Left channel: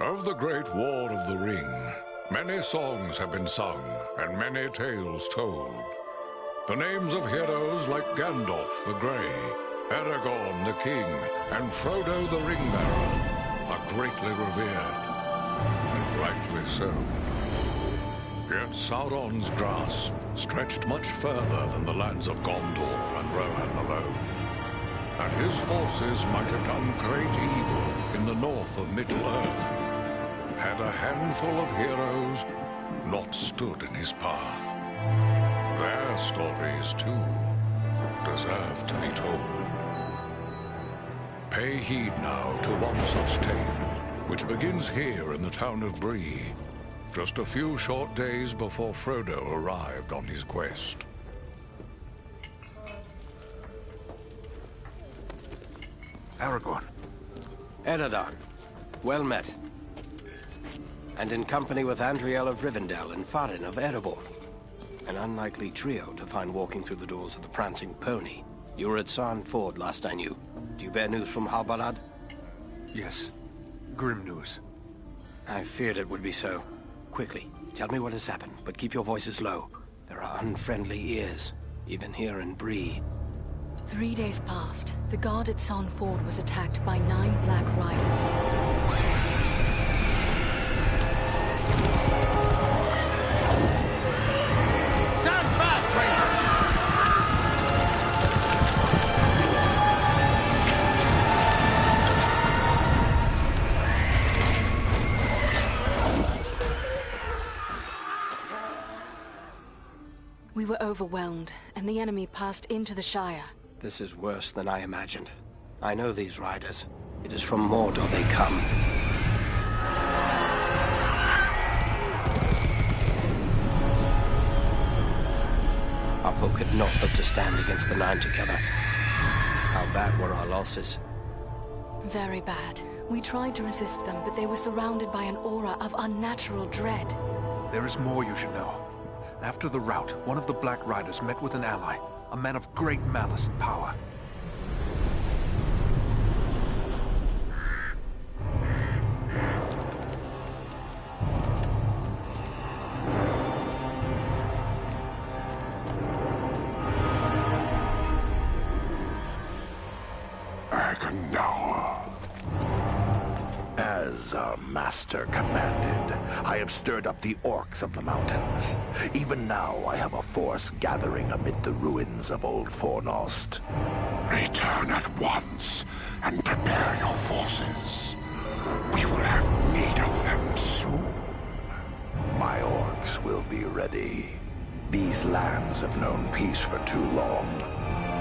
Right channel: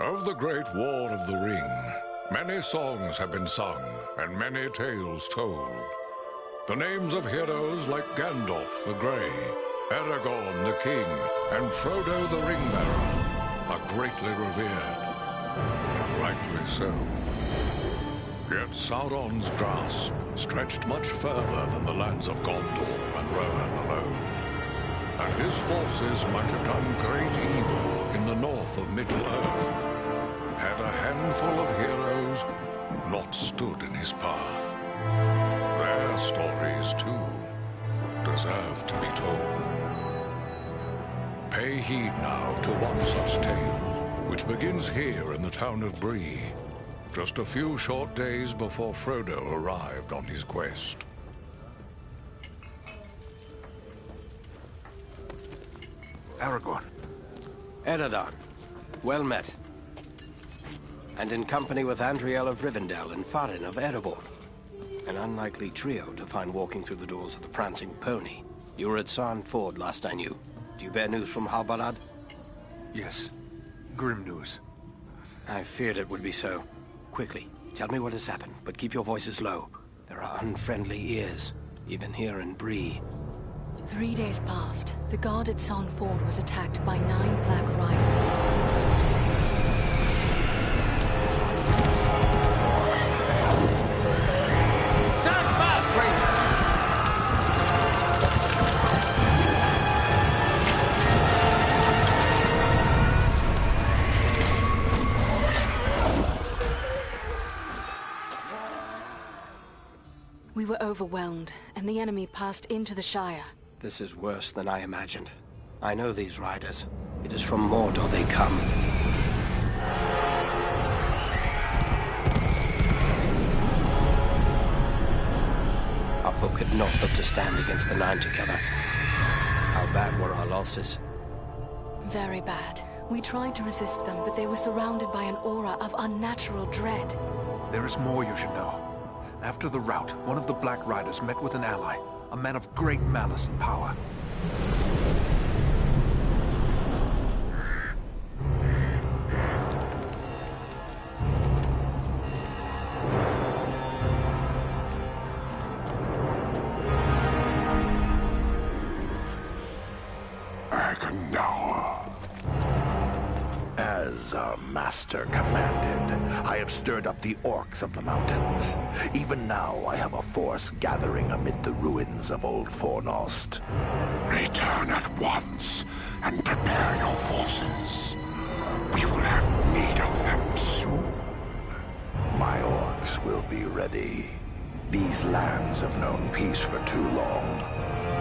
Of the Great War of the Ring, many songs have been sung and many tales told. The names of heroes like Gandalf the Grey, Aragorn the King, and Frodo the Ring-Bearer are greatly revered, and rightly so. Yet Sauron's grasp stretched much further than the lands of Gondor and Rohan alone, and his forces might have done great evil in the north of Middle-earth, had a handful of heroes not stood in his path. Their stories, too, deserve to be told. Pay heed now to one such tale, which begins here in the town of Bree, just a few short days before Frodo arrived on his quest. Aragorn. Eredon, well met. And in company with Andriel of Rivendell and Farin of Erebor. An unlikely trio to find walking through the doors of the Prancing Pony. You were at Sarn Ford last I knew. Do you bear news from Halbarad? Yes. Grim news. I feared it would be so. Quickly, tell me what has happened, but keep your voices low. There are unfriendly ears, even here in Bree. 3 days passed. The guard at Sarn Ford was attacked by 9 Black Riders. Stand fast, Rangers! We were overwhelmed, and the enemy passed into the Shire. This is worse than I imagined. I know these riders. It is from Mordor they come. Our folk had not hoped to stand against the 9 together. How bad were our losses? Very bad. We tried to resist them, but they were surrounded by an aura of unnatural dread. There is more you should know. After the rout, one of the Black Riders met with an ally, a man of great malice and power. As our master commanded, I have stirred up the orcs of the mountains. Even now I have a force gathering amid the ruins of Old Fornost. Return at once and prepare your forces. We will have need of them soon. My orcs will be ready. These lands have known peace for too long.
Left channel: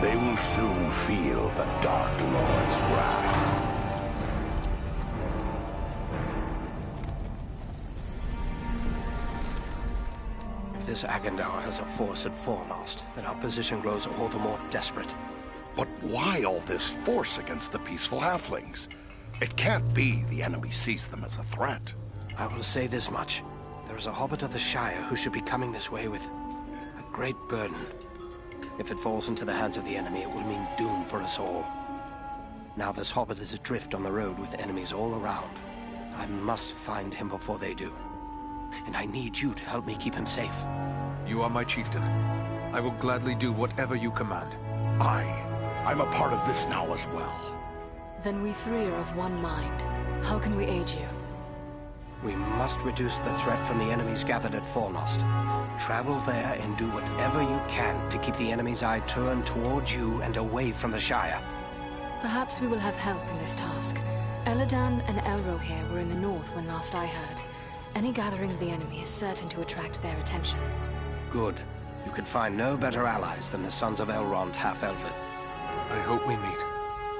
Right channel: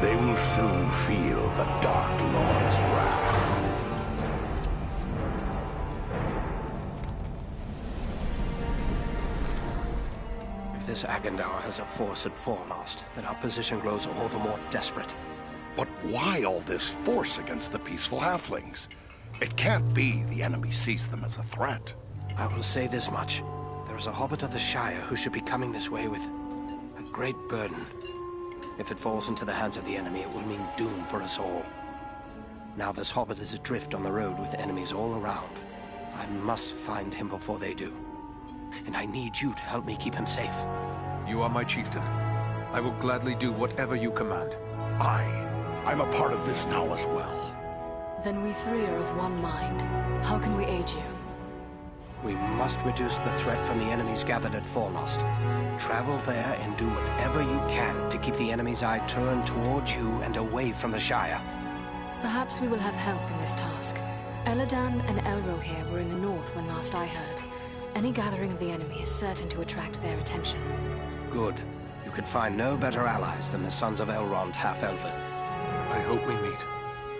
They will soon feel the Dark Lord's wrath. If this Agandaur has a force at Fornost, then our position grows all the more desperate. But why all this force against the peaceful halflings? It can't be the enemy sees them as a threat. I will say this much. There is a hobbit of the Shire who should be coming this way with a great burden. If it falls into the hands of the enemy, it will mean doom for us all. Now this hobbit is adrift on the road with enemies all around. I must find him before they do. And I need you to help me keep him safe. You are my chieftain. I will gladly do whatever you command. I'm a part of this now as well. Then we 3 are of one mind. How can we aid you? We must reduce the threat from the enemies gathered at Fornost. Travel there and do whatever you can to keep the enemy's eye turned towards you and away from the Shire. Perhaps we will have help in this task. Eladan and Elrohir were in the north when last I heard. Any gathering of the enemy is certain to attract their attention. Good. You could find no better allies than the sons of Elrond half-elven. I hope we meet.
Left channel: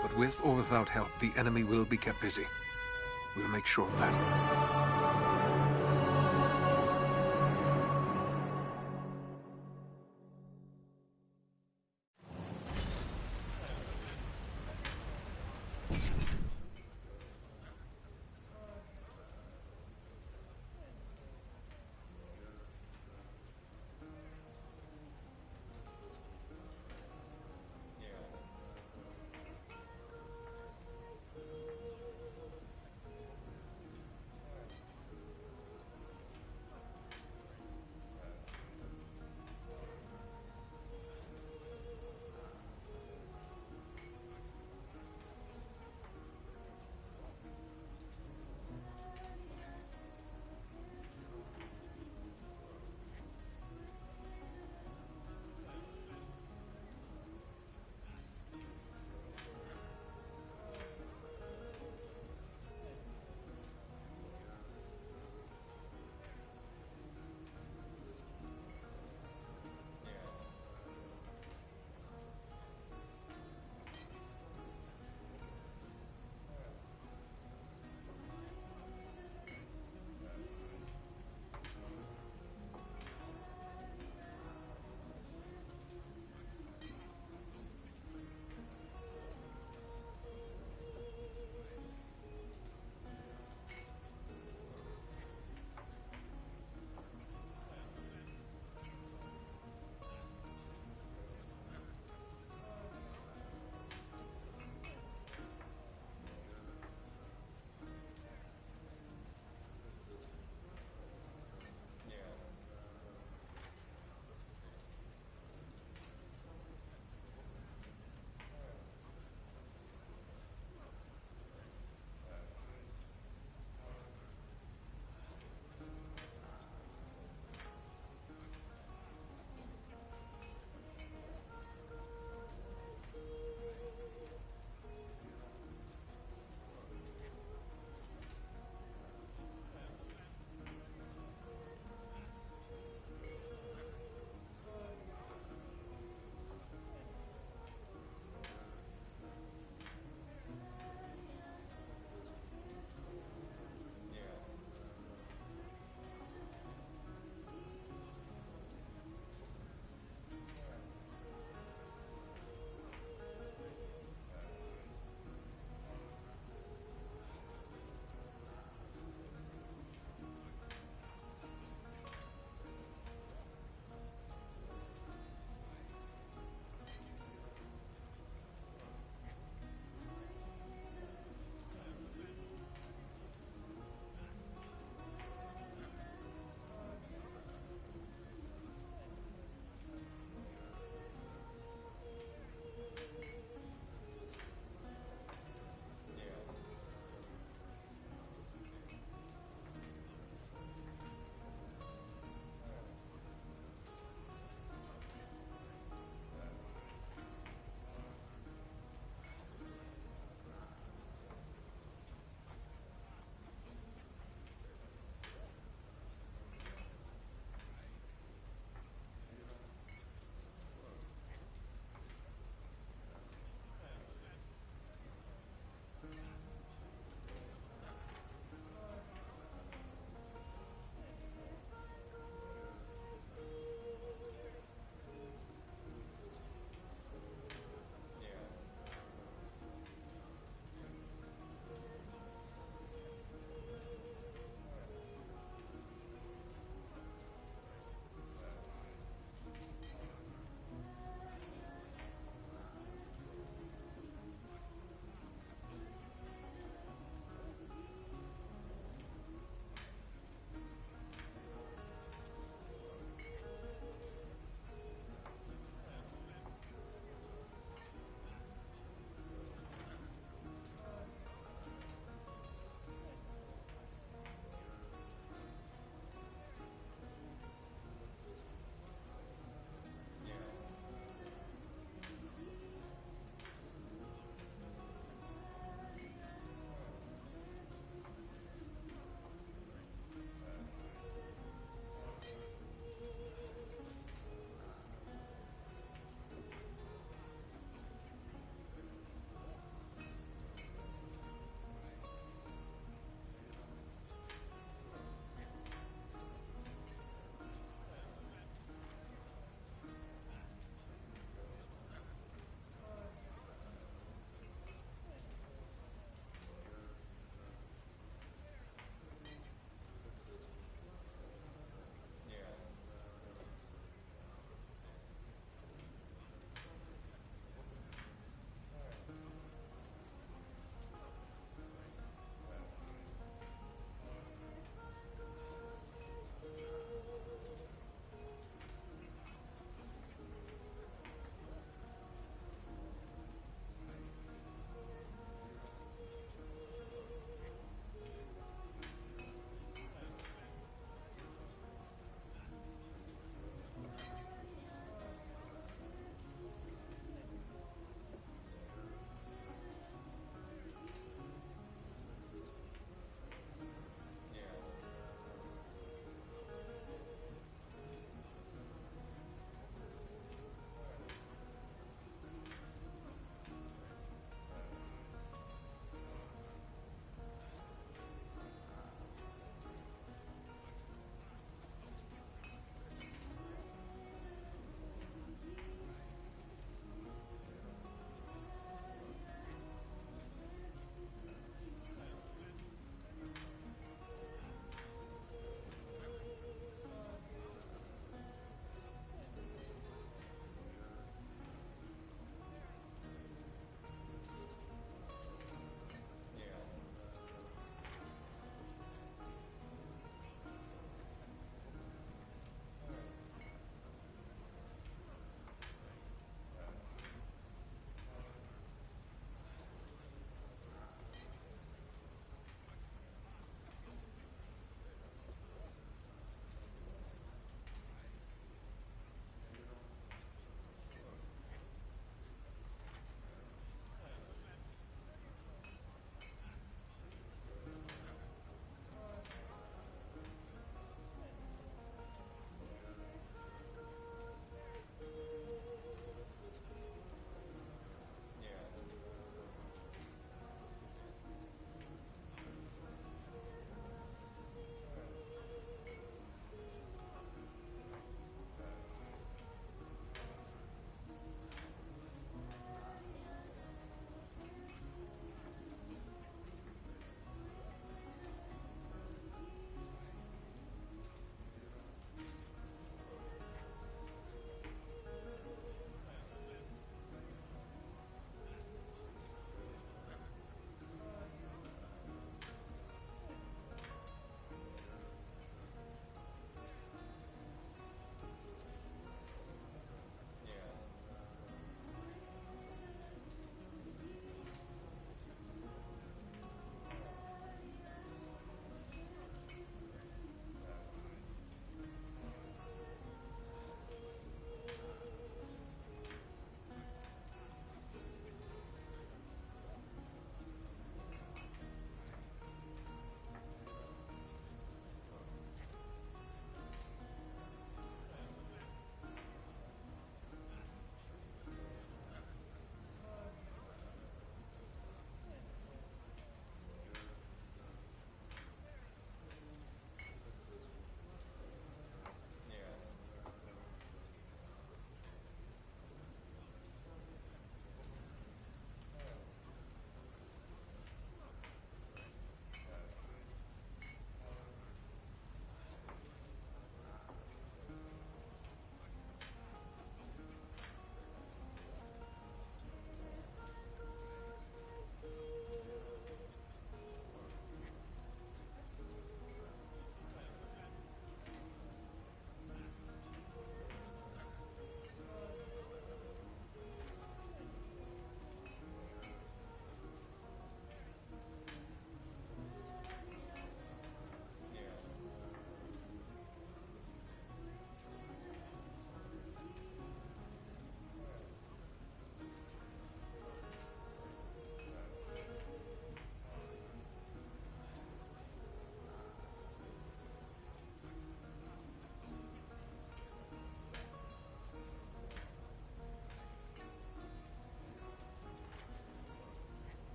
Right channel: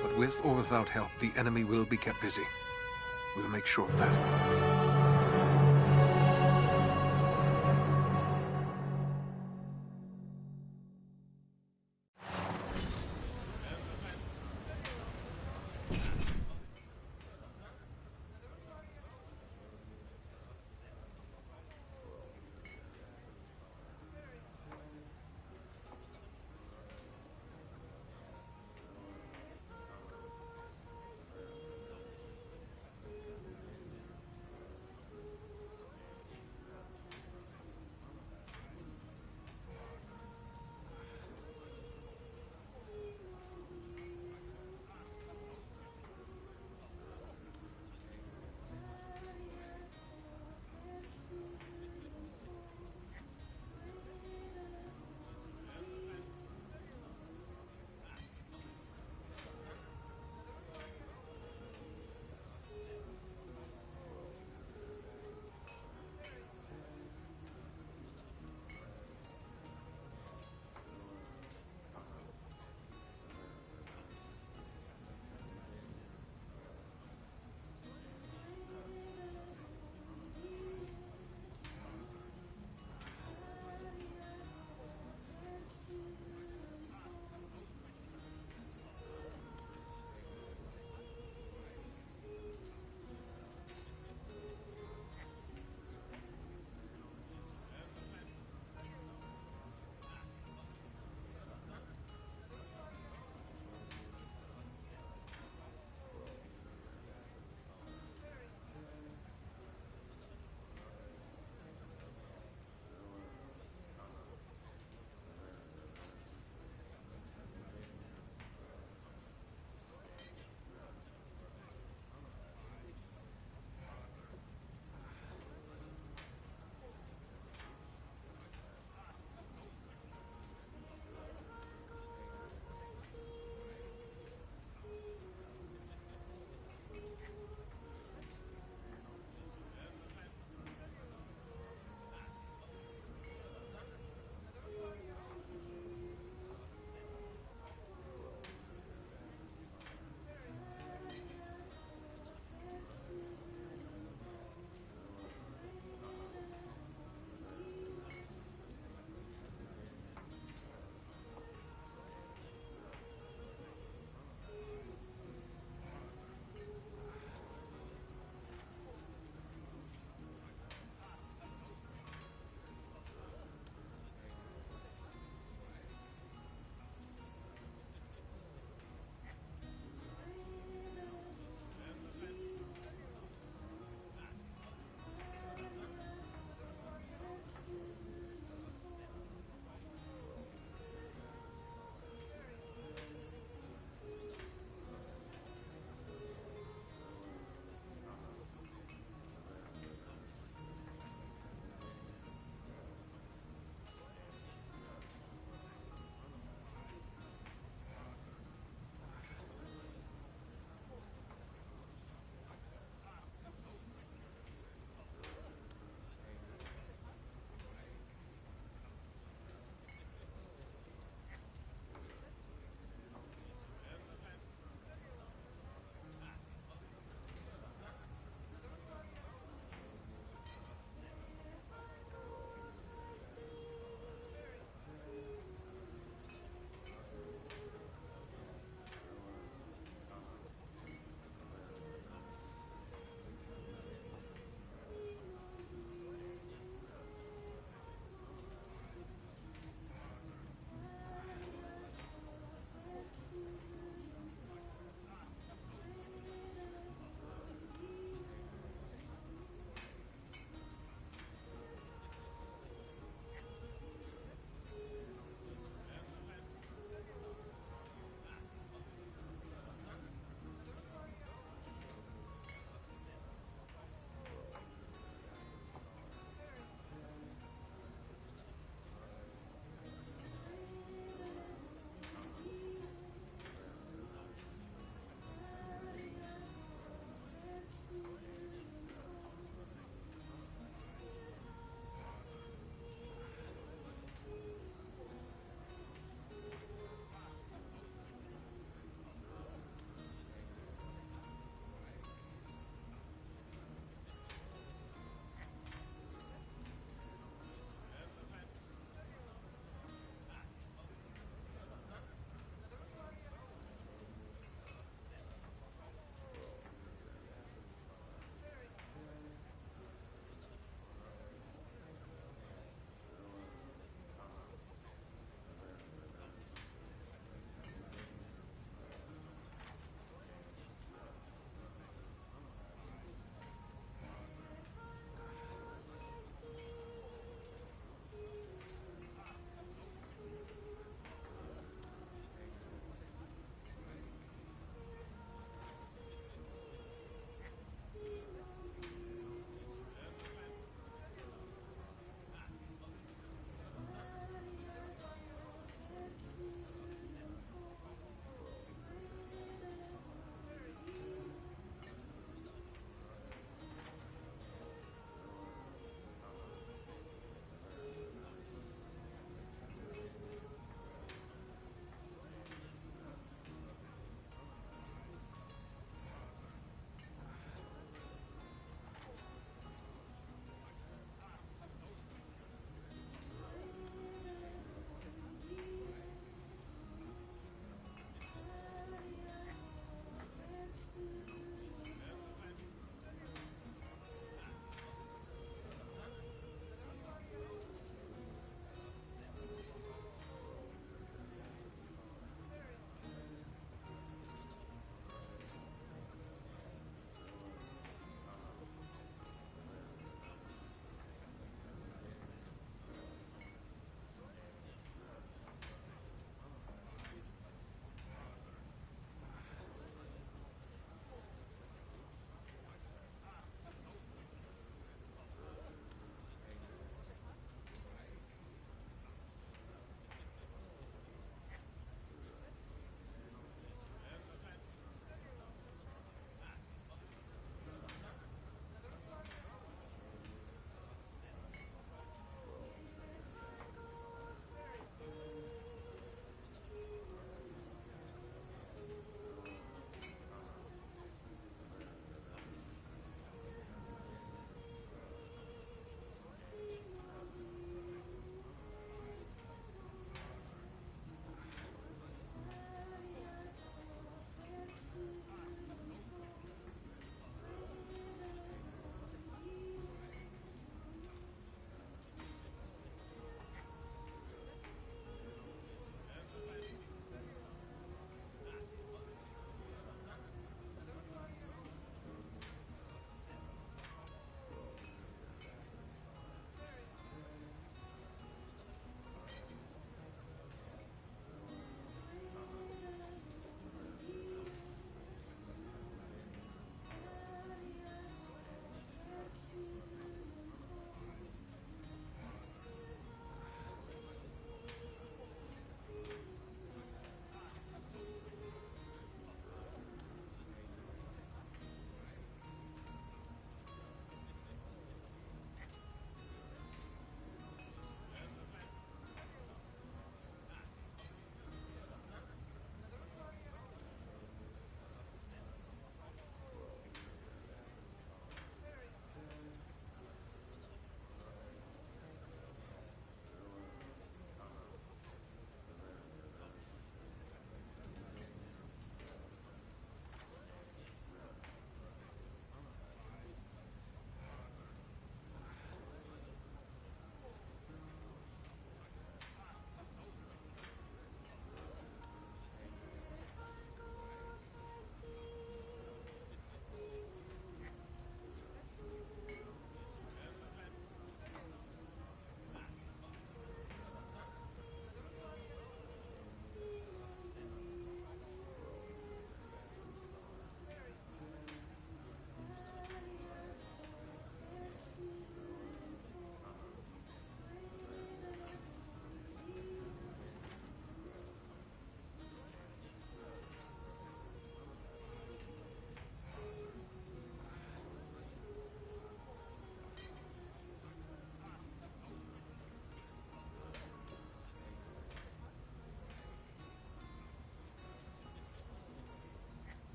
But with or without help, the enemy will be kept busy. We'll make sure of that.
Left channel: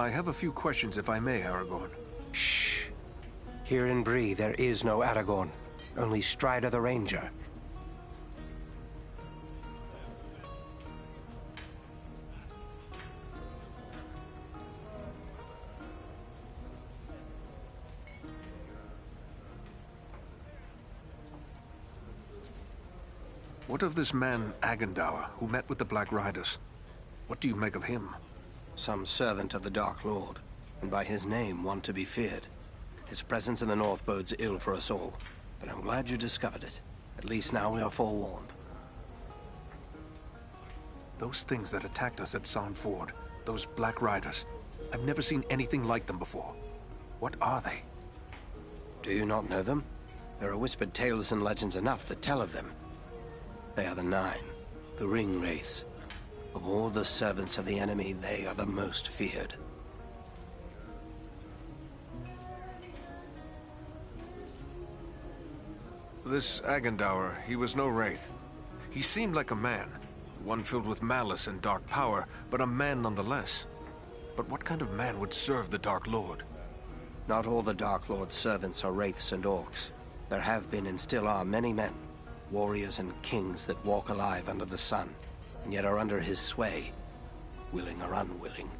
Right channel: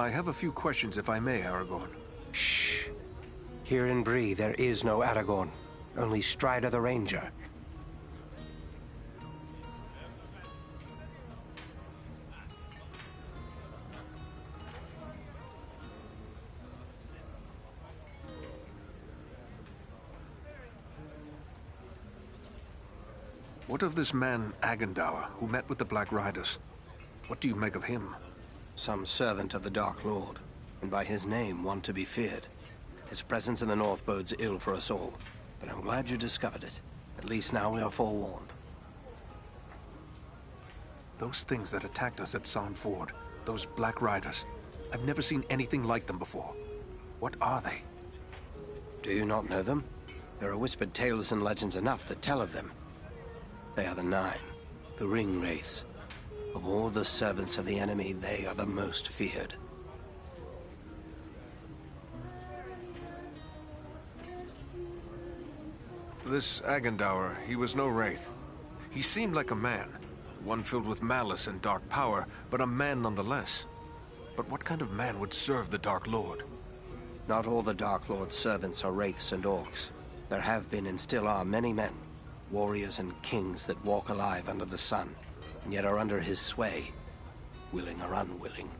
I have a few questions, if I may, Aragorn. Shh. Here in Bree, there is no Aragorn. Only Strider the Ranger. What of this man, Agendour, who met with the Black Riders? What do you make of him? Some servant of the Dark Lord, and by his name one to be feared. His presence in the North bodes ill for us all, but I'm glad you discovered it. At least now we are forewarned. Those things that attacked us at Sand Ford, those Black Riders, I've never seen anything like them before. What are they? Do you not know them? There are whispered tales and legends enough that tell of them. They are the Nine, the Ring Wraiths. Of all the servants of the enemy, they are the most feared. This Agendour, he was no wraith. He seemed like a man, one filled with malice and dark power, but a man nonetheless. But what kind of man would serve the Dark Lord? Not all the Dark Lord's servants are wraiths and orcs. There have been and still are many men, warriors and kings that walk alive under the sun, and yet are under his sway, willing or unwilling.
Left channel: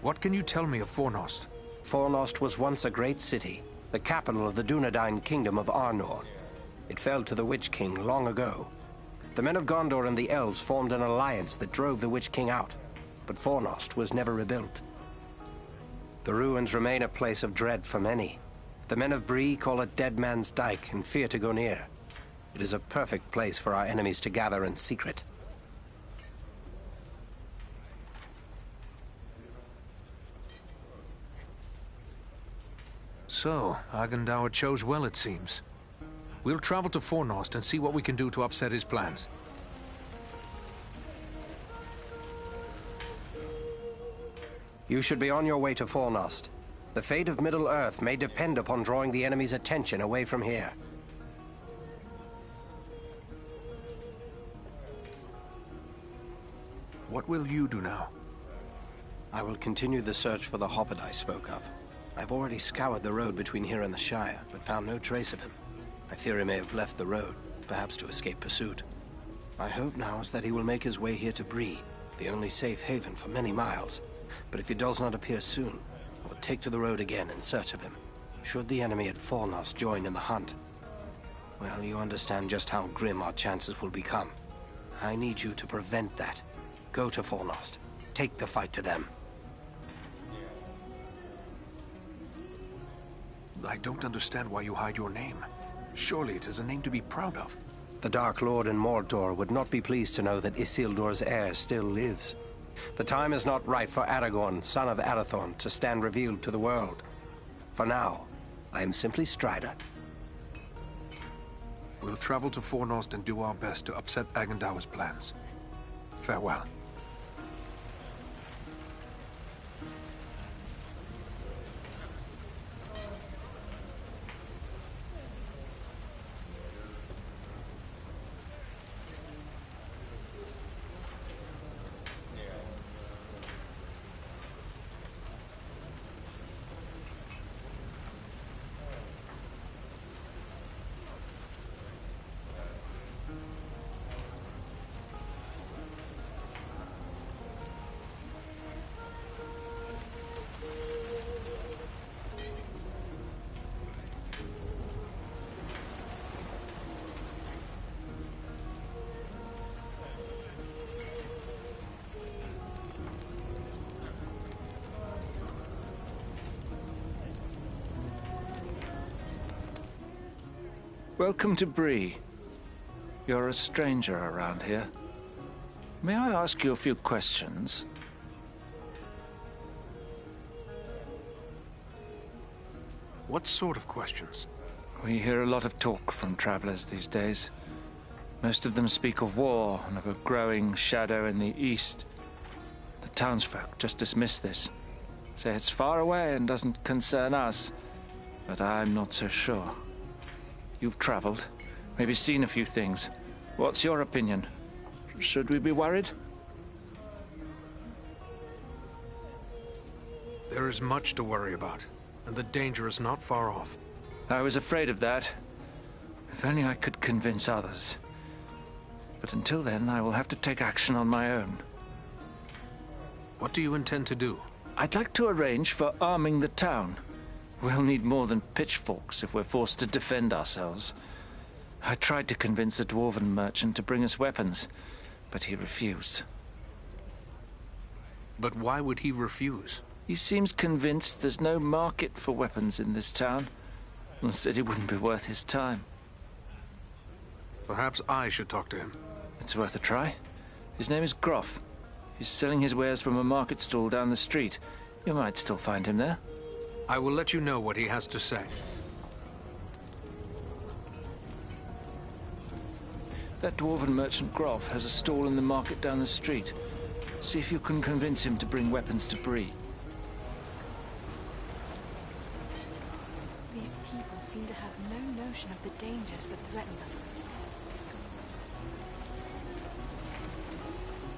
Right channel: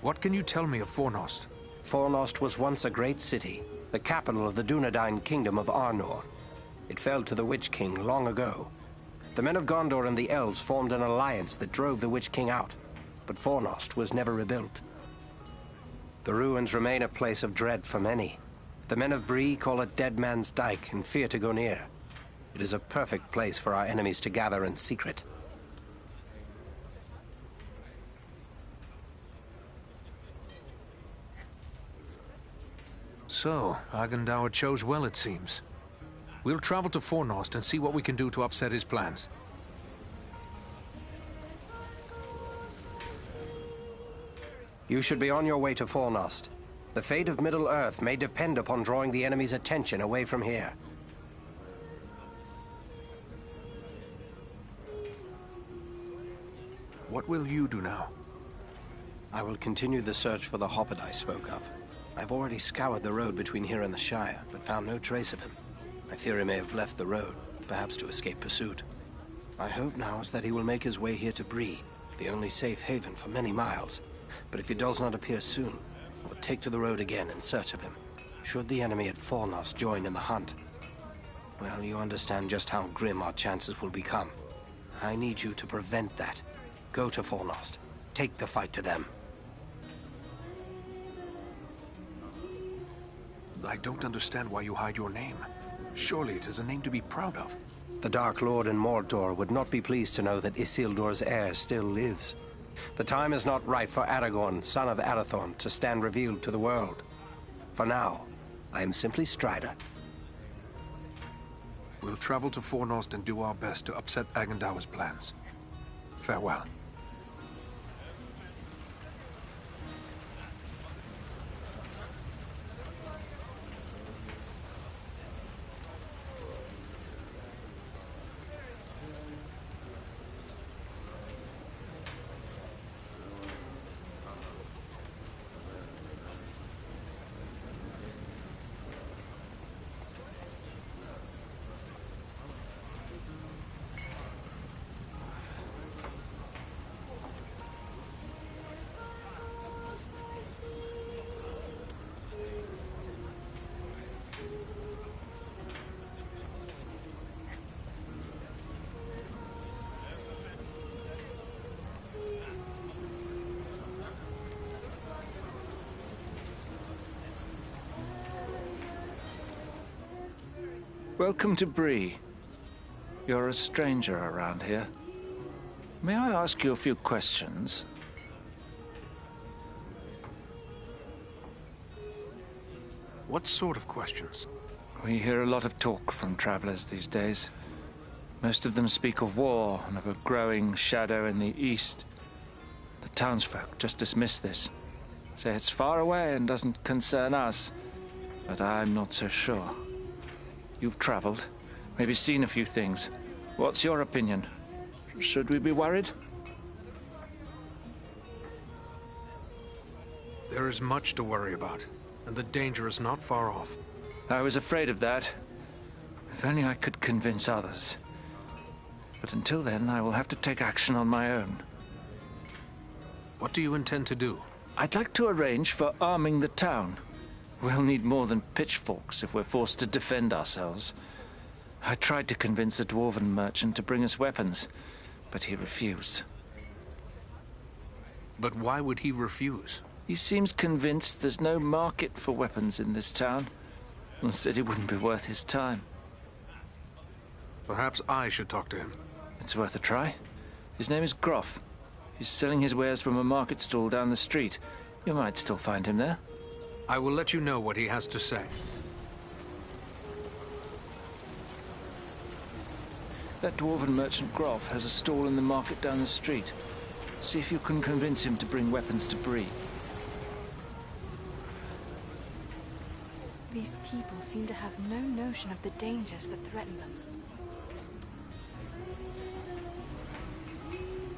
What can you tell me of Fornost? Fornost was once a great city, the capital of the Dunedain kingdom of Arnor. It fell to the Witch King long ago. The men of Gondor and the elves formed an alliance that drove the Witch King out, but Fornost was never rebuilt. The ruins remain a place of dread for many. The men of Bree call it Dead Man's Dyke and fear to go near. It is a perfect place for our enemies to gather in secret. So, Agendour chose well, it seems. We'll travel to Fornost and see what we can do to upset his plans. You should be on your way to Fornost. The fate of Middle-earth may depend upon drawing the enemy's attention away from here. What will you do now? I will continue the search for the hobbit I spoke of. I've already scoured the road between here and the Shire, but found no trace of him. I fear he may have left the road, perhaps to escape pursuit. My hope now is that he will make his way here to Bree, the only safe haven for many miles. But if he does not appear soon, I will take to the road again in search of him. Should the enemy at Fornost join in the hunt, well, you understand just how grim our chances will become. I need you to prevent that. Go to Fornost. Take the fight to them. I don't understand why you hide your name. Surely it is a name to be proud of. The Dark Lord in Mordor would not be pleased to know that Isildur's heir still lives. The time is not right for Aragorn, son of Arathorn, to stand revealed to the world. For now, I am simply Strider. We'll travel to Fornost and do our best to upset Agendour's plans. Farewell. Welcome to Bree. You're a stranger around here. May I ask you a few questions? What sort of questions? We hear a lot of talk from travelers these days. Most of them speak of war and of a growing shadow in the east. The townsfolk just dismiss this. Say it's far away and doesn't concern us, but I'm not so sure. You've traveled, maybe seen a few things. What's your opinion? Should we be worried? There is much to worry about, and the danger is not far off. I was afraid of that. If only I could convince others. But until then, I will have to take action on my own. What do you intend to do? I'd like to arrange for arming the town. We'll need more than pitchforks if we're forced to defend ourselves. I tried to convince a dwarven merchant to bring us weapons, but he refused. But why would he refuse? He seems convinced there's no market for weapons in this town, and said it wouldn't be worth his time. Perhaps I should talk to him. It's worth a try. His name is Groff. He's selling his wares from a market stall down the street. You might still find him there. I will let you know what he has to say. That dwarven merchant Groff has a stall in the market down the street. See if you can convince him to bring weapons to Bree. These people seem to have no notion of the dangers that threaten them.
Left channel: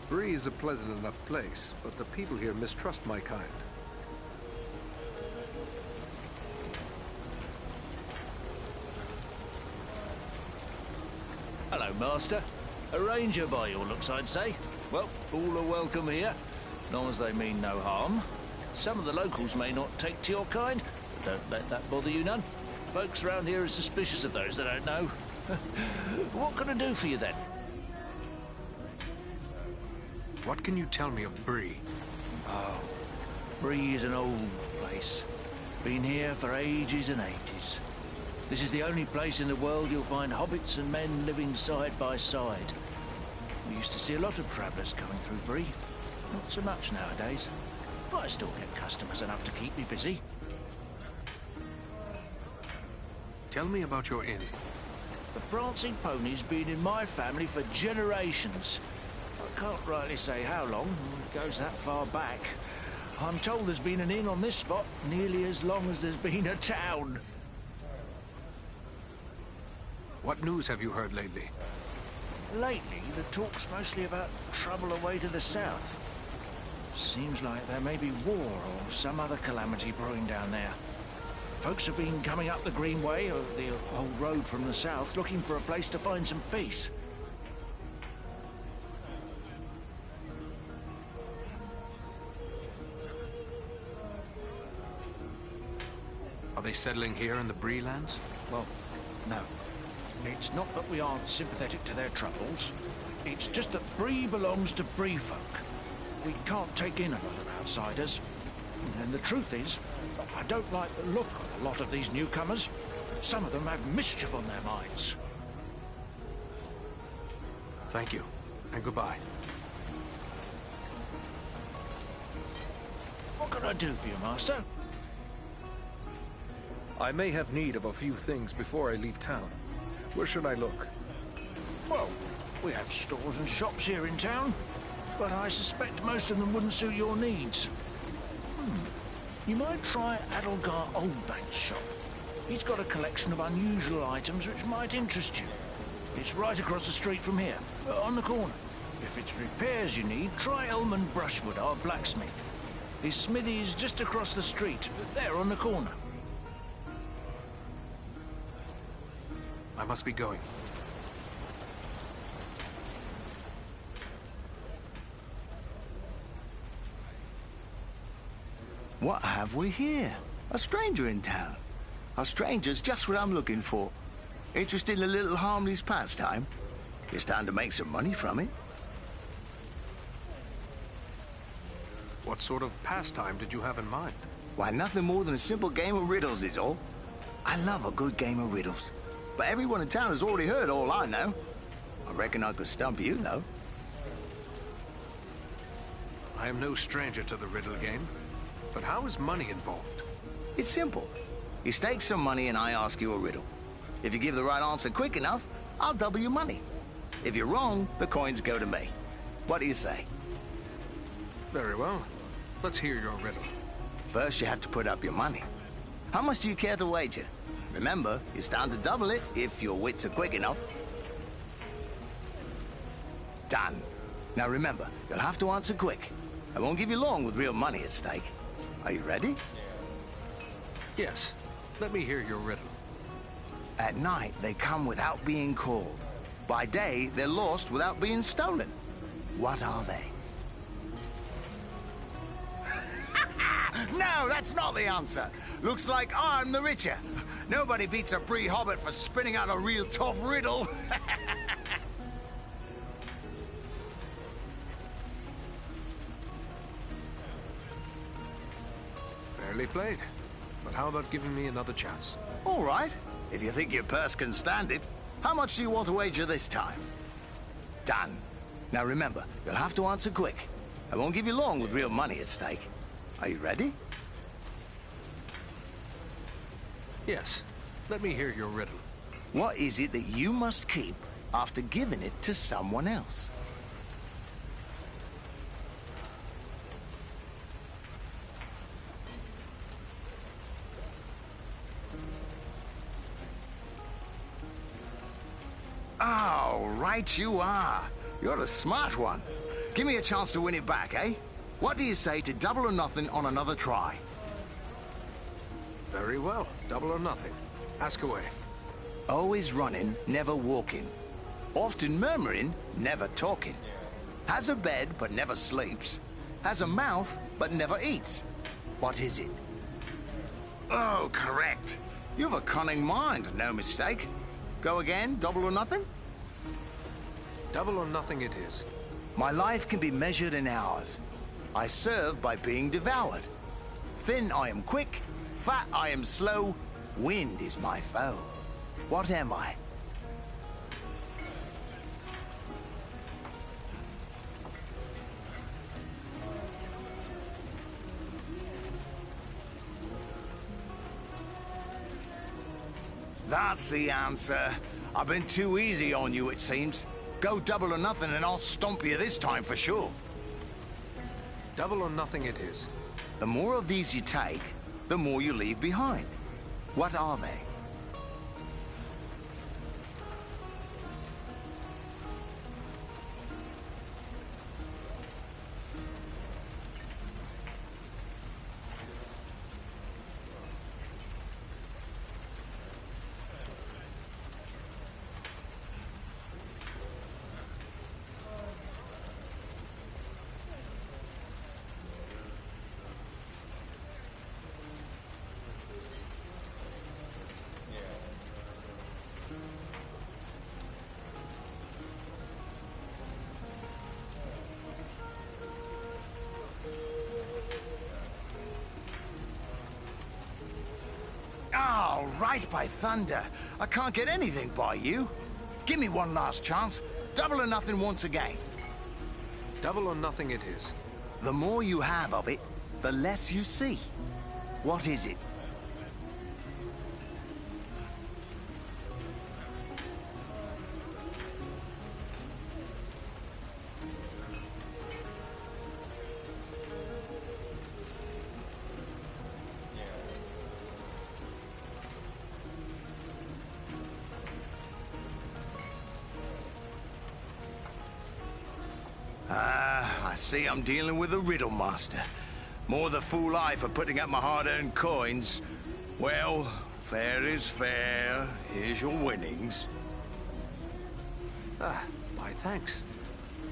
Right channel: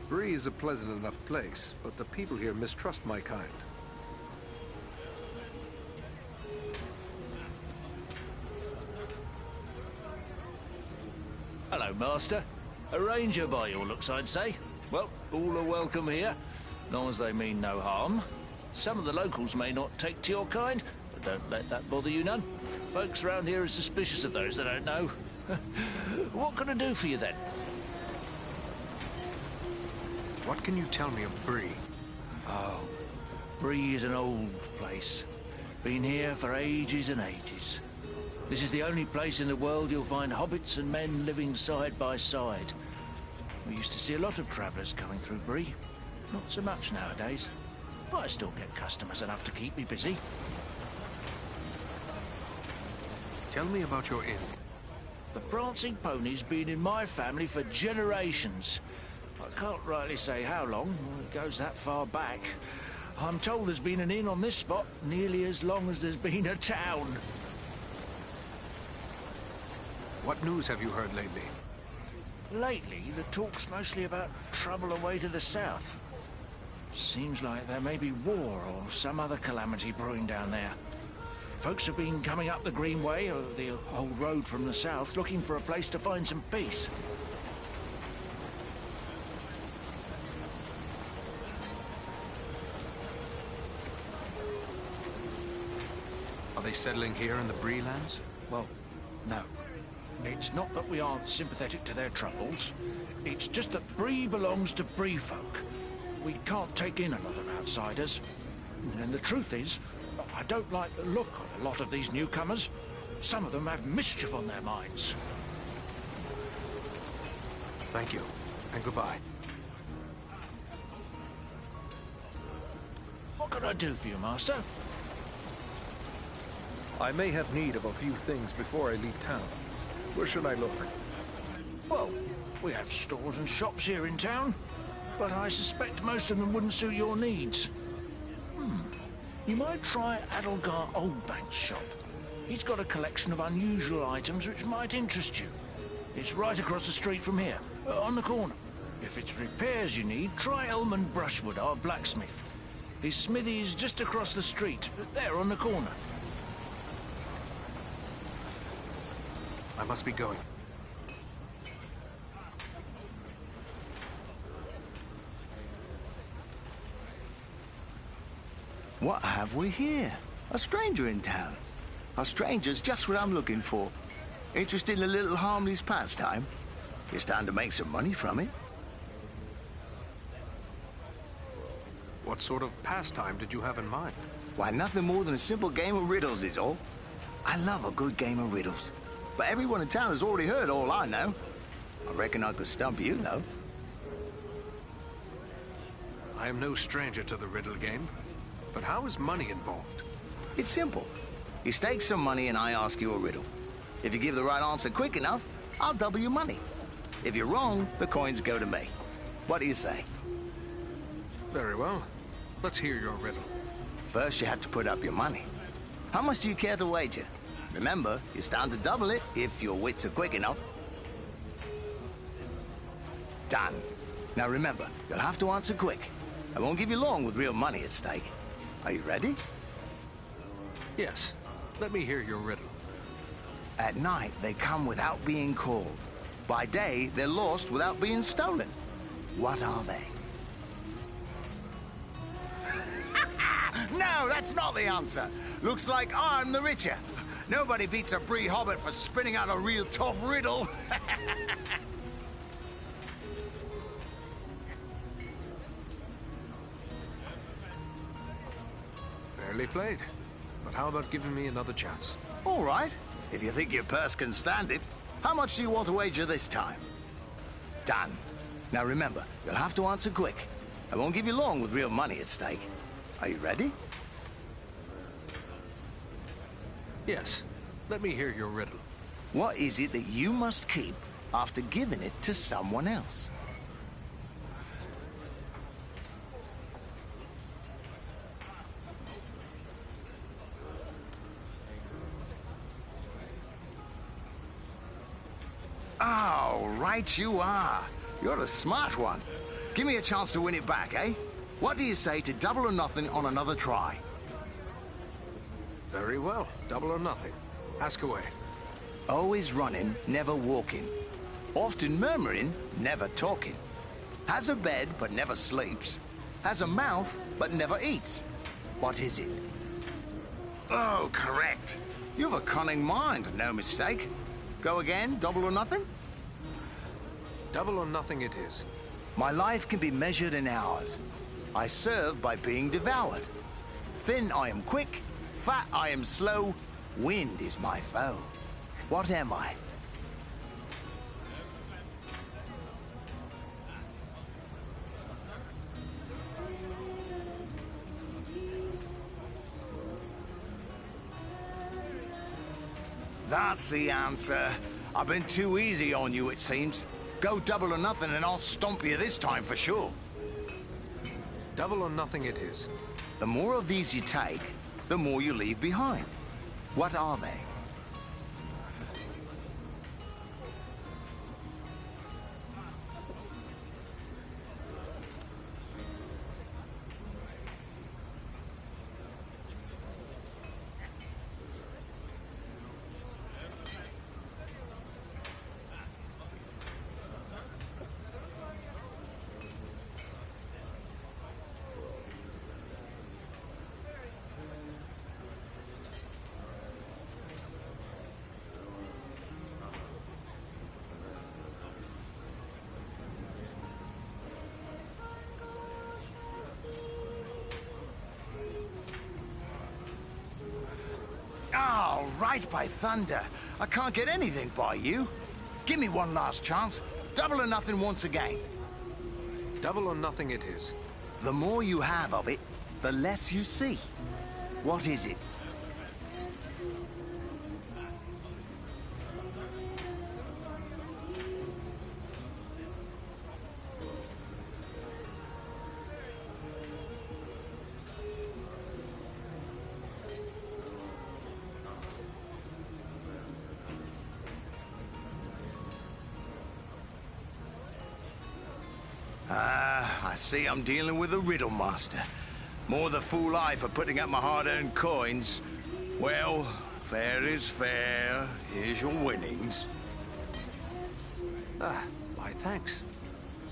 Bree is a pleasant enough place, but the people here mistrust my kind. Hello, Master. A ranger by your looks, I'd say. Well, all are welcome here, long as they mean no harm. Some of the locals may not take to your kind, but don't let that bother you none. Folks around here are suspicious of those they don't know. What can I do for you, then? What can you tell me of Bree? Oh, Bree is an old place. Been here for ages and ages. This is the only place in the world you'll find hobbits and men living side by side. We used to see a lot of travellers coming through Bree. Not so much nowadays. But I still get customers enough to keep me busy. Tell me about your inn. The Prancing Pony's been in my family for generations. I can't rightly say how long. It goes that far back. I'm told there's been an inn on this spot nearly as long as there's been a town. What news have you heard lately? Lately, the talk's mostly about trouble away to the south. Seems like there may be war or some other calamity brewing down there. Folks have been coming up the Greenway, or the old road from the south, looking for a place to find some peace. Are they settling here in the Bree lands? Well, no. It's not that we aren't sympathetic to their troubles. It's just that Bree belongs to Bree folk. We can't take in a lot of outsiders. And the truth is, I don't like the look of a lot of these newcomers. Some of them have mischief on their minds. Thank you, and goodbye. What can I do for you, Master? I may have need of a few things before I leave town. Where should I look? Well, we have stores and shops here in town, but I suspect most of them wouldn't suit your needs. You might try Adelgar Oldbank's shop. He's got a collection of unusual items which might interest you. It's right across the street from here, on the corner. If it's repairs you need, try Elman Brushwood, our blacksmith. His smithy is just across the street, there on the corner. I must be going. What have we here? A stranger in town. A stranger's just what I'm looking for. Interested in a little harmless pastime? It's time to make some money from it. What sort of pastime did you have in mind? Why, nothing more than a simple game of riddles is all. I love a good game of riddles. But everyone in town has already heard all I know. I reckon I could stump you, though. I am no stranger to the riddle game. But how is money involved? It's simple. You stake some money and I ask you a riddle. If you give the right answer quick enough, I'll double your money. If you're wrong, the coins go to me. What do you say? Very well. Let's hear your riddle. First, you have to put up your money. How much do you care to wager? Remember, you stand to double it if your wits are quick enough. Done. Now remember, you'll have to answer quick. I won't give you long with real money at stake. Are you ready? Yes. Let me hear your riddle. At night, they come without being called. By day, they're lost without being stolen. What are they? No, that's not the answer. Looks like I'm the richer. Nobody beats a Bree Hobbit for spinning out a real tough riddle. Fairly played. But how about giving me another chance? All right, if you think your purse can stand it. How much do you want to wager this time? Done. Now remember, you'll have to answer quick. I won't give you long with real money at stake. Are you ready? Yes. Let me hear your riddle. What is it that you must keep after giving it to someone else? Oh, right you are. You're a smart one. Give me a chance to win it back, eh? What do you say to double or nothing on another try? Very well. Double or nothing. Ask away. Always running, never walking. Often murmuring, never talking. Has a bed, but never sleeps. Has a mouth, but never eats. What is it? Oh, correct. You've a cunning mind, no mistake. Go again, double or nothing? Double or nothing it is. My life can be measured in hours. I serve by being devoured. Thin I am quick, fat I am slow, wind is my foe. What am I? That's the answer. I've been too easy on you, it seems. Go double or nothing and I'll stomp you this time for sure. Double or nothing it is. The more of these you take, the more you leave behind. What are they? Oh, right by thunder. I can't get anything by you. Give me one last chance. Double or nothing once again. Double or nothing it is. The more you have of it, the less you see. What is it? I see I'm dealing with a riddle master. More the fool I for putting up my hard-earned coins. Well, fair is fair. Here's your winnings. Ah, my thanks.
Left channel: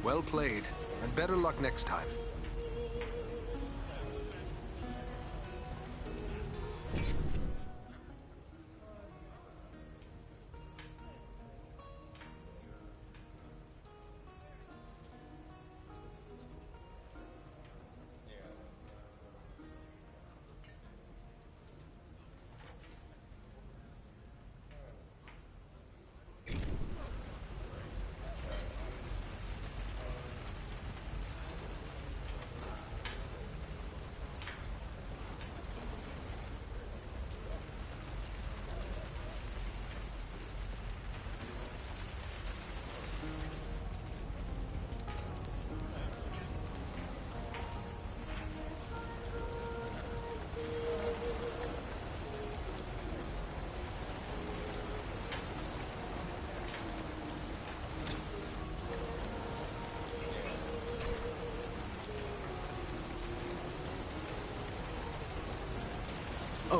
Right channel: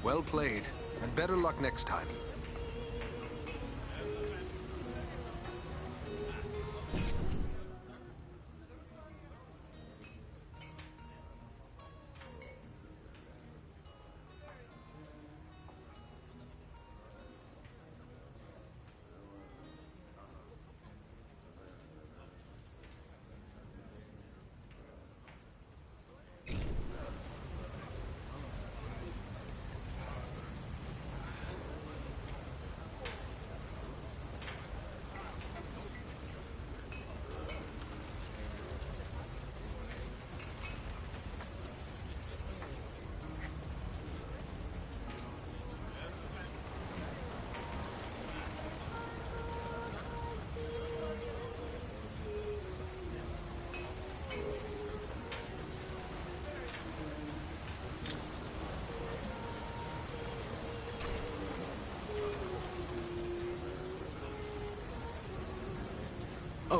Well played, and better luck next time.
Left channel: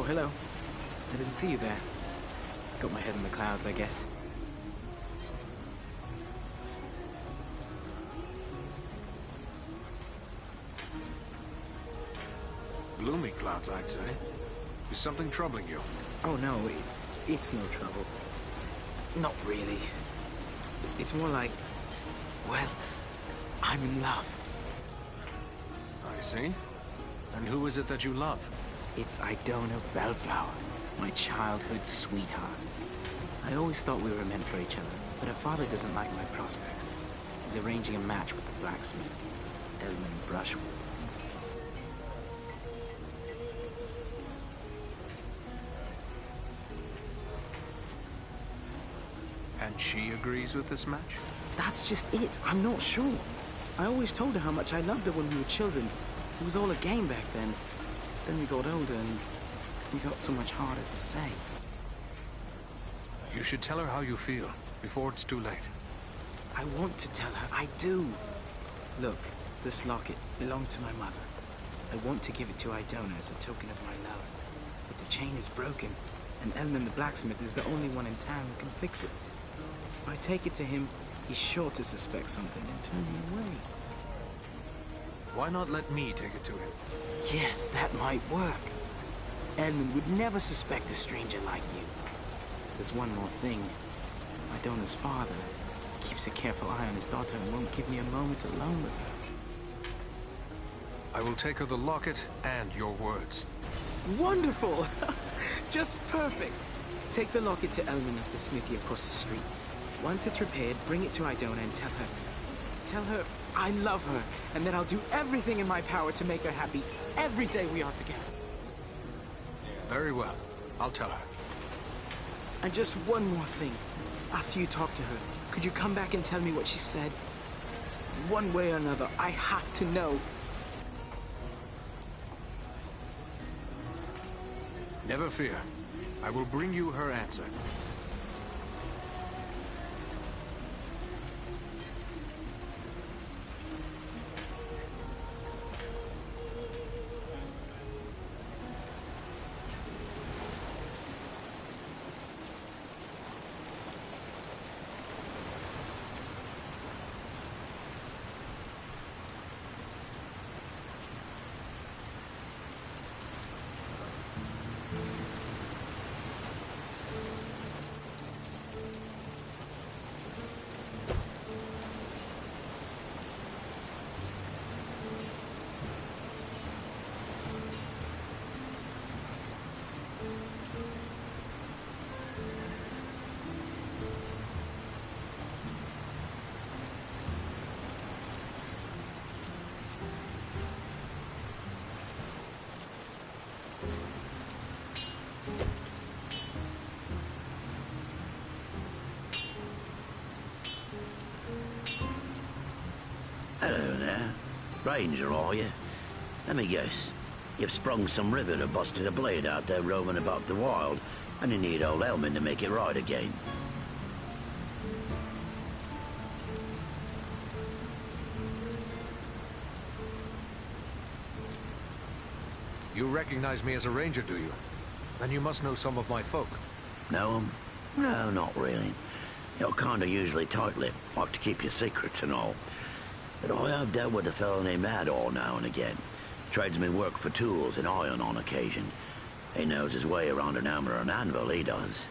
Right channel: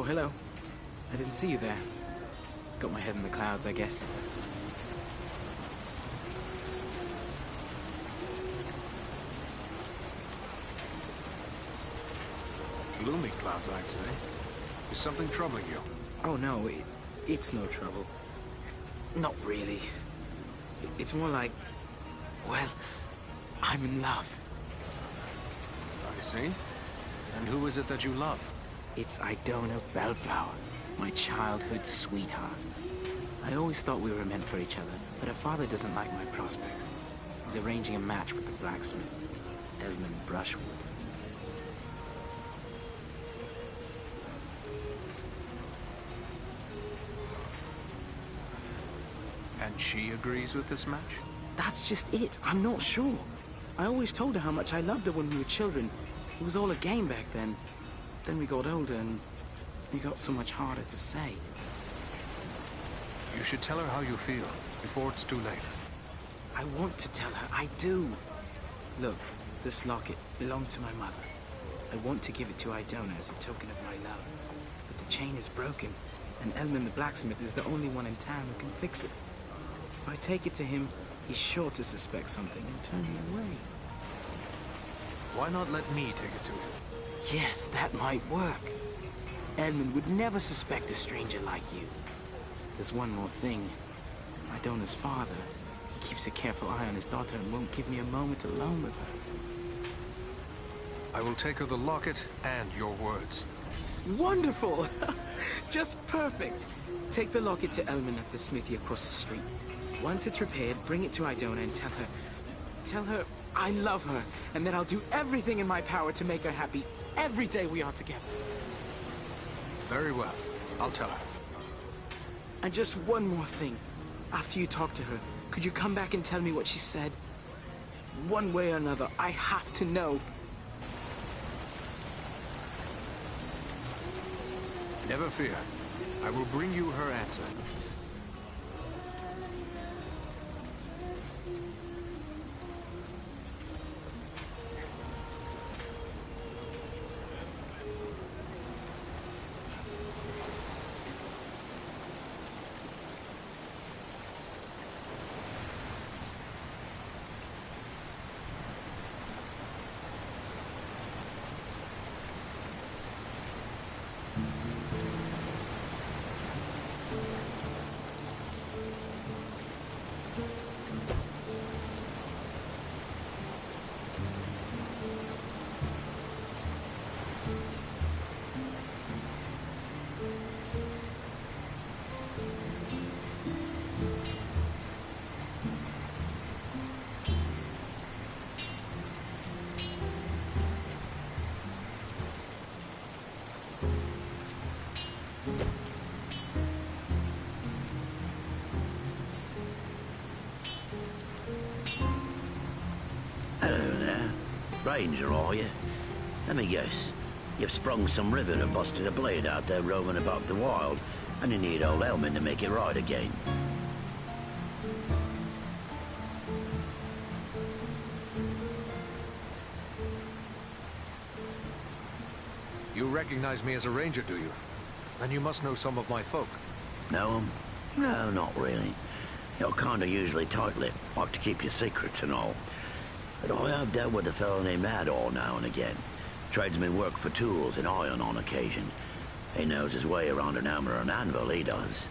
hello. I didn't see you there. Got my head in the clouds, I guess. Gloomy clouds, I'd say. Is something troubling you? Oh no, it's no trouble. Not really. It's more like, well, I'm in love. I see. And who is it that you love? It's Idona Bellflower, my childhood sweetheart. I always thought we were meant for each other, but her father doesn't like my prospects. He's arranging a match with the blacksmith, Edmund Brushwood. And she agrees with this match? That's just it. I'm not sure. I always told her how much I loved her when we were children. It was all a game back then. Then we got older and it got so much harder to say. You should tell her how you feel, before it's too late. I want to tell her. I do. Look, this locket belonged to my mother. I want to give it to Idona as a token of my love. But the chain is broken, and Elman the blacksmith is the only one in town who can fix it. If I take it to him, he's sure to suspect something and turn me away. Why not let me take it to him? Yes, that might work. Edmund would never suspect a stranger like you. There's one more thing. Idona's father, he keeps a careful eye on his daughter and won't give me a moment alone with her. I will take her the locket and your words. Wonderful! Just perfect. Take the locket to Elman at the smithy across the street. Once it's repaired, bring it to Idona and tell her I love her, and that I'll do everything in my power to make her happy every day we are together. Very well. I'll tell her. And just one more thing. After you talk to her, could you come back and tell me what she said? One way or another, I have to know. Never fear. I will bring you her answer. Hello there. Ranger, are you? Let me guess. You've sprung some rivet or busted a blade out there roaming about the wild, and you need old Elman to make it right again. You recognize me as a ranger, do you? Then you must know some of my folk. Know 'em? No, not really. You're kind of usually tight-lipped, like to keep your secrets and all. But I have dealt with a fellow named Ador now and again. Tradesman work for tools and iron on occasion. He knows his way around an hammer and anvil, he does.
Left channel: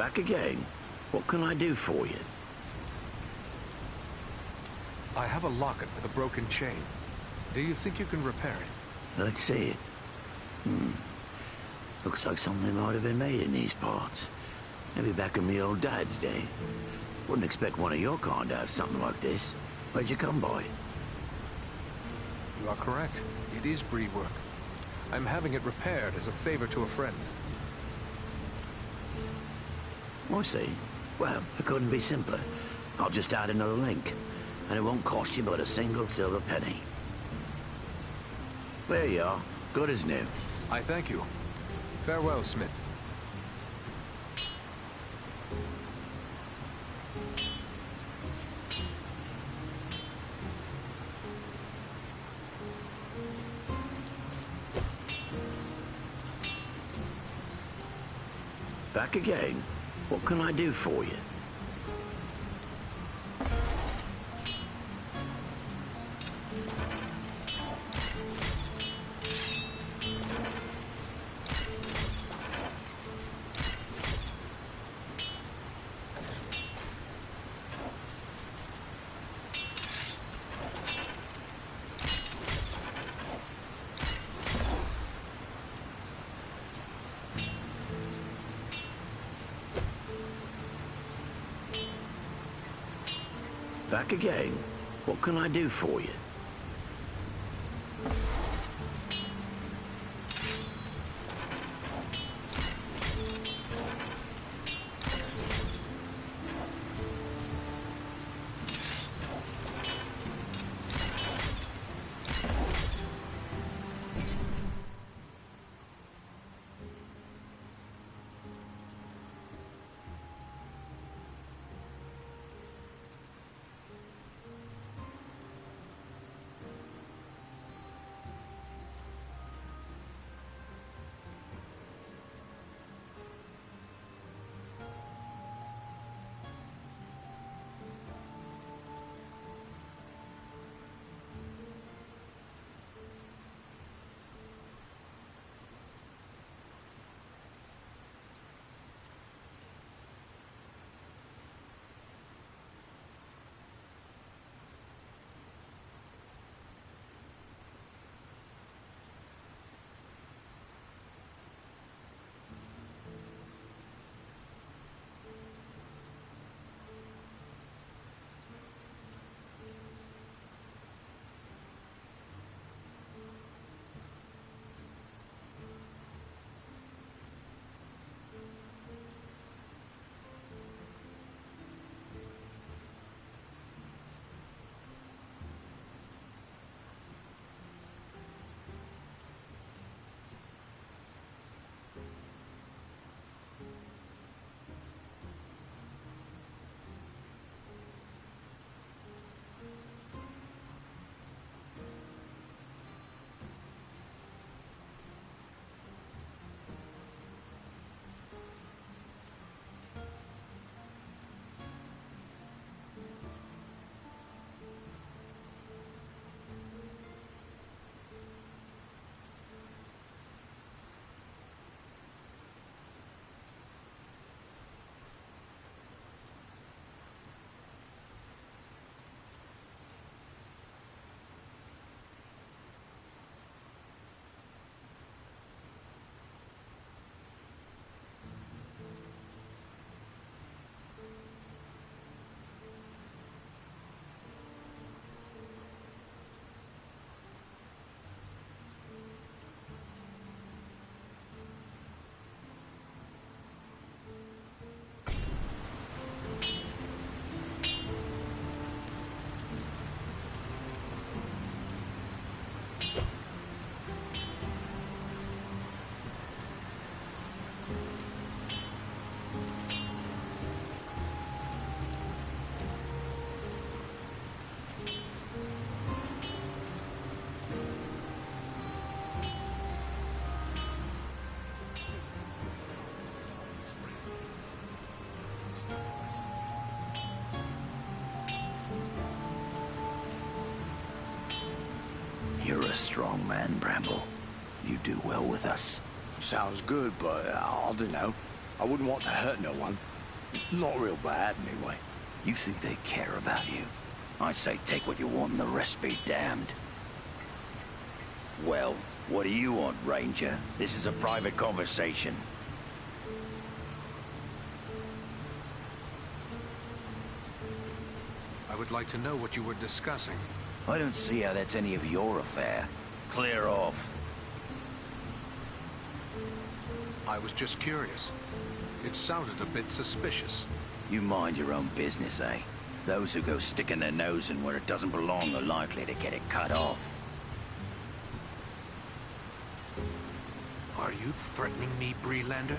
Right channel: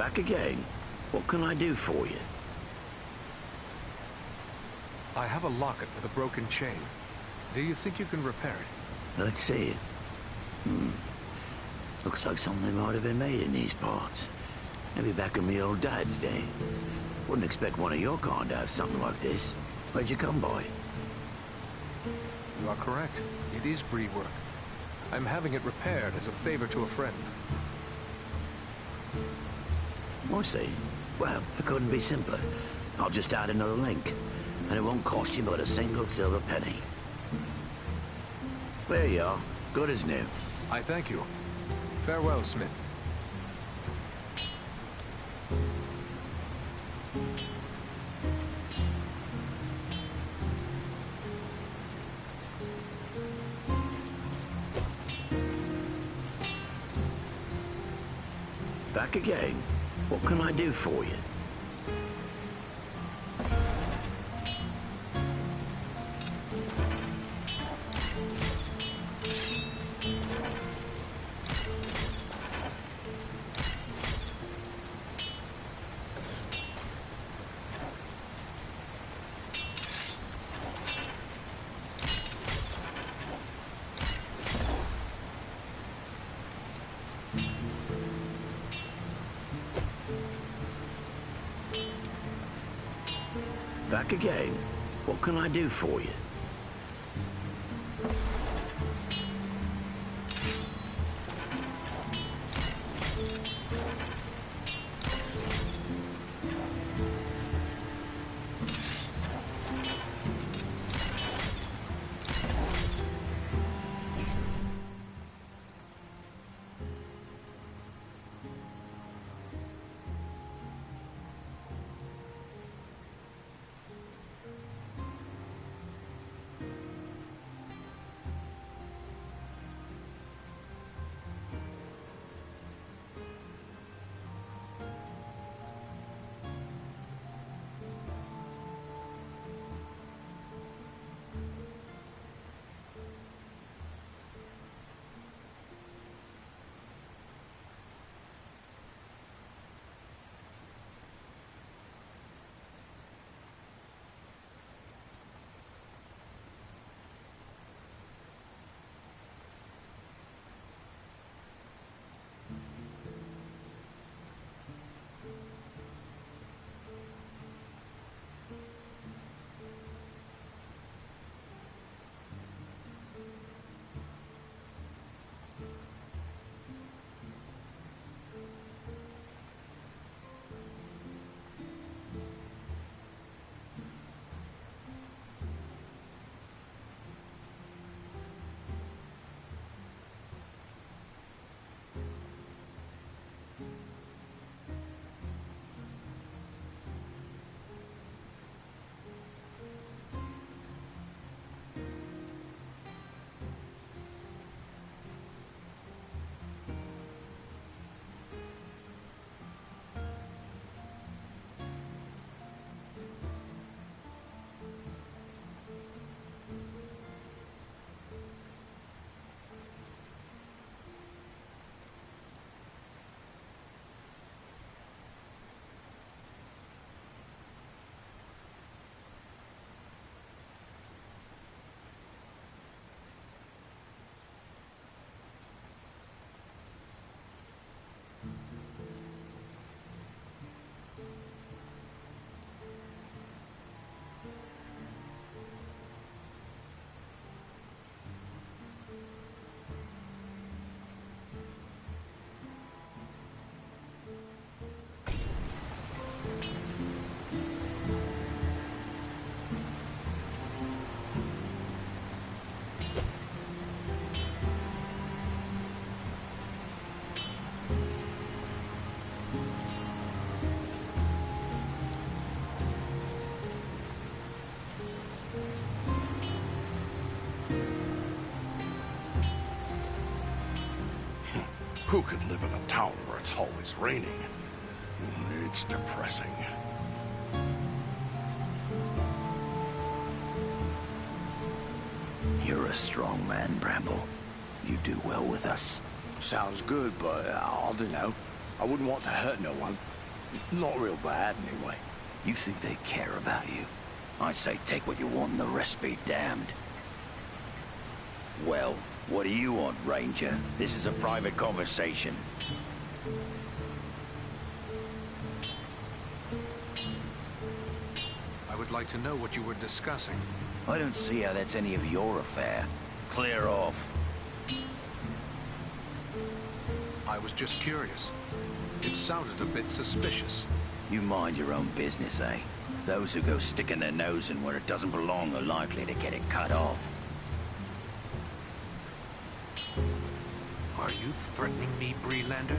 Back again. What can I do for you? I have a locket with a broken chain. Do you think you can repair it? Let's see it. Looks like something might have been made in these parts. Maybe back in me old dad's day. Wouldn't expect one of your kind to have something like this. Where'd you come by it? You are correct. It is Bree work. I'm having it repaired as a favor to a friend. I see. Well, it couldn't be simpler. I'll just add another link, and it won't cost you but a single silver penny. There you are. Good as new. I thank you. Farewell, Smith. Back again. What can I do for you? Back again. What can I do for you? Who can live in a town where it's always raining? It's depressing. You're a strong man, Bramble. You do well with us. Sounds good, but I don't know. I wouldn't want to hurt no one. Not real bad, anyway. You think they care about you? I say take what you want and the rest be damned. Well, what do you want, Ranger? This is a private conversation. I would like to know what you were discussing. I don't see how that's any of your affair. Clear off. I was just curious. It sounded a bit suspicious. You mind your own business, eh? Those who go sticking their nose in where it doesn't belong are likely to get it cut off. Are you threatening me, Breelander?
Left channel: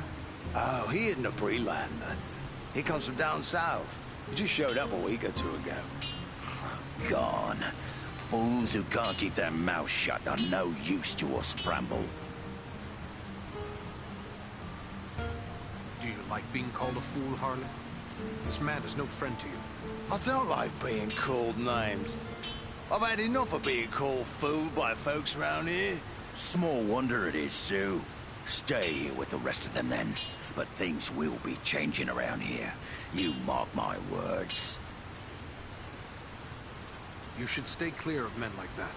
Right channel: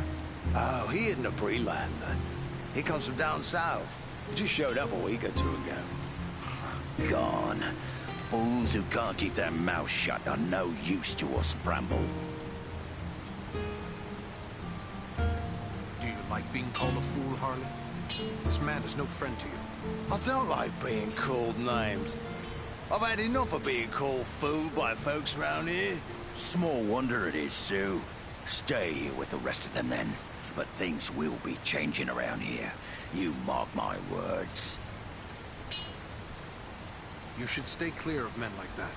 Oh, he isn't a Breelander. He comes from down south. He just showed up a week or two ago. Gone. Fools who can't keep their mouths shut are no use to us, Bramble. Do you like being called a fool, Harley? This man is no friend to you. I don't like being called names. I've had enough of being called fool by folks around here. Small wonder it is, Sue. Stay here with the rest of them, then. But things will be changing around here. You mark my words. You should stay clear of men like that.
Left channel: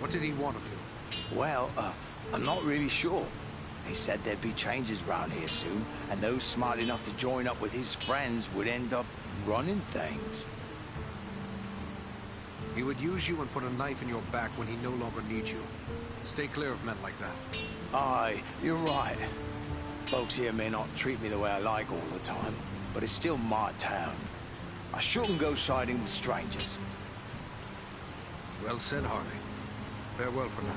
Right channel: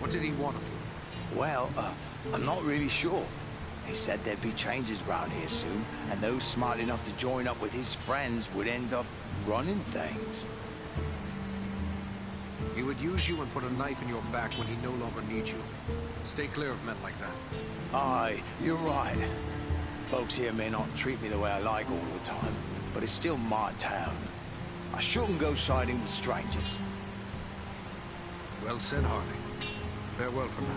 What did he want of you? Well, I'm not really sure. He said there'd be changes around here soon, and those smart enough to join up with his friends would end up running things. He would use you and put a knife in your back when he no longer needs you. Stay clear of men like that. Aye, you're right. Folks here may not treat me the way I like all the time, but it's still my town. I shouldn't go siding with strangers. Well said, Harley. Farewell for now.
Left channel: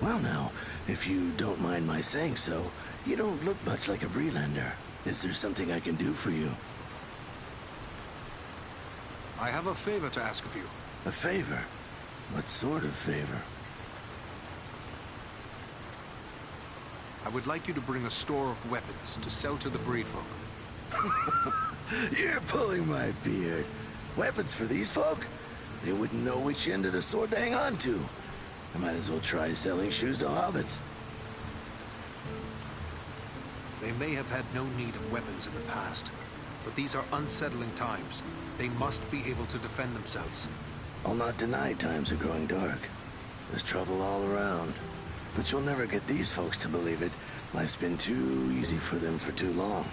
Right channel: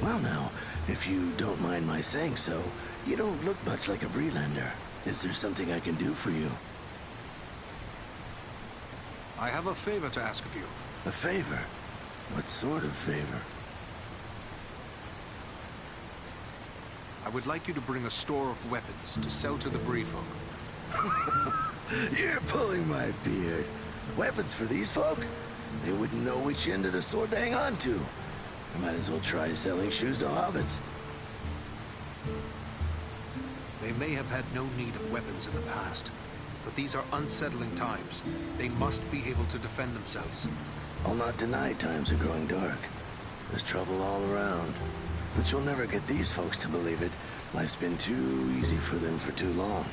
Well now, if you don't mind my saying so, you don't look much like a Breelander. Is there something I can do for you? I have a favor to ask of you. A favor? What sort of favor? I would like you to bring a store of weapons to sell to the Bree folk. You're pulling my beard. Weapons for these folk? They wouldn't know which end of the sword to hang on to. I might as well try selling shoes to hobbits. They may have had no need of weapons in the past, but these are unsettling times. They must be able to defend themselves. I'll not deny times are growing dark. There's trouble all around. But you'll never get these folks to believe it. Life's been too easy for them for too long.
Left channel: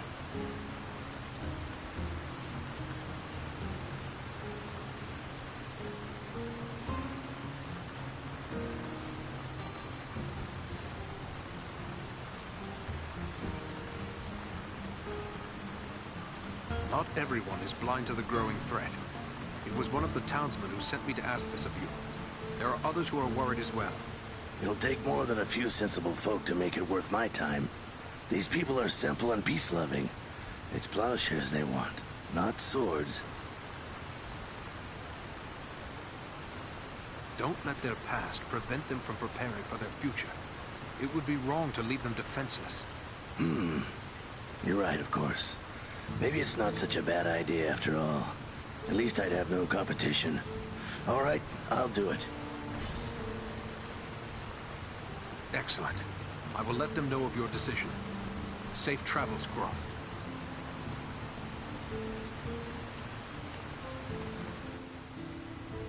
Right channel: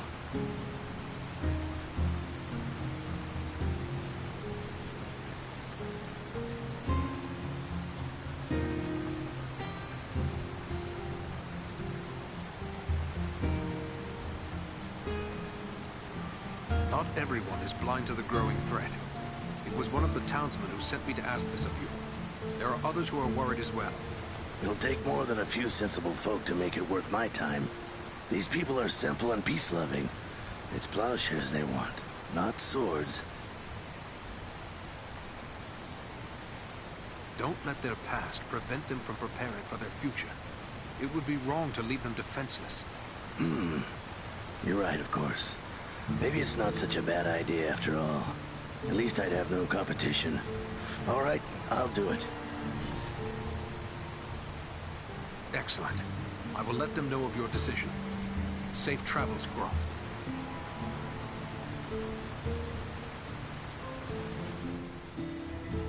Not everyone is blind to the growing threat. It was one of the townsmen who sent me to ask this of you. There are others who are worried as well. It'll take more than a few sensible folk to make it worth my time. These people are simple and peace-loving. It's plowshares they want, not swords. Don't let their past prevent them from preparing for their future. It would be wrong to leave them defenseless. You're right, of course. Maybe it's not such a bad idea after all. At least I'd have no competition. All right, I'll do it. Excellent. I will let them know of your decision. Safe travels, Groff.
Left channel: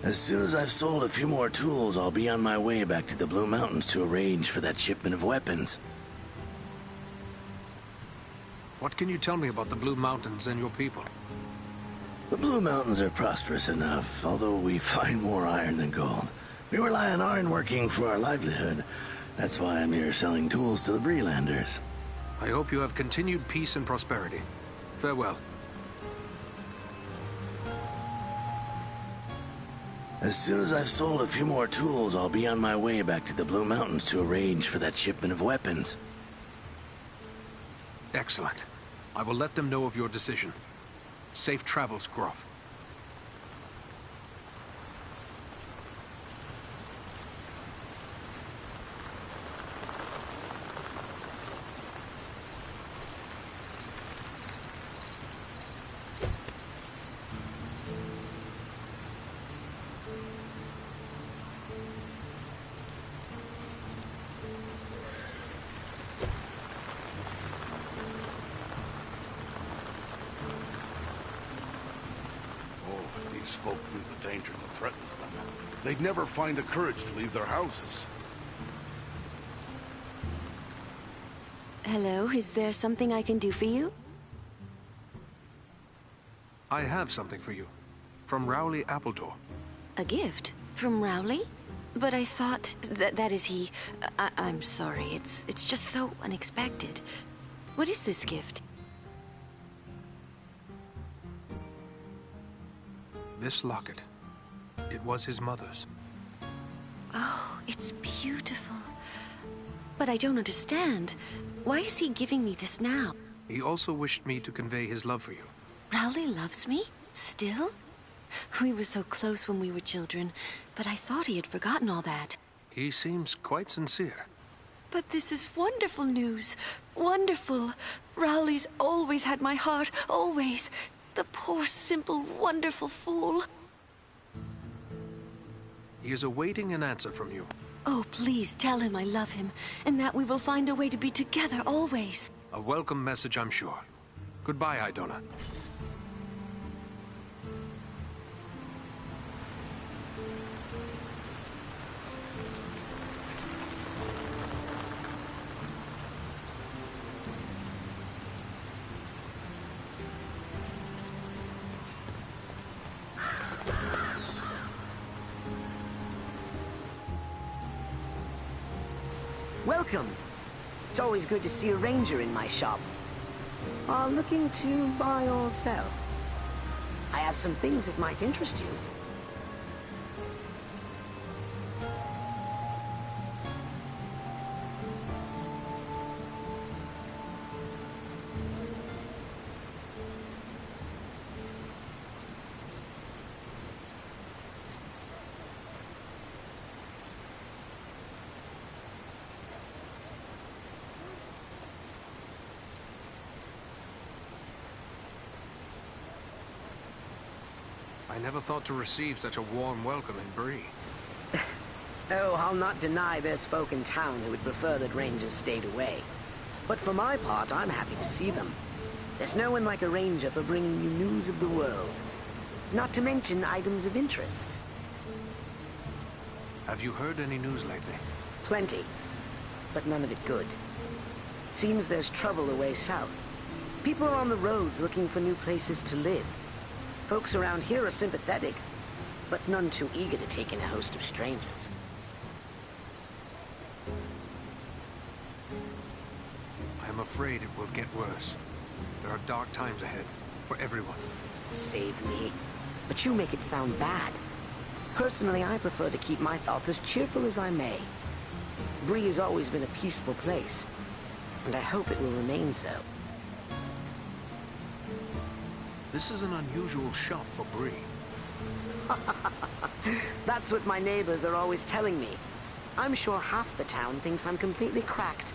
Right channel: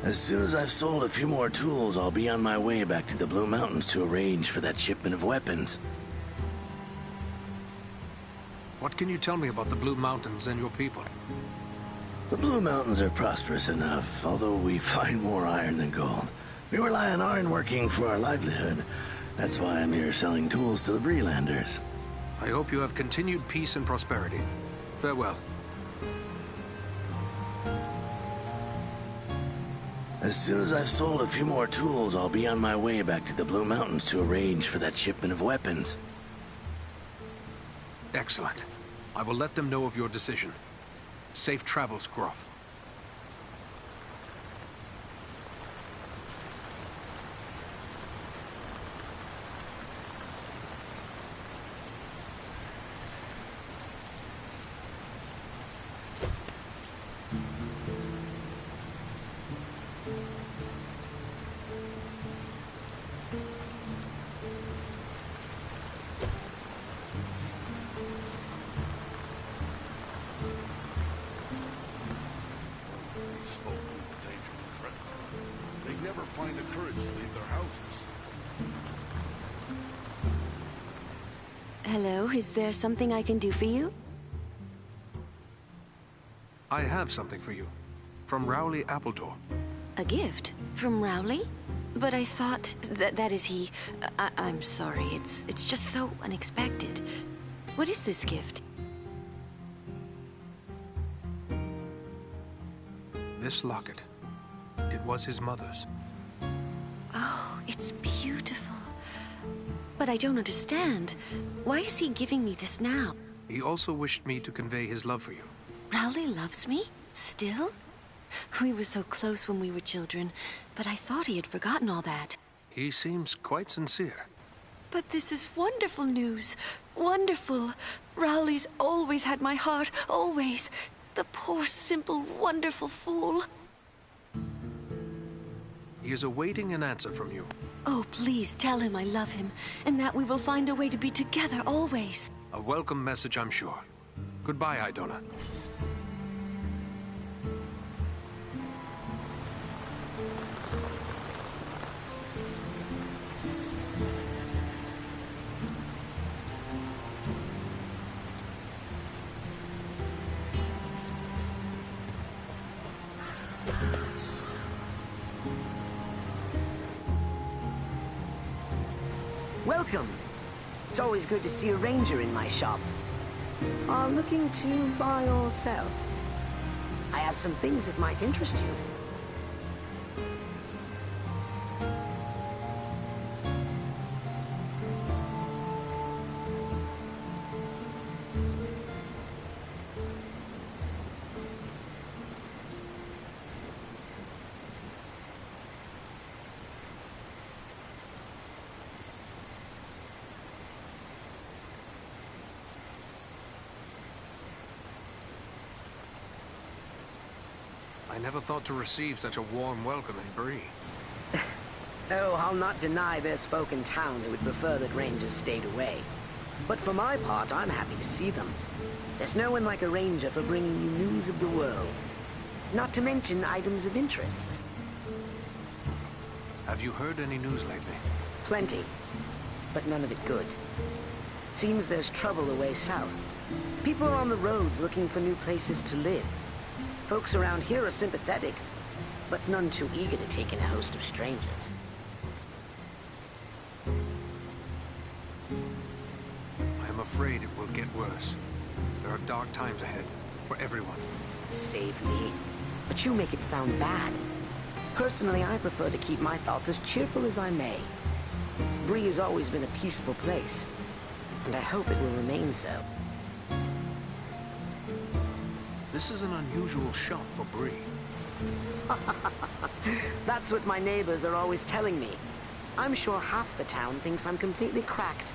As soon as I've sold a few more tools, I'll be on my way back to the Blue Mountains to arrange for that shipment of weapons. What can you tell me about the Blue Mountains and your people? The Blue Mountains are prosperous enough, although we find more iron than gold. We rely on iron working for our livelihood. That's why I'm here selling tools to the Breelanders. I hope you have continued peace and prosperity. Farewell. As soon as I've sold a few more tools, I'll be on my way back to the Blue Mountains to arrange for that shipment of weapons. Excellent. I will let them know of your decision. Safe travels, Groff. these folk knew the danger that threatens them, they'd never find the courage to leave their houses. Hello, is there something I can do for you? I have something for you. From Rowley Appledore. A gift? From Rowley? But I thought that is he. I'm sorry, it's just so unexpected. What is this gift? This locket. It was his mother's. Oh, it's beautiful. But I don't understand. Why is he giving me this now? He also wished me to convey his love for you. Rowley loves me? Still? We were so close when we were children, but I thought he had forgotten all that. He seems quite sincere. But this is wonderful news. Wonderful. Rowley's always had my heart, always. The poor, simple, wonderful fool. He is awaiting an answer from you. Oh, please tell him I love him, and that we will find a way to be together always. A welcome message, I'm sure. Goodbye, Idona. Welcome. It's always good to see a ranger in my shop. Are looking to buy or sell? I have some things that might interest you. I never thought to receive such a warm welcome in Bree. Oh, I'll not deny there's folk in town who would prefer that rangers stayed away. But for my part, I'm happy to see them. There's no one like a ranger for bringing you news of the world. Not to mention items of interest. Have you heard any news lately? Plenty, but none of it good. Seems there's trouble away south. People are on the roads looking for new places to live. Folks around here are sympathetic, but none too eager to take in a host of strangers. I'm afraid it will get worse. There are dark times ahead, for everyone. Save me. But you make it sound bad. Personally, I prefer to keep my thoughts as cheerful as I may. Bree has always been a peaceful place, and I hope it will remain so. This is an unusual shop for Bree. That's what my neighbors are always telling me. I'm sure half the town thinks I'm completely cracked,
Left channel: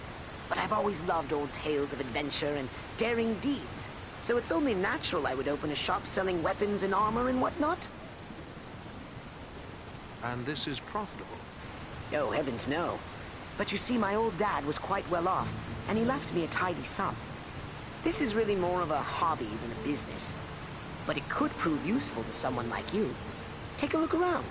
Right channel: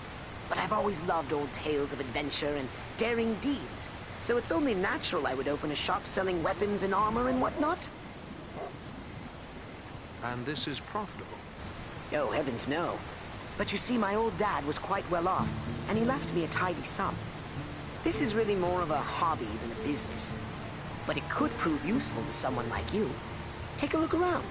but I've always loved old tales of adventure and daring deeds, so it's only natural I would open a shop selling weapons and armor and whatnot. And this is profitable? Oh, heavens no. But you see, my old dad was quite well off, and he left me a tidy sum. This is really more of a hobby than a business. But it could prove useful to someone like you. Take a look around.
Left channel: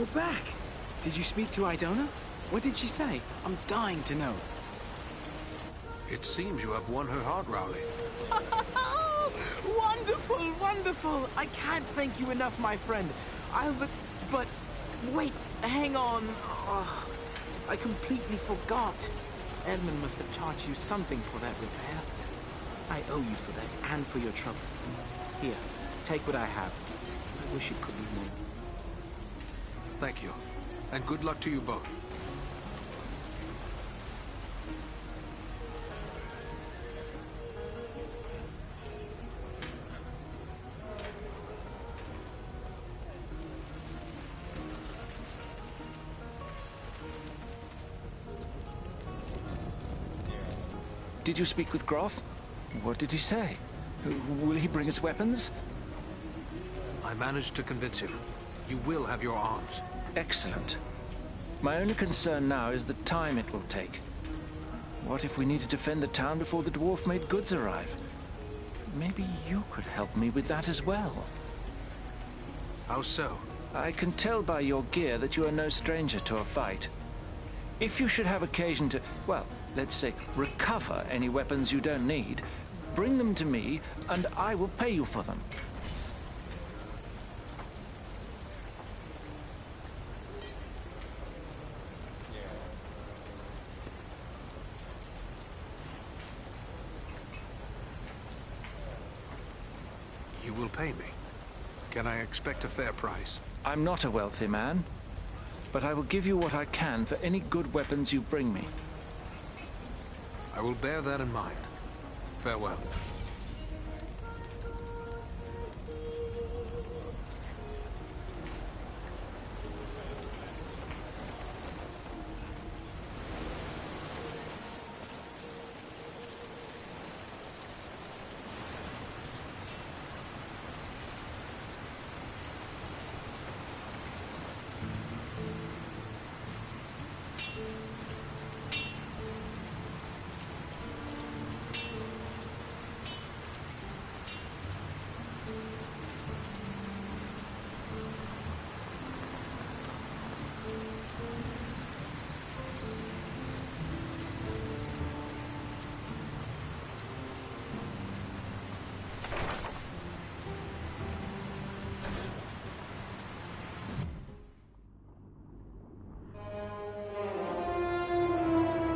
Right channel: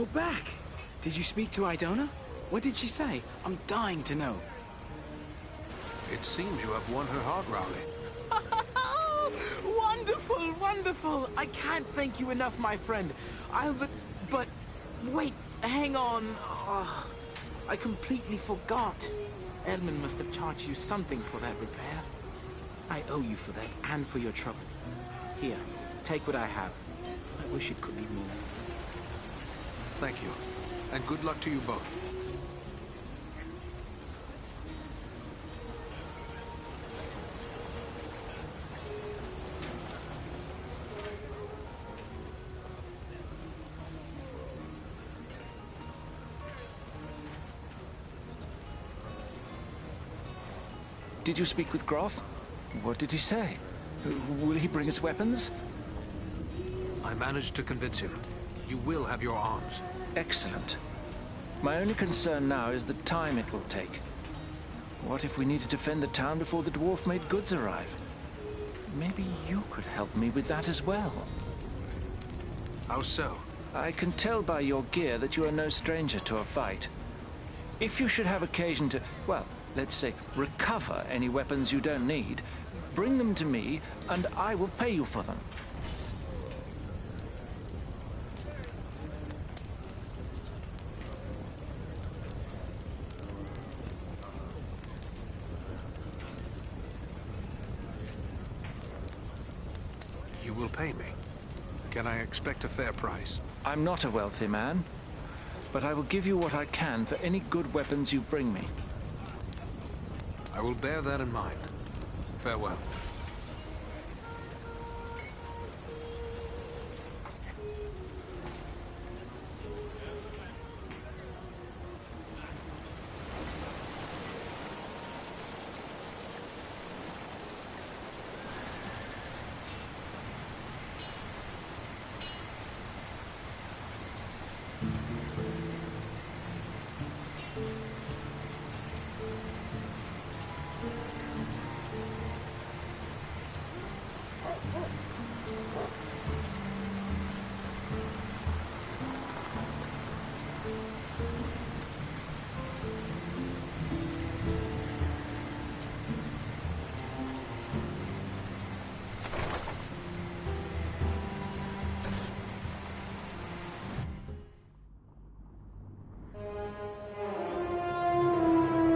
You're back! Did you speak to Idona? What did she say? I'm dying to know. It seems you have won her heart, Rowley. Wonderful, wonderful! I can't thank you enough, my friend. But wait, hang on. Oh, I completely forgot. Edmund must have charged you something for that repair. I owe you for that, and for your trouble. Here, take what I have. I wish it could be more. Thank you, and good luck to you both. Did you speak with Groff? What did he say? Will he bring us weapons? I managed to convince him. You will have your arms. Excellent. My only concern now is the time it will take. What if we need to defend the town before the dwarf-made goods arrive? Maybe you could help me with that as well. How so? I can tell by your gear that you are no stranger to a fight. If you should have occasion to, well, let's say, recover any weapons you don't need, bring them to me, and I will pay you for them. You will pay me. Can I expect a fair price? I'm not a wealthy man, but I will give you what I can for any good weapons you bring me. I will bear that in mind. Farewell.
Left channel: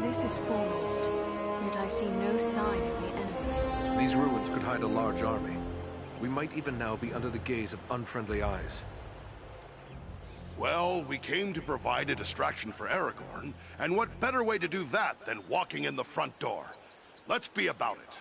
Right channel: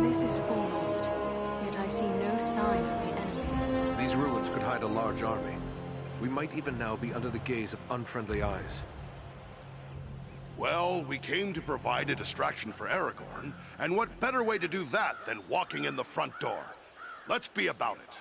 This is foremost, yet I see no sign of the enemy. These ruins could hide a large army. We might even now be under the gaze of unfriendly eyes. Well, we came to provide a distraction for Aragorn, and what better way to do that than walking in the front door? Let's be about it.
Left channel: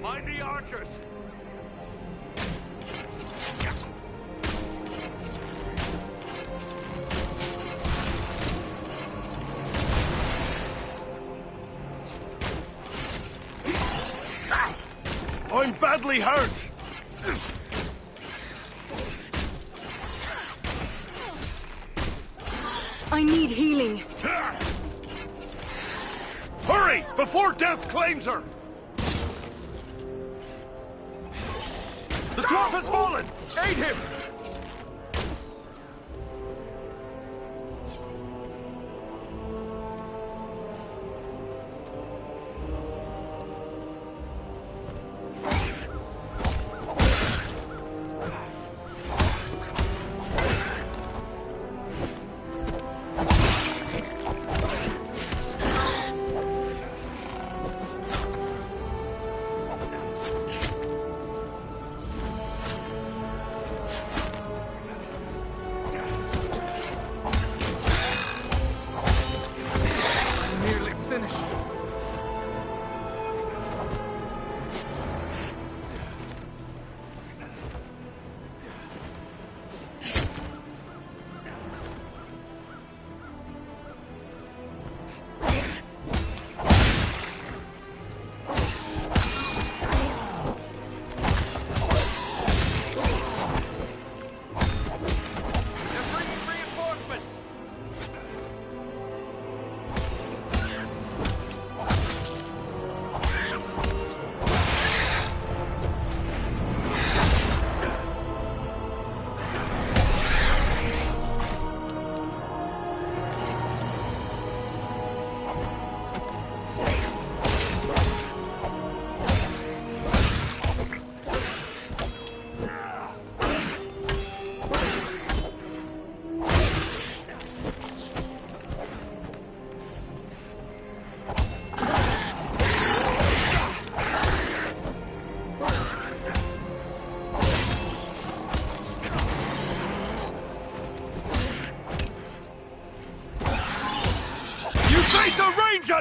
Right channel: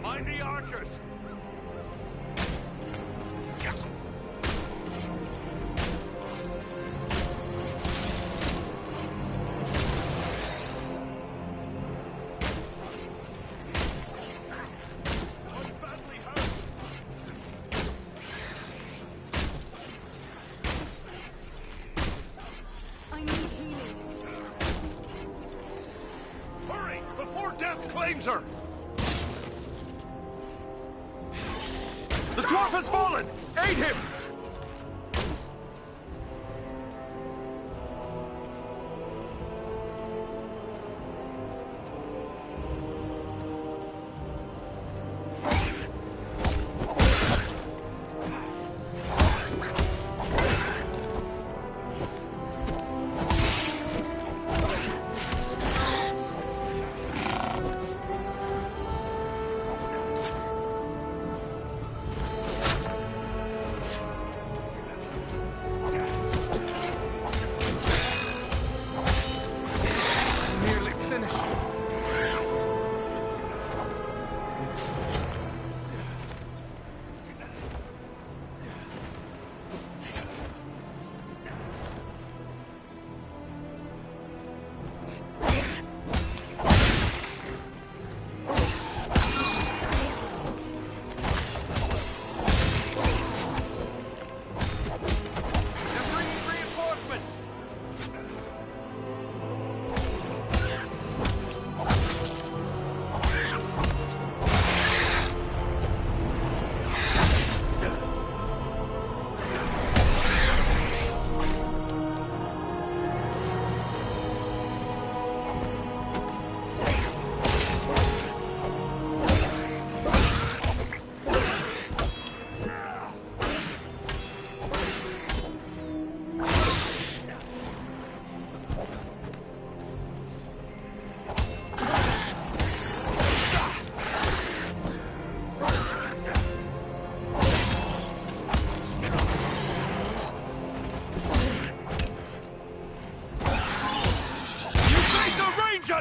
Mind the archers! I'm badly hurt! I need healing. Hurry! Before death claims her! The dwarf has fallen! Aid him!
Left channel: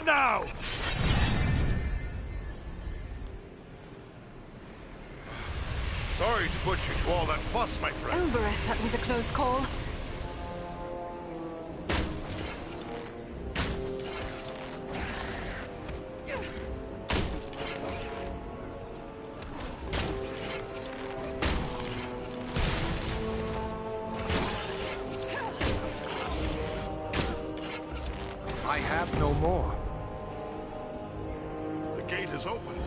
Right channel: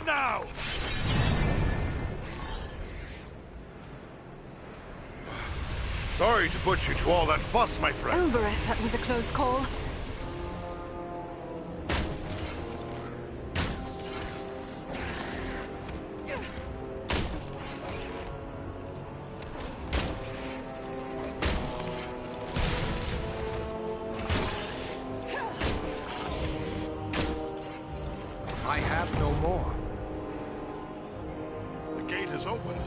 Now! Sorry to put you to all that fuss, my friend. Elbereth, that was a close call. I have no more. The gate is open.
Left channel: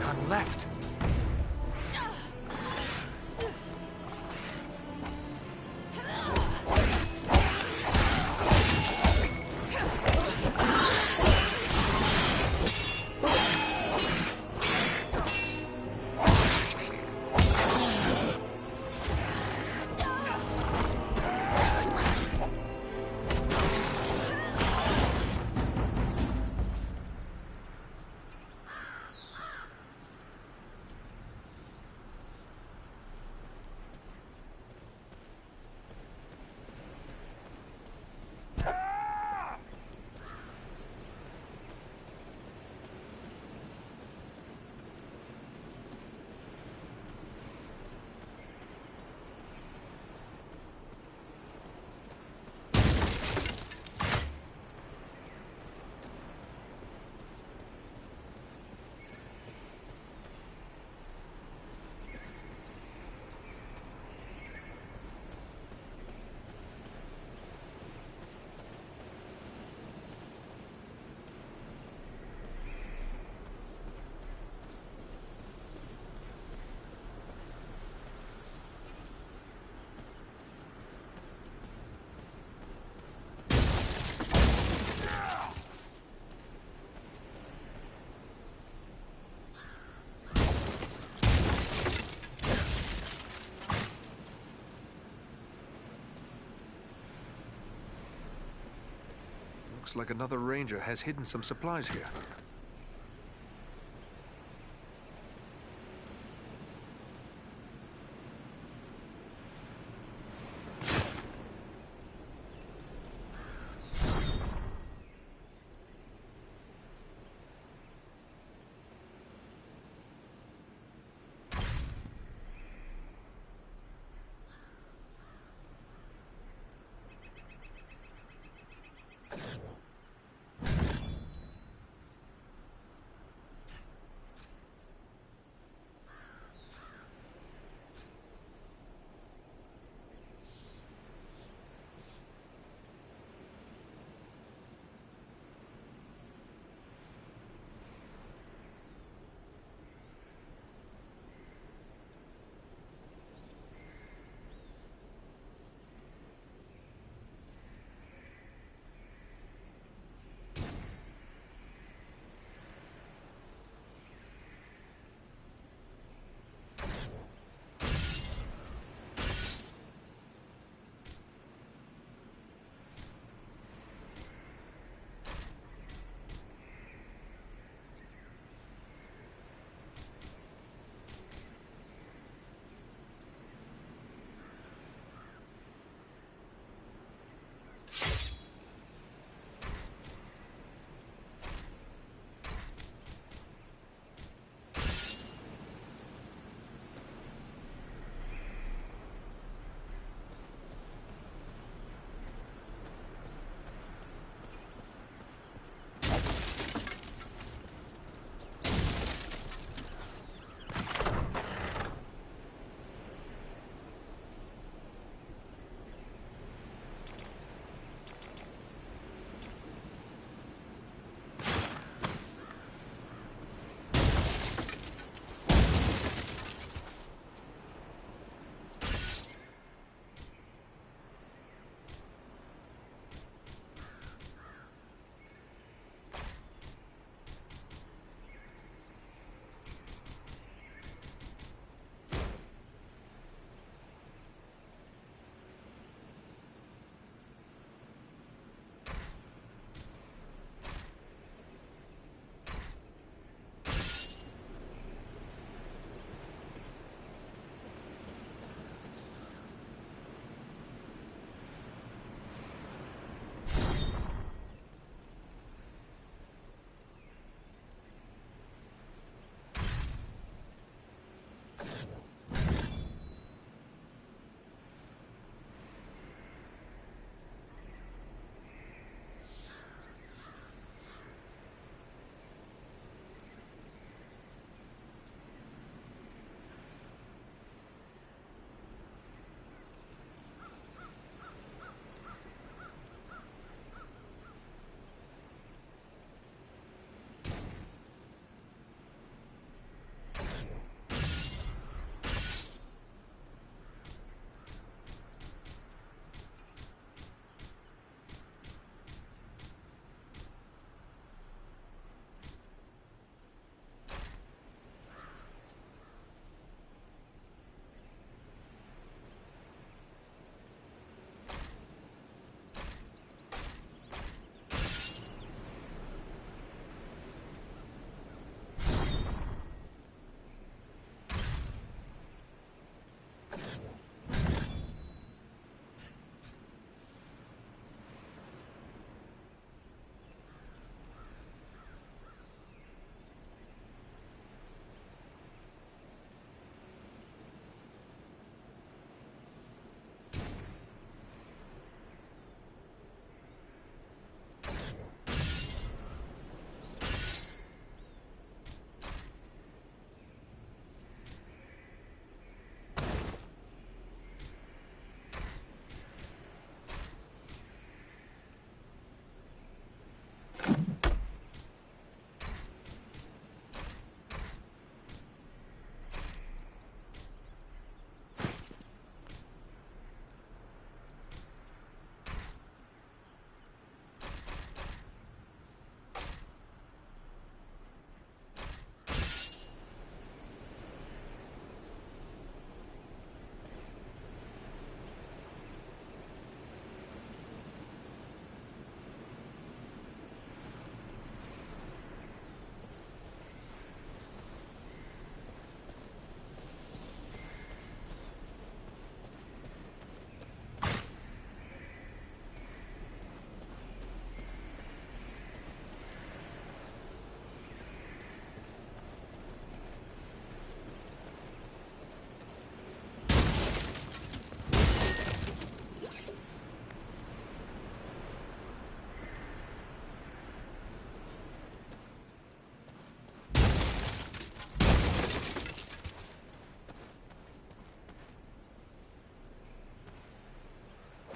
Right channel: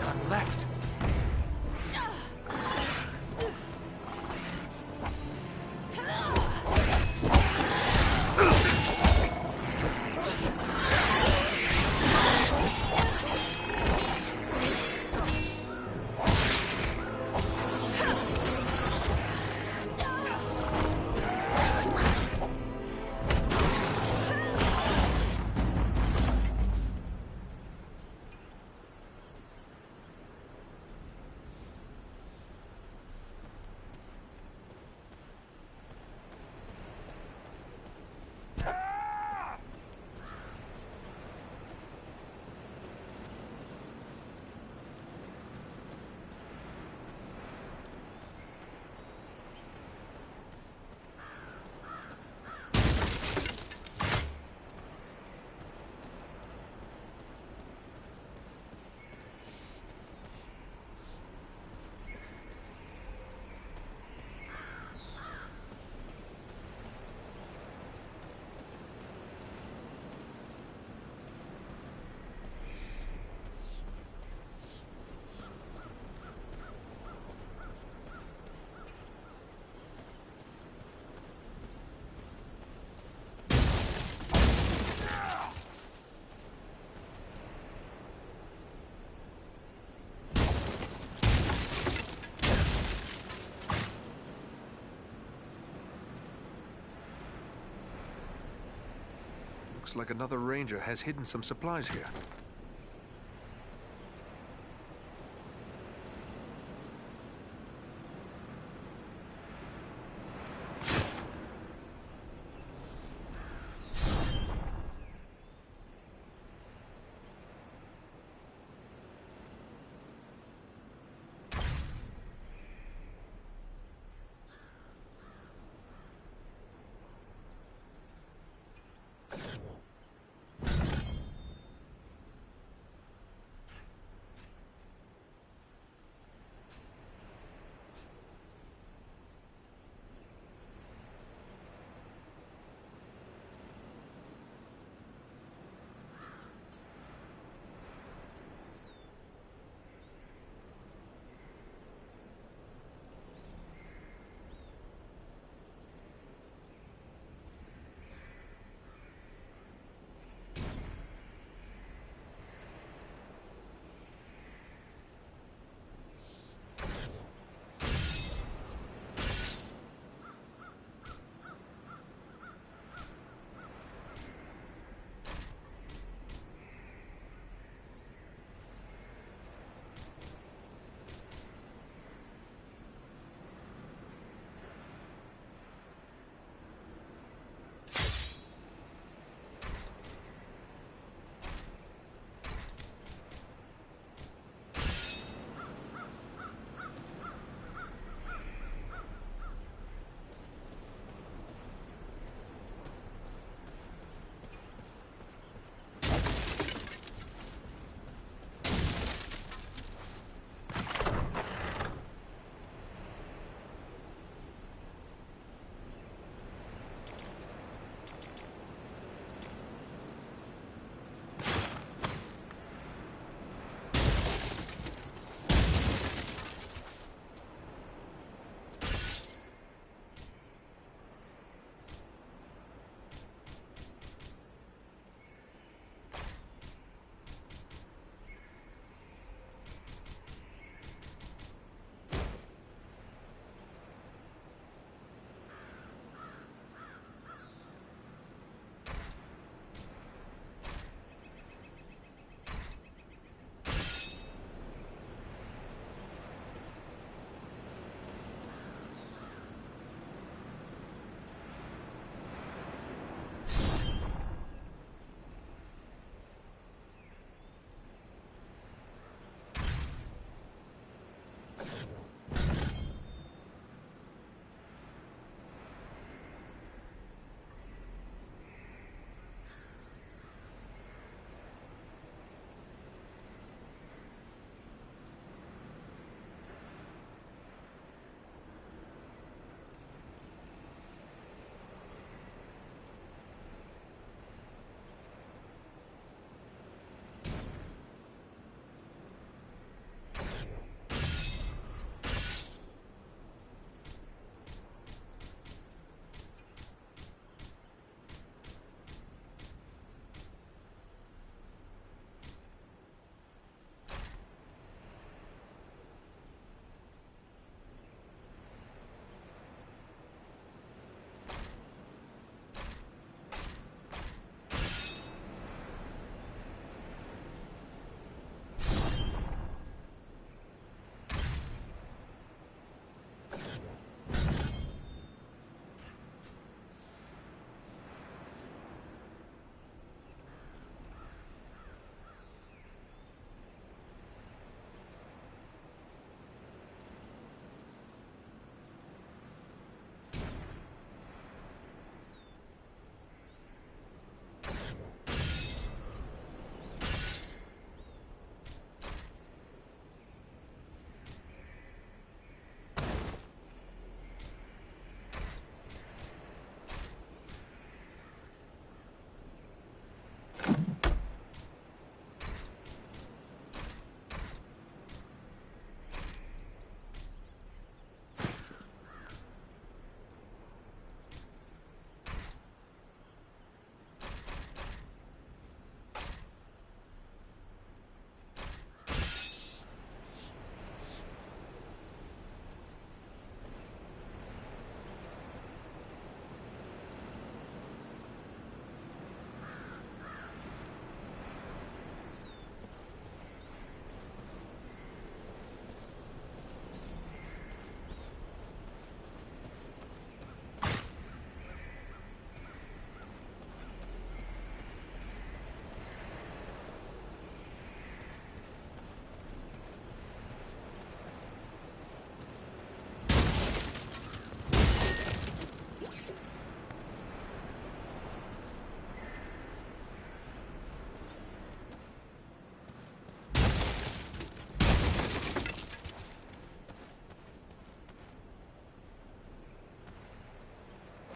None left. Looks like another ranger has hidden some supplies here.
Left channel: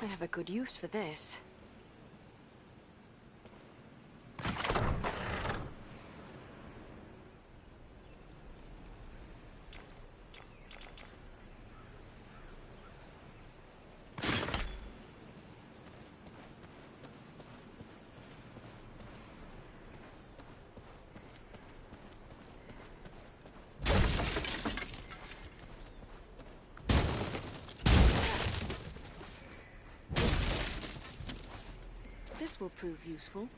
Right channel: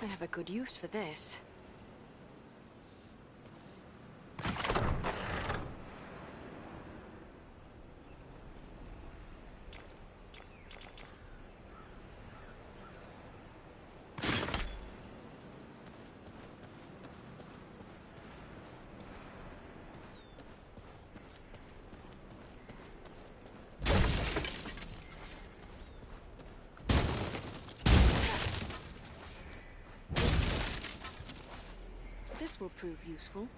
I have a good use for this. This will prove useful.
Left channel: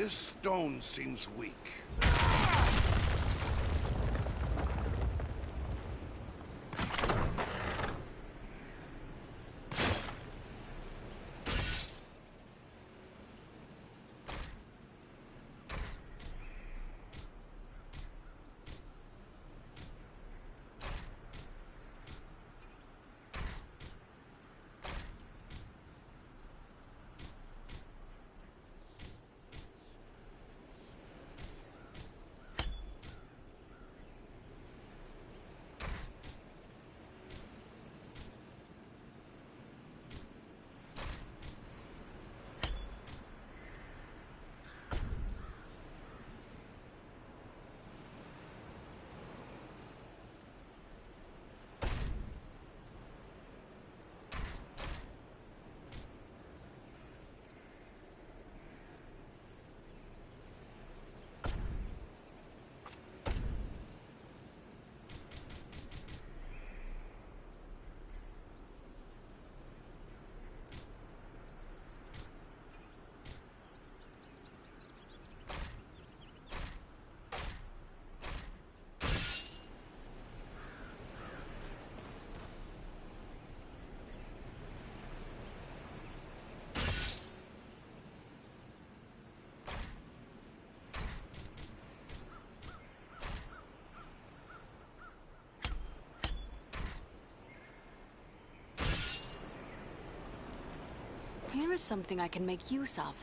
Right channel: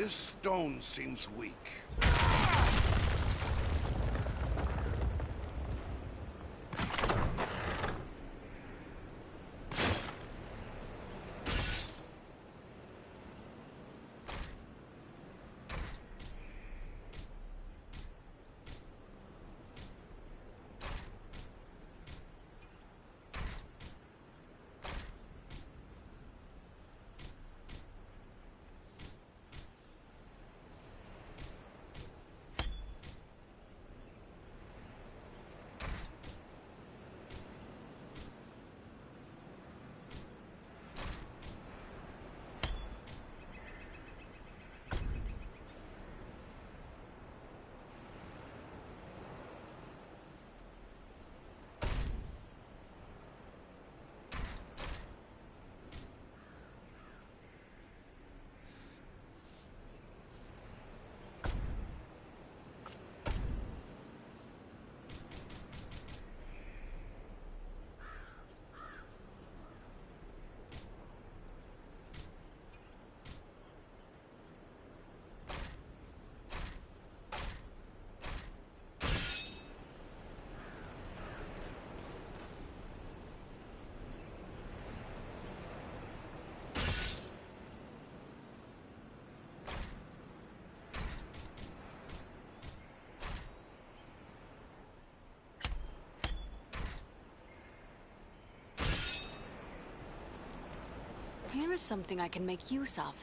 This stone seems weak. Here is something I can make use of.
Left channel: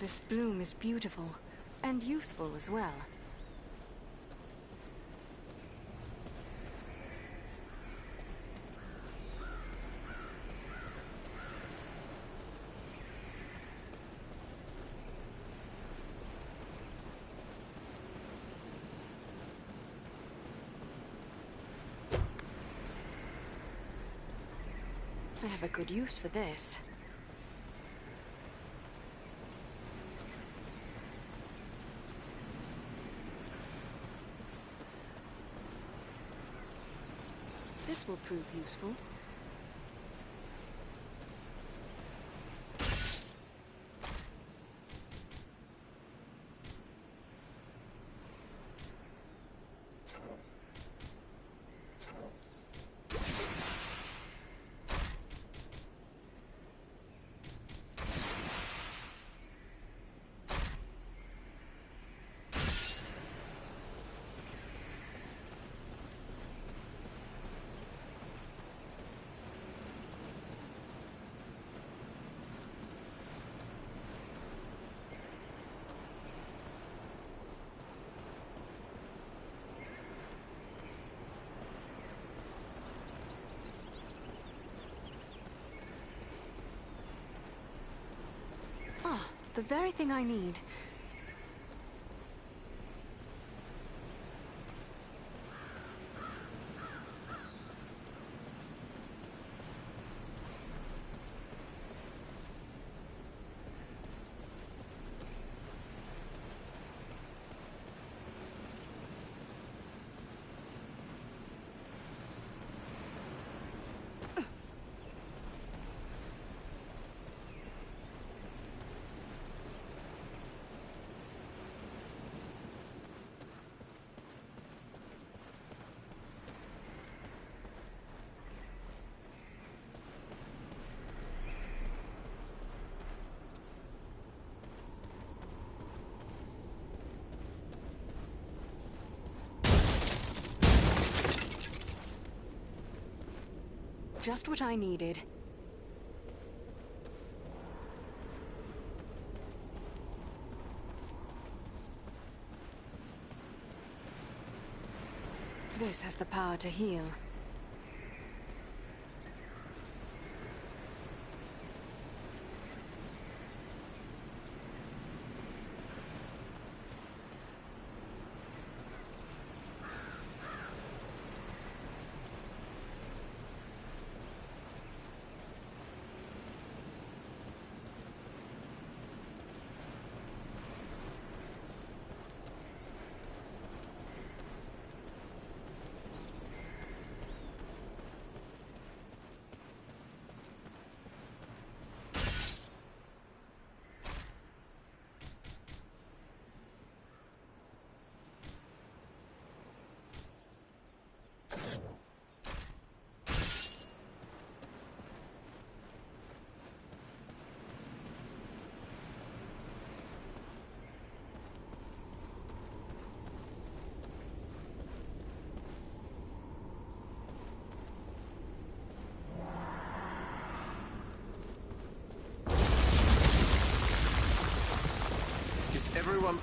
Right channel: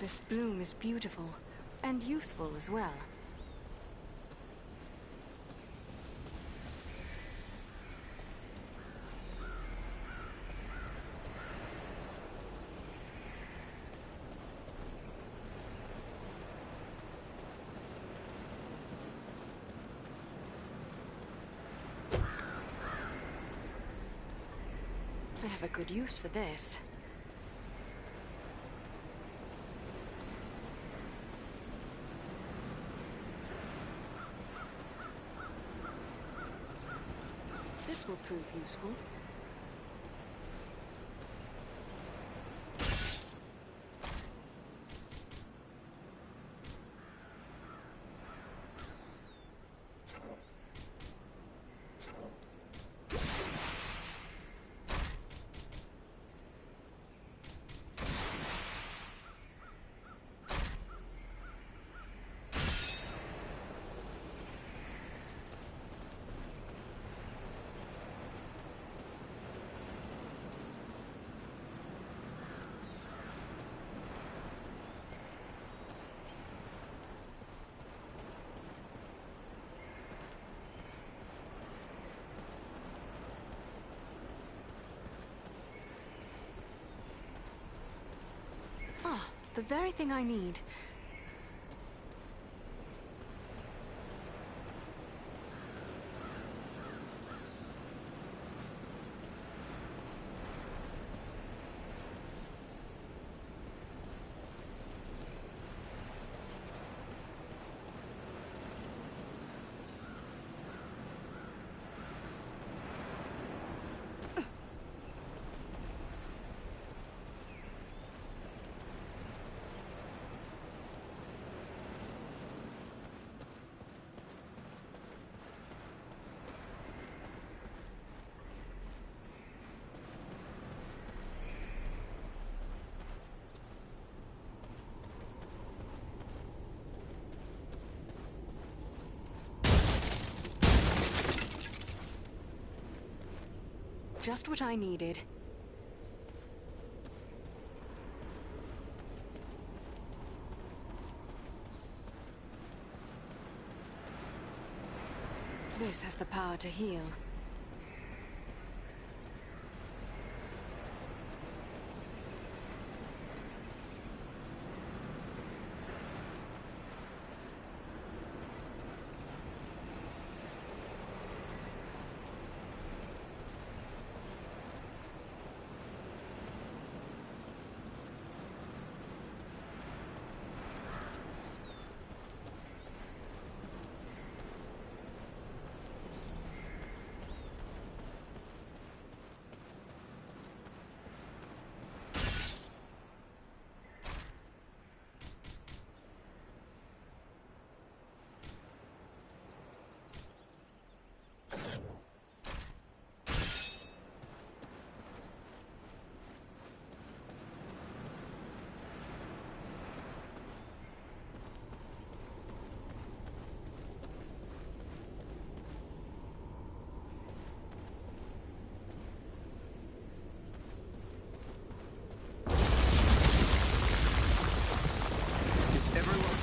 This bloom is beautiful, and useful as well. I have a good use for this. This will prove useful. Ah, the very thing I need. Just what I needed. This has the power to heal.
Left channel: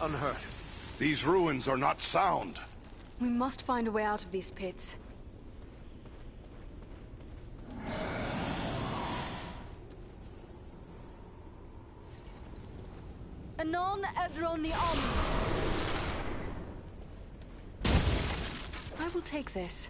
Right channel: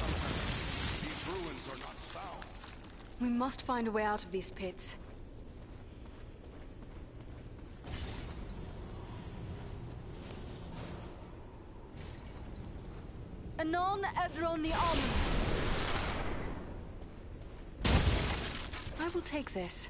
unhurt. These ruins are not sound. We must find a way out of these pits. Anon Edronion. I will take this.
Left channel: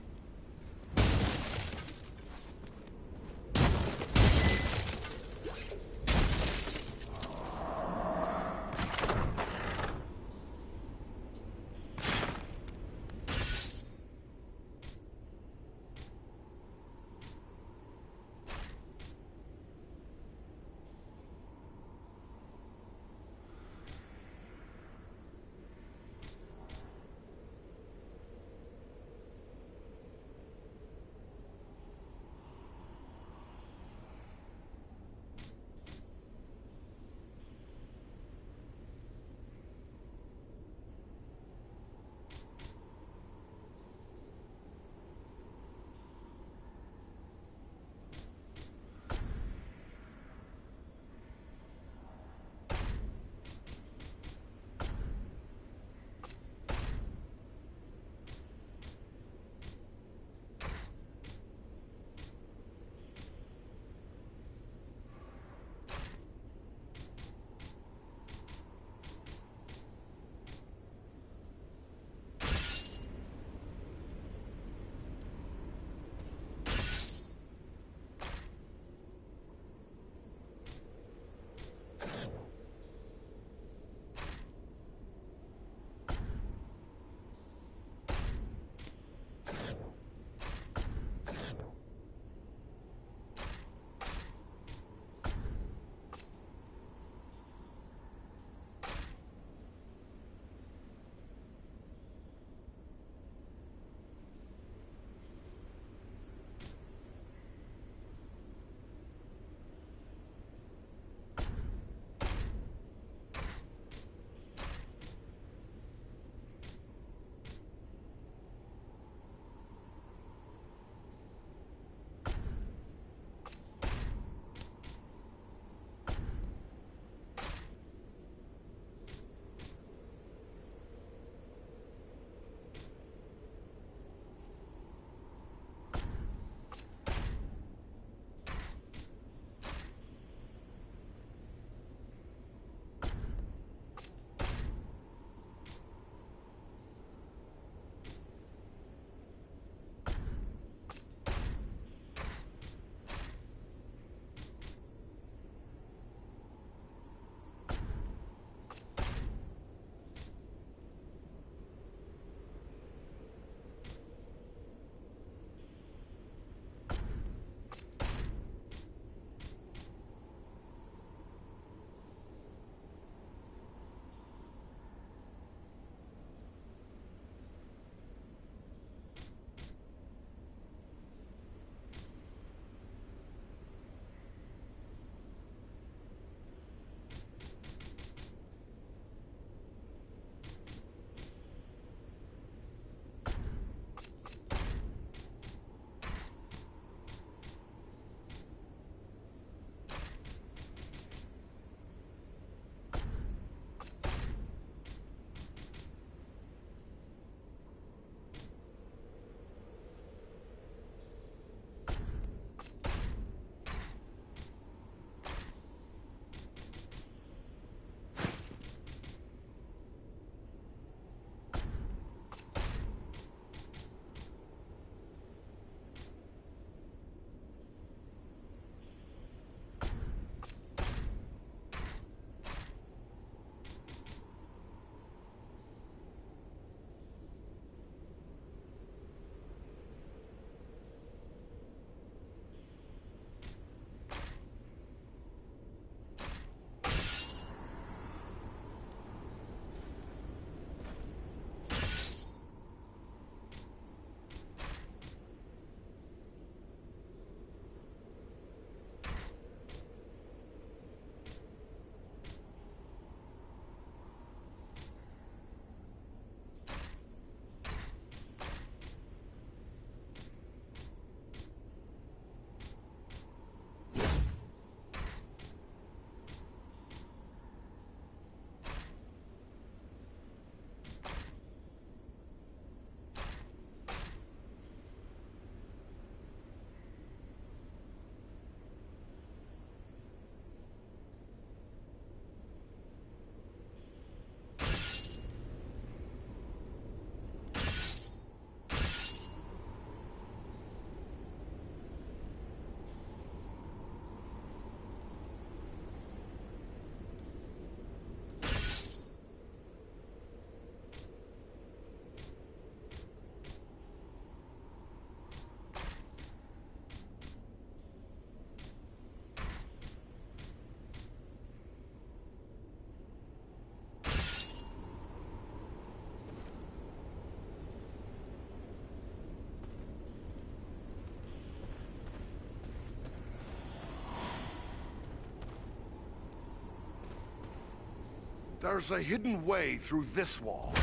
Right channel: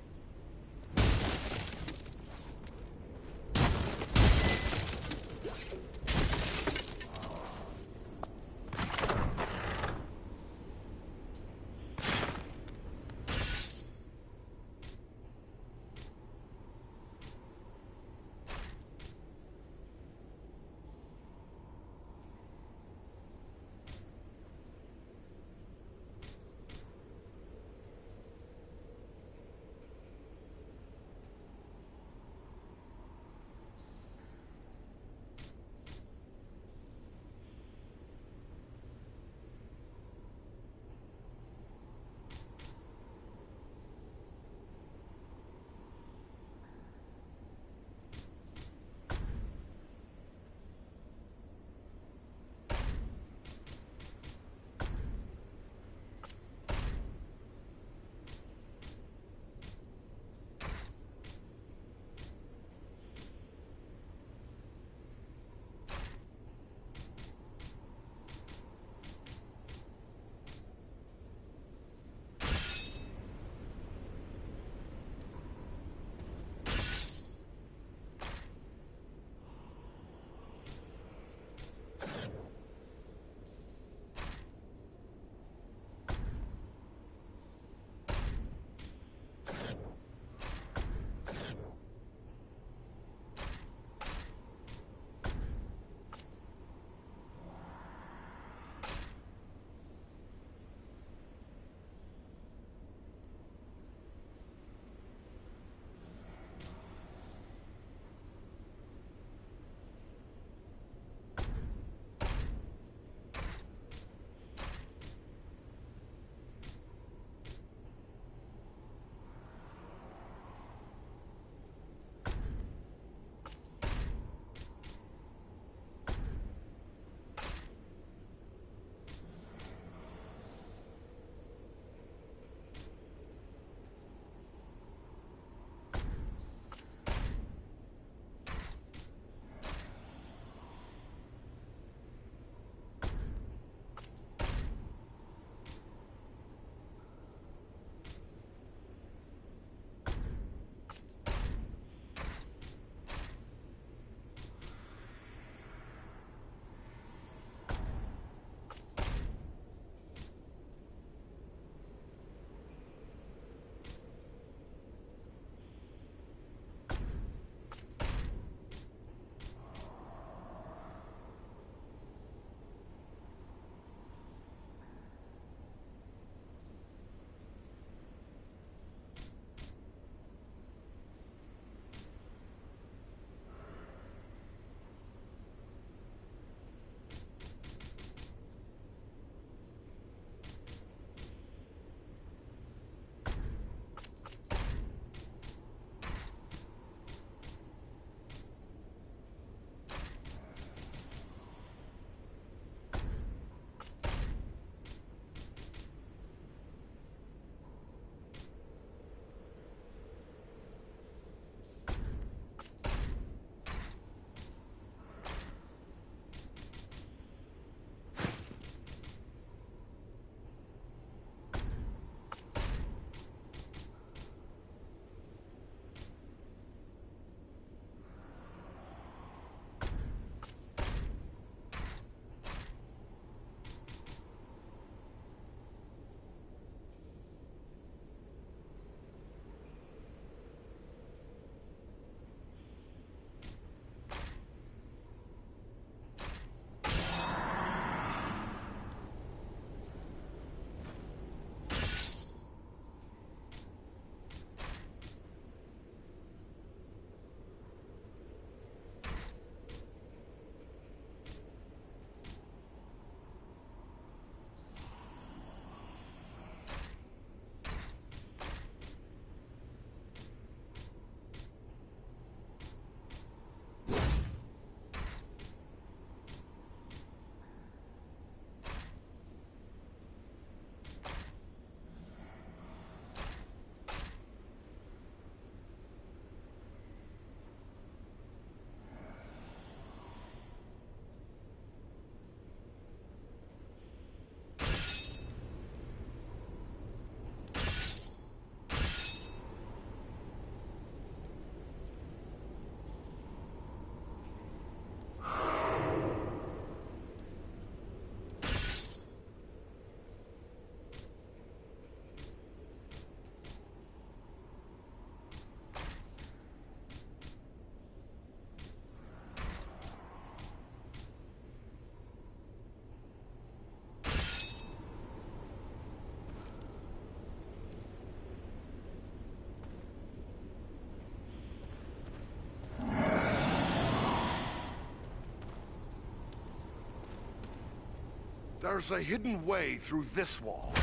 There's a hidden way through this wall.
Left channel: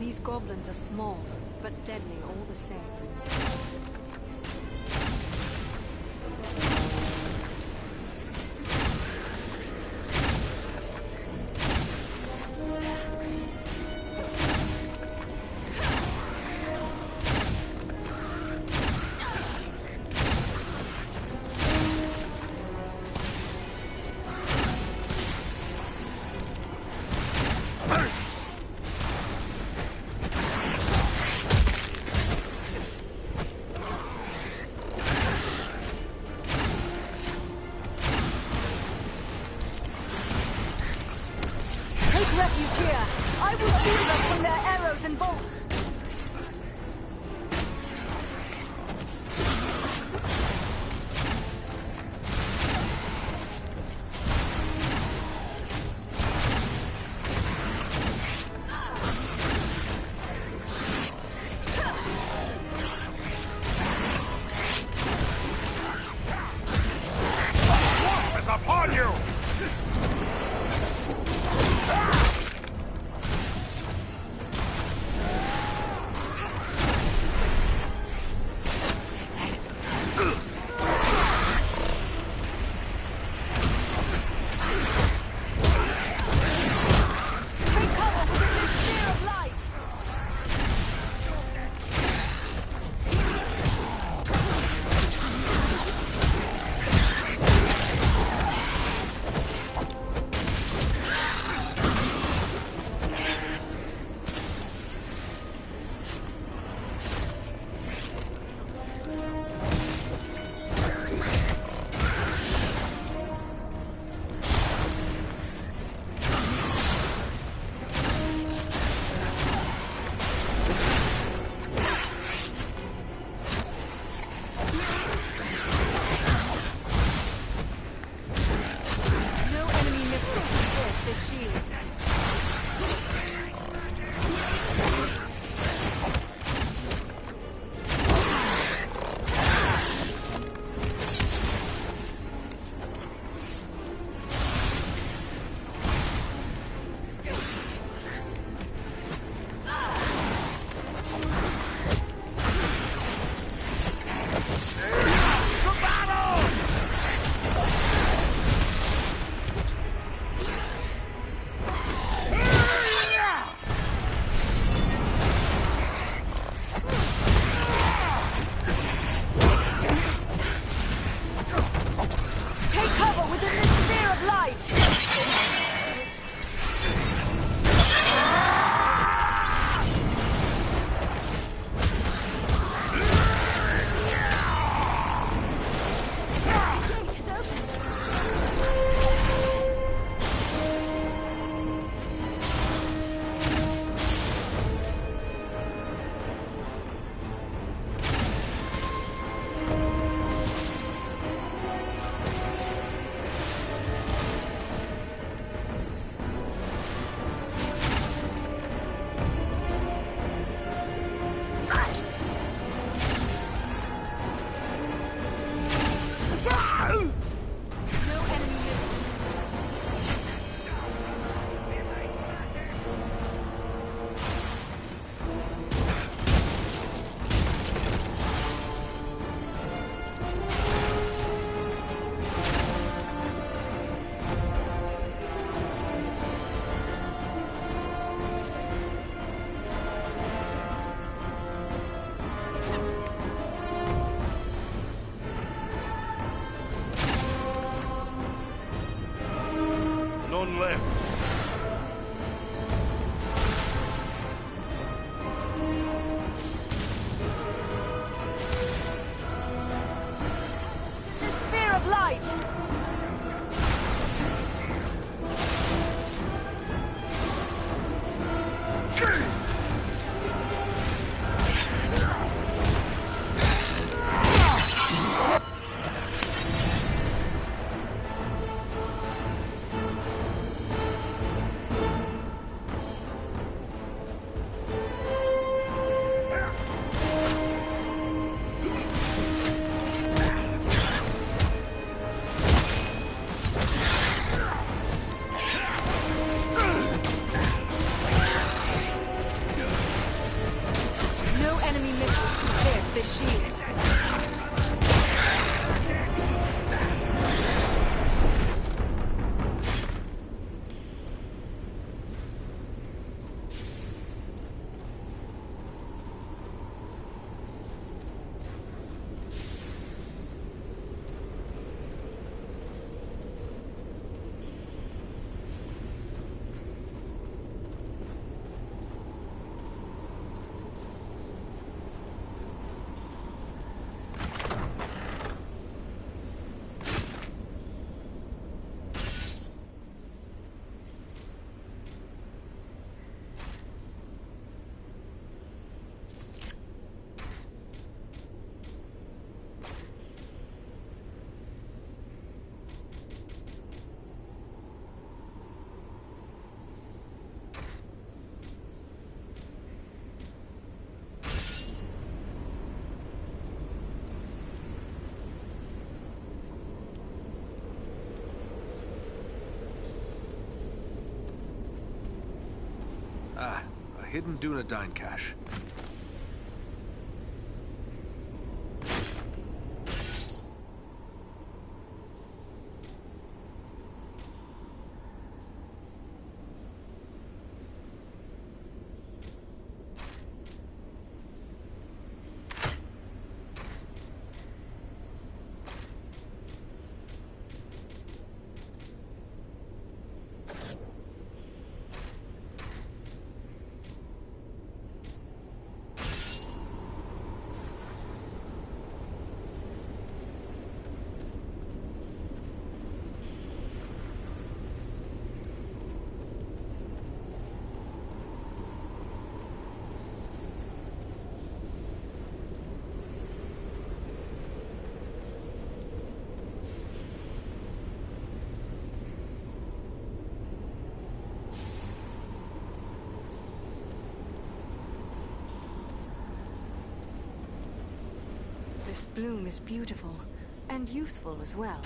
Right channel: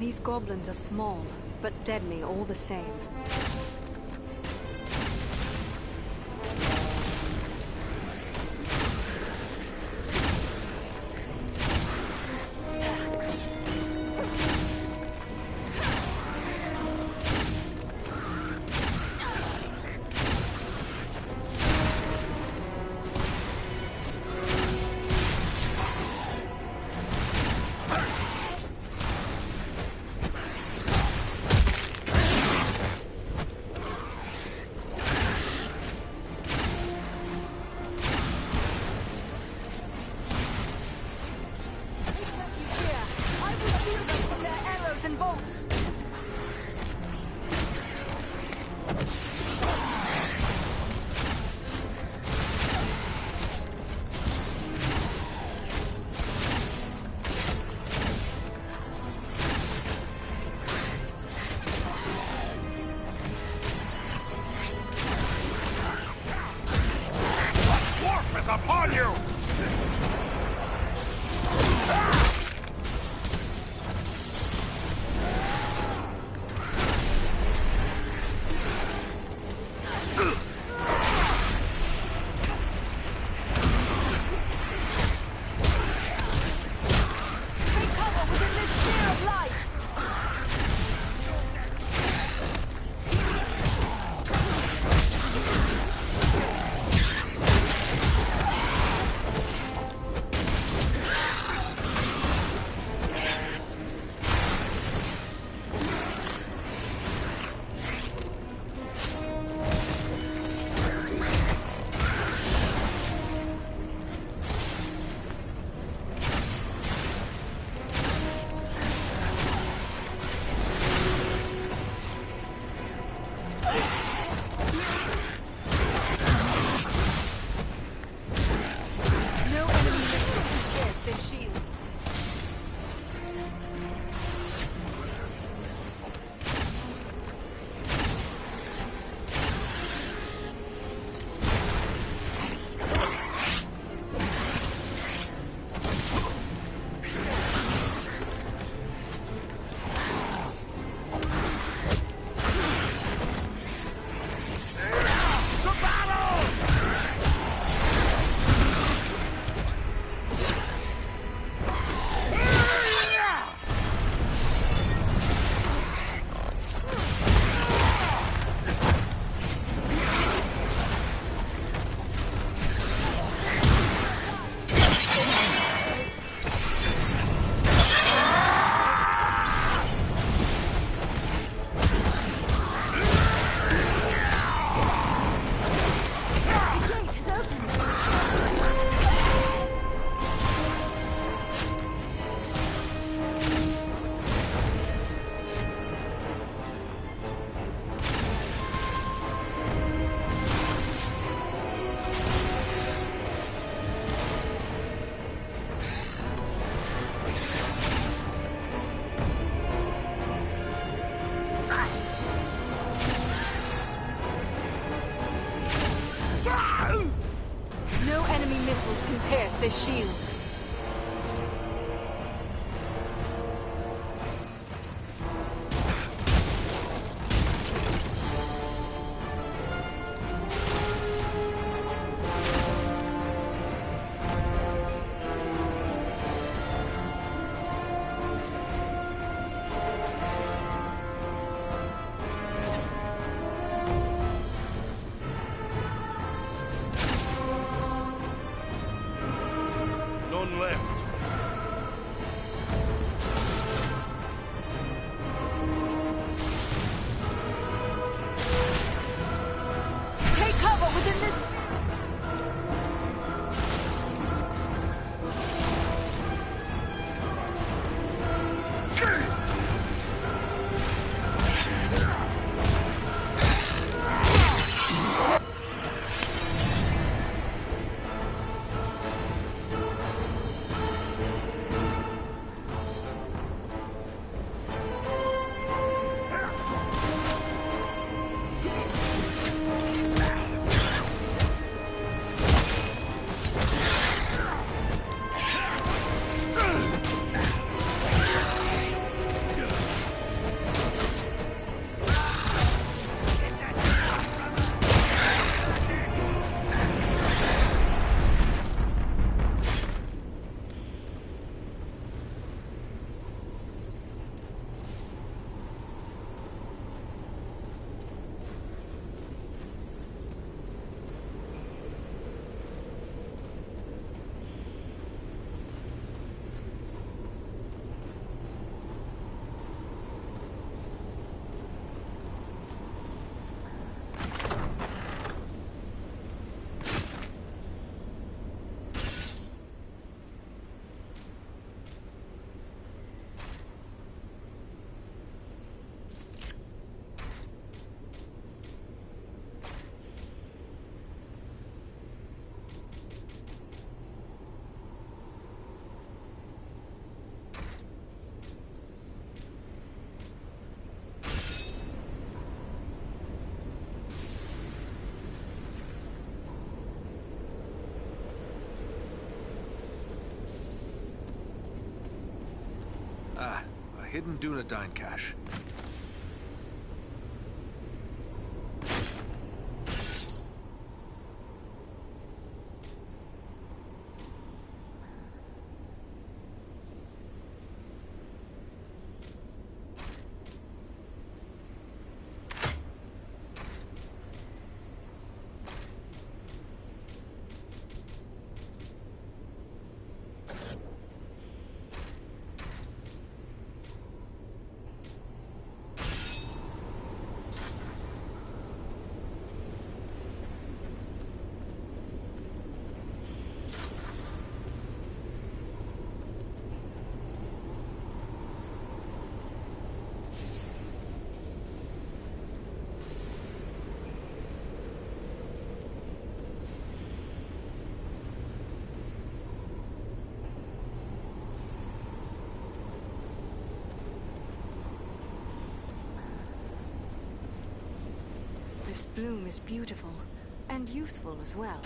These goblins are small, but deadly all the same. Upon you! this shield. None left. Take cover within this sphere of light! Ah, a hidden Dunedain cache. This bloom is beautiful, and useful as well.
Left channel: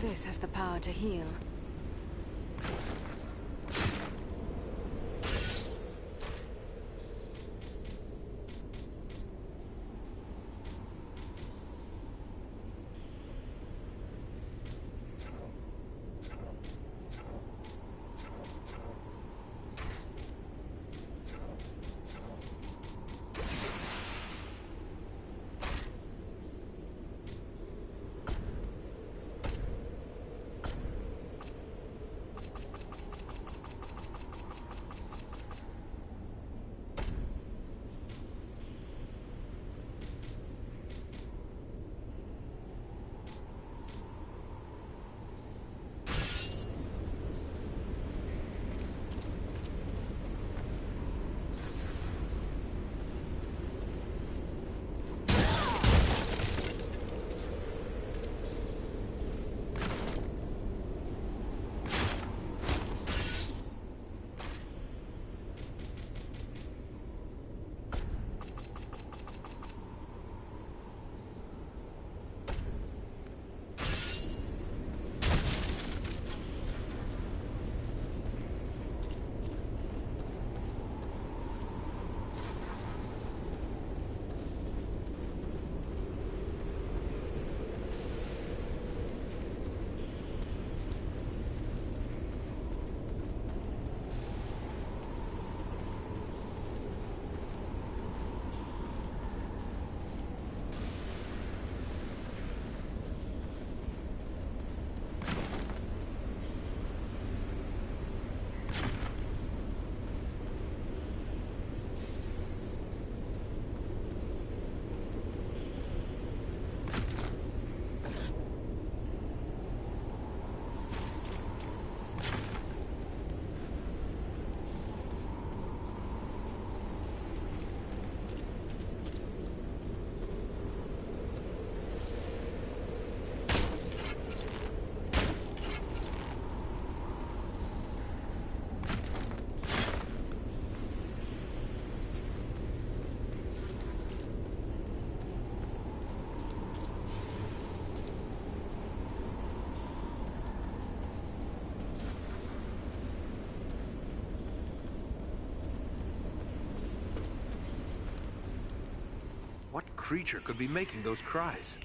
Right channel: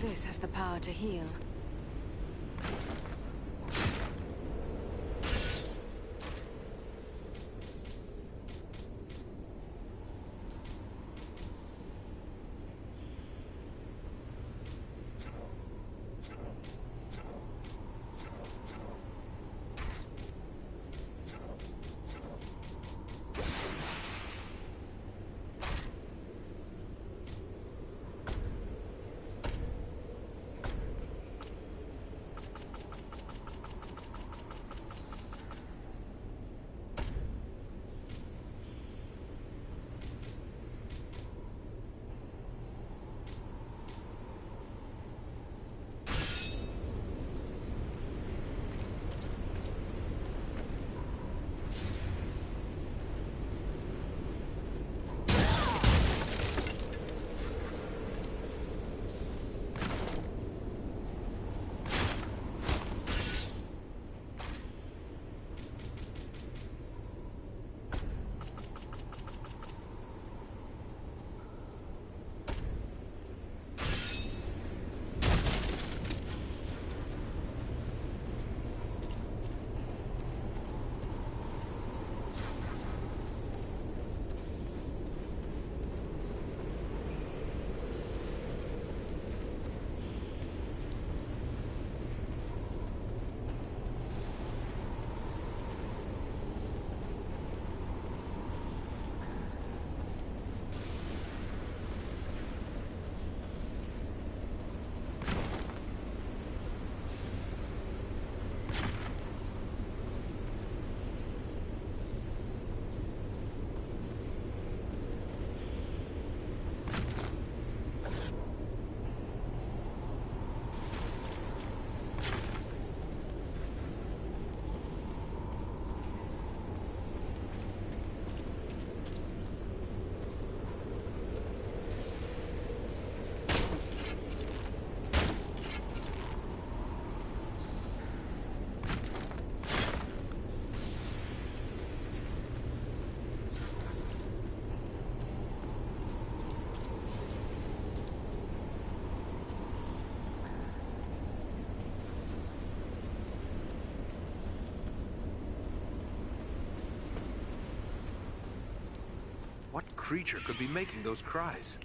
This has the power to heal. What creature could be making those cries?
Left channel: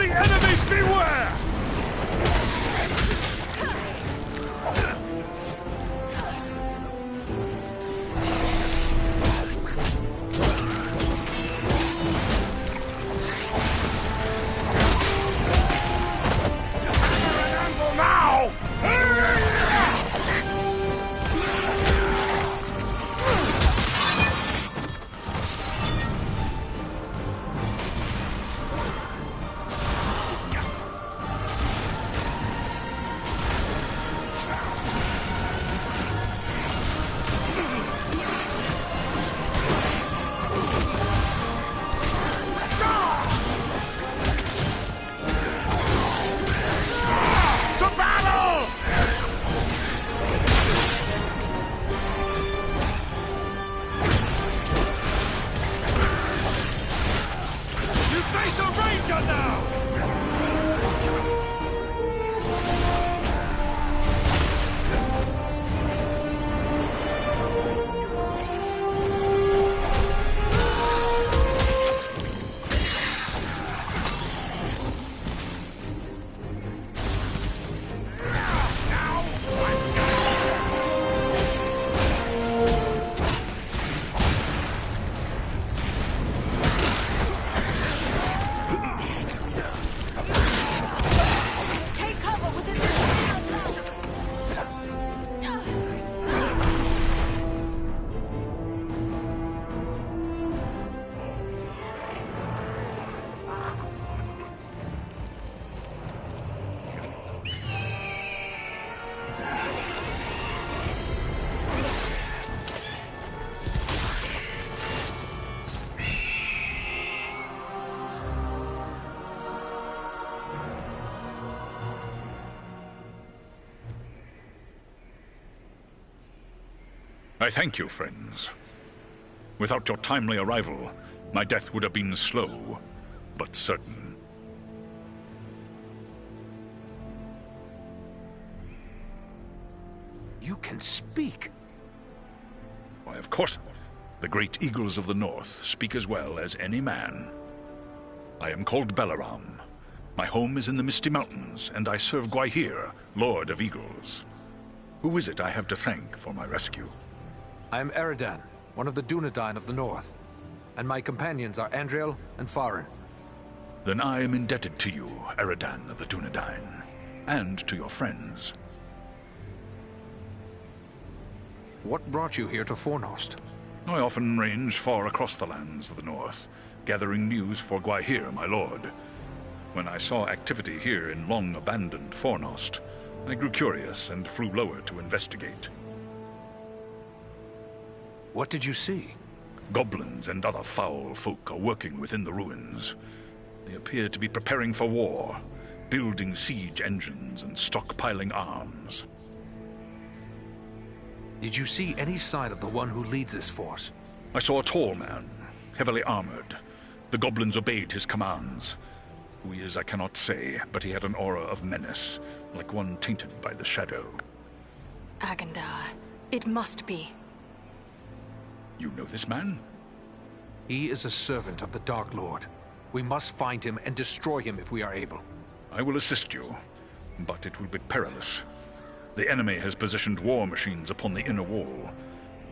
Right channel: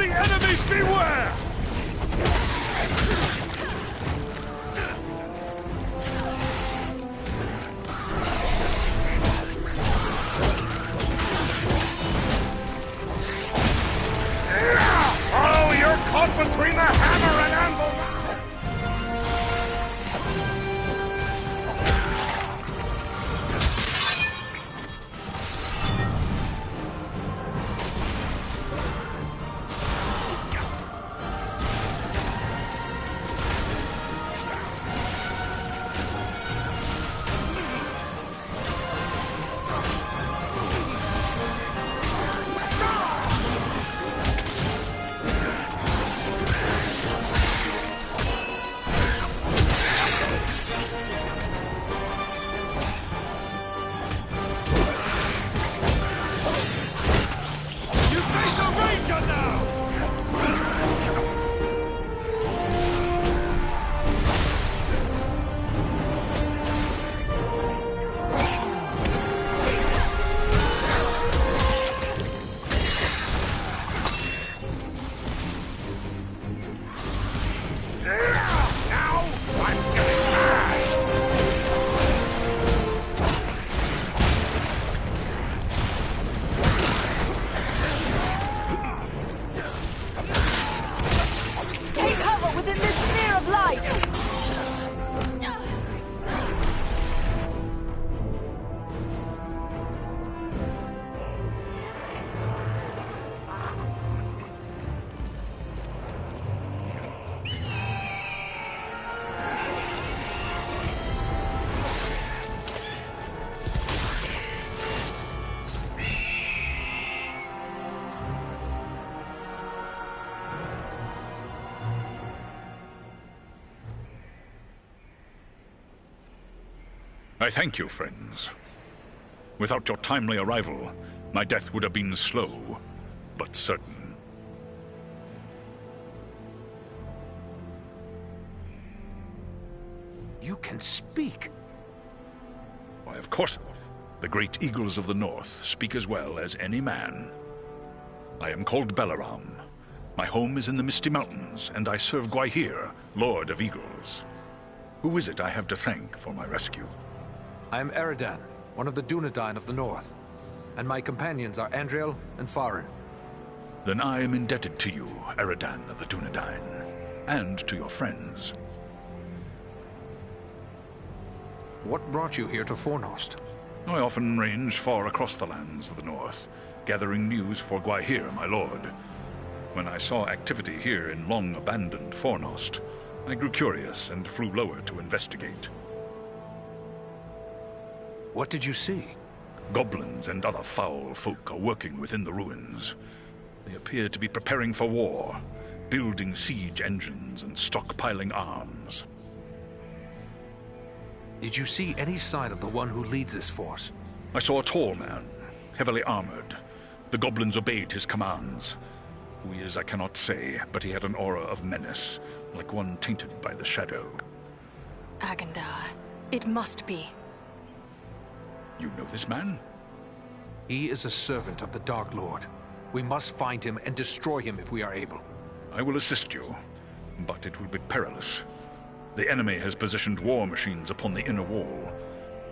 the enemy beware! Oh, you're caught between the hammer and anvil now! I thank you, friends. Without your timely arrival, my death would have been slow, but certain. You can speak. Why, of course. The great eagles of the north speak as well as any man. I am called Balaram. My home is in the Misty Mountains, and I serve Gwaihir, Lord of Eagles. Who is it I have to thank for my rescue? I am Eridan, one of the Dunedain of the north. And my companions are Andriel and Farin. Then I am indebted to you, Eridan of the Dunedain, and to your friends. What brought you here to Fornost? I often range far across the lands of the north, gathering news for Gwaihir, my lord. When I saw activity here in long-abandoned Fornost, I grew curious and flew lower to investigate. What did you see? Goblins and other foul folk are working within the ruins. They appear to be preparing for war, building siege engines and stockpiling arms. Did you see any sign of the one who leads this force? I saw a tall man, heavily armored. The goblins obeyed his commands. Who he is, I cannot say, but he had an aura of menace, like one tainted by the shadow. Agandar, it must be. You know this man? He is a servant of the Dark Lord. We must find him and destroy him if we are able. I will assist you, but it will be perilous. The enemy has positioned war machines upon the inner wall.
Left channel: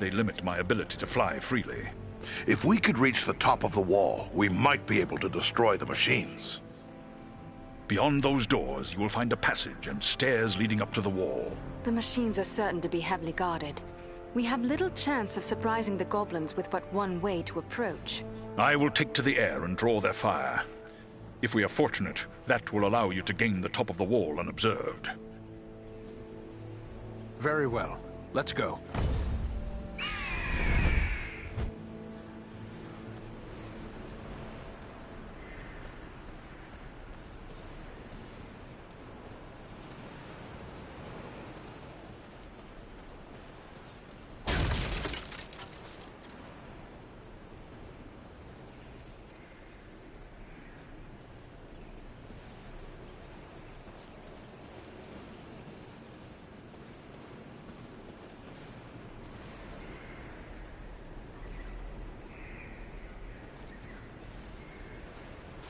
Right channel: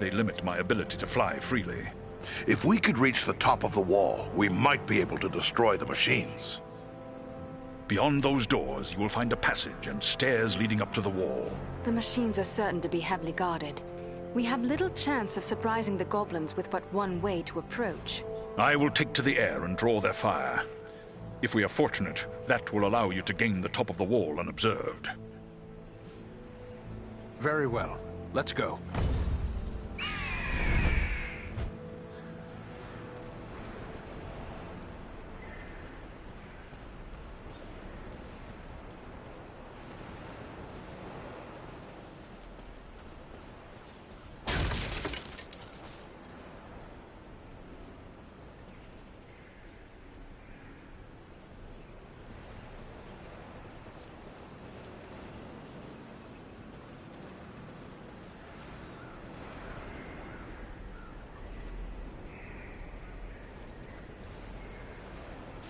They limit my ability to fly freely. If we could reach the top of the wall, we might be able to destroy the machines. Beyond those doors, you will find a passage and stairs leading up to the wall. The machines are certain to be heavily guarded. We have little chance of surprising the goblins with but one way to approach. I will take to the air and draw their fire. If we are fortunate, that will allow you to gain the top of the wall unobserved. Very well. Let's go.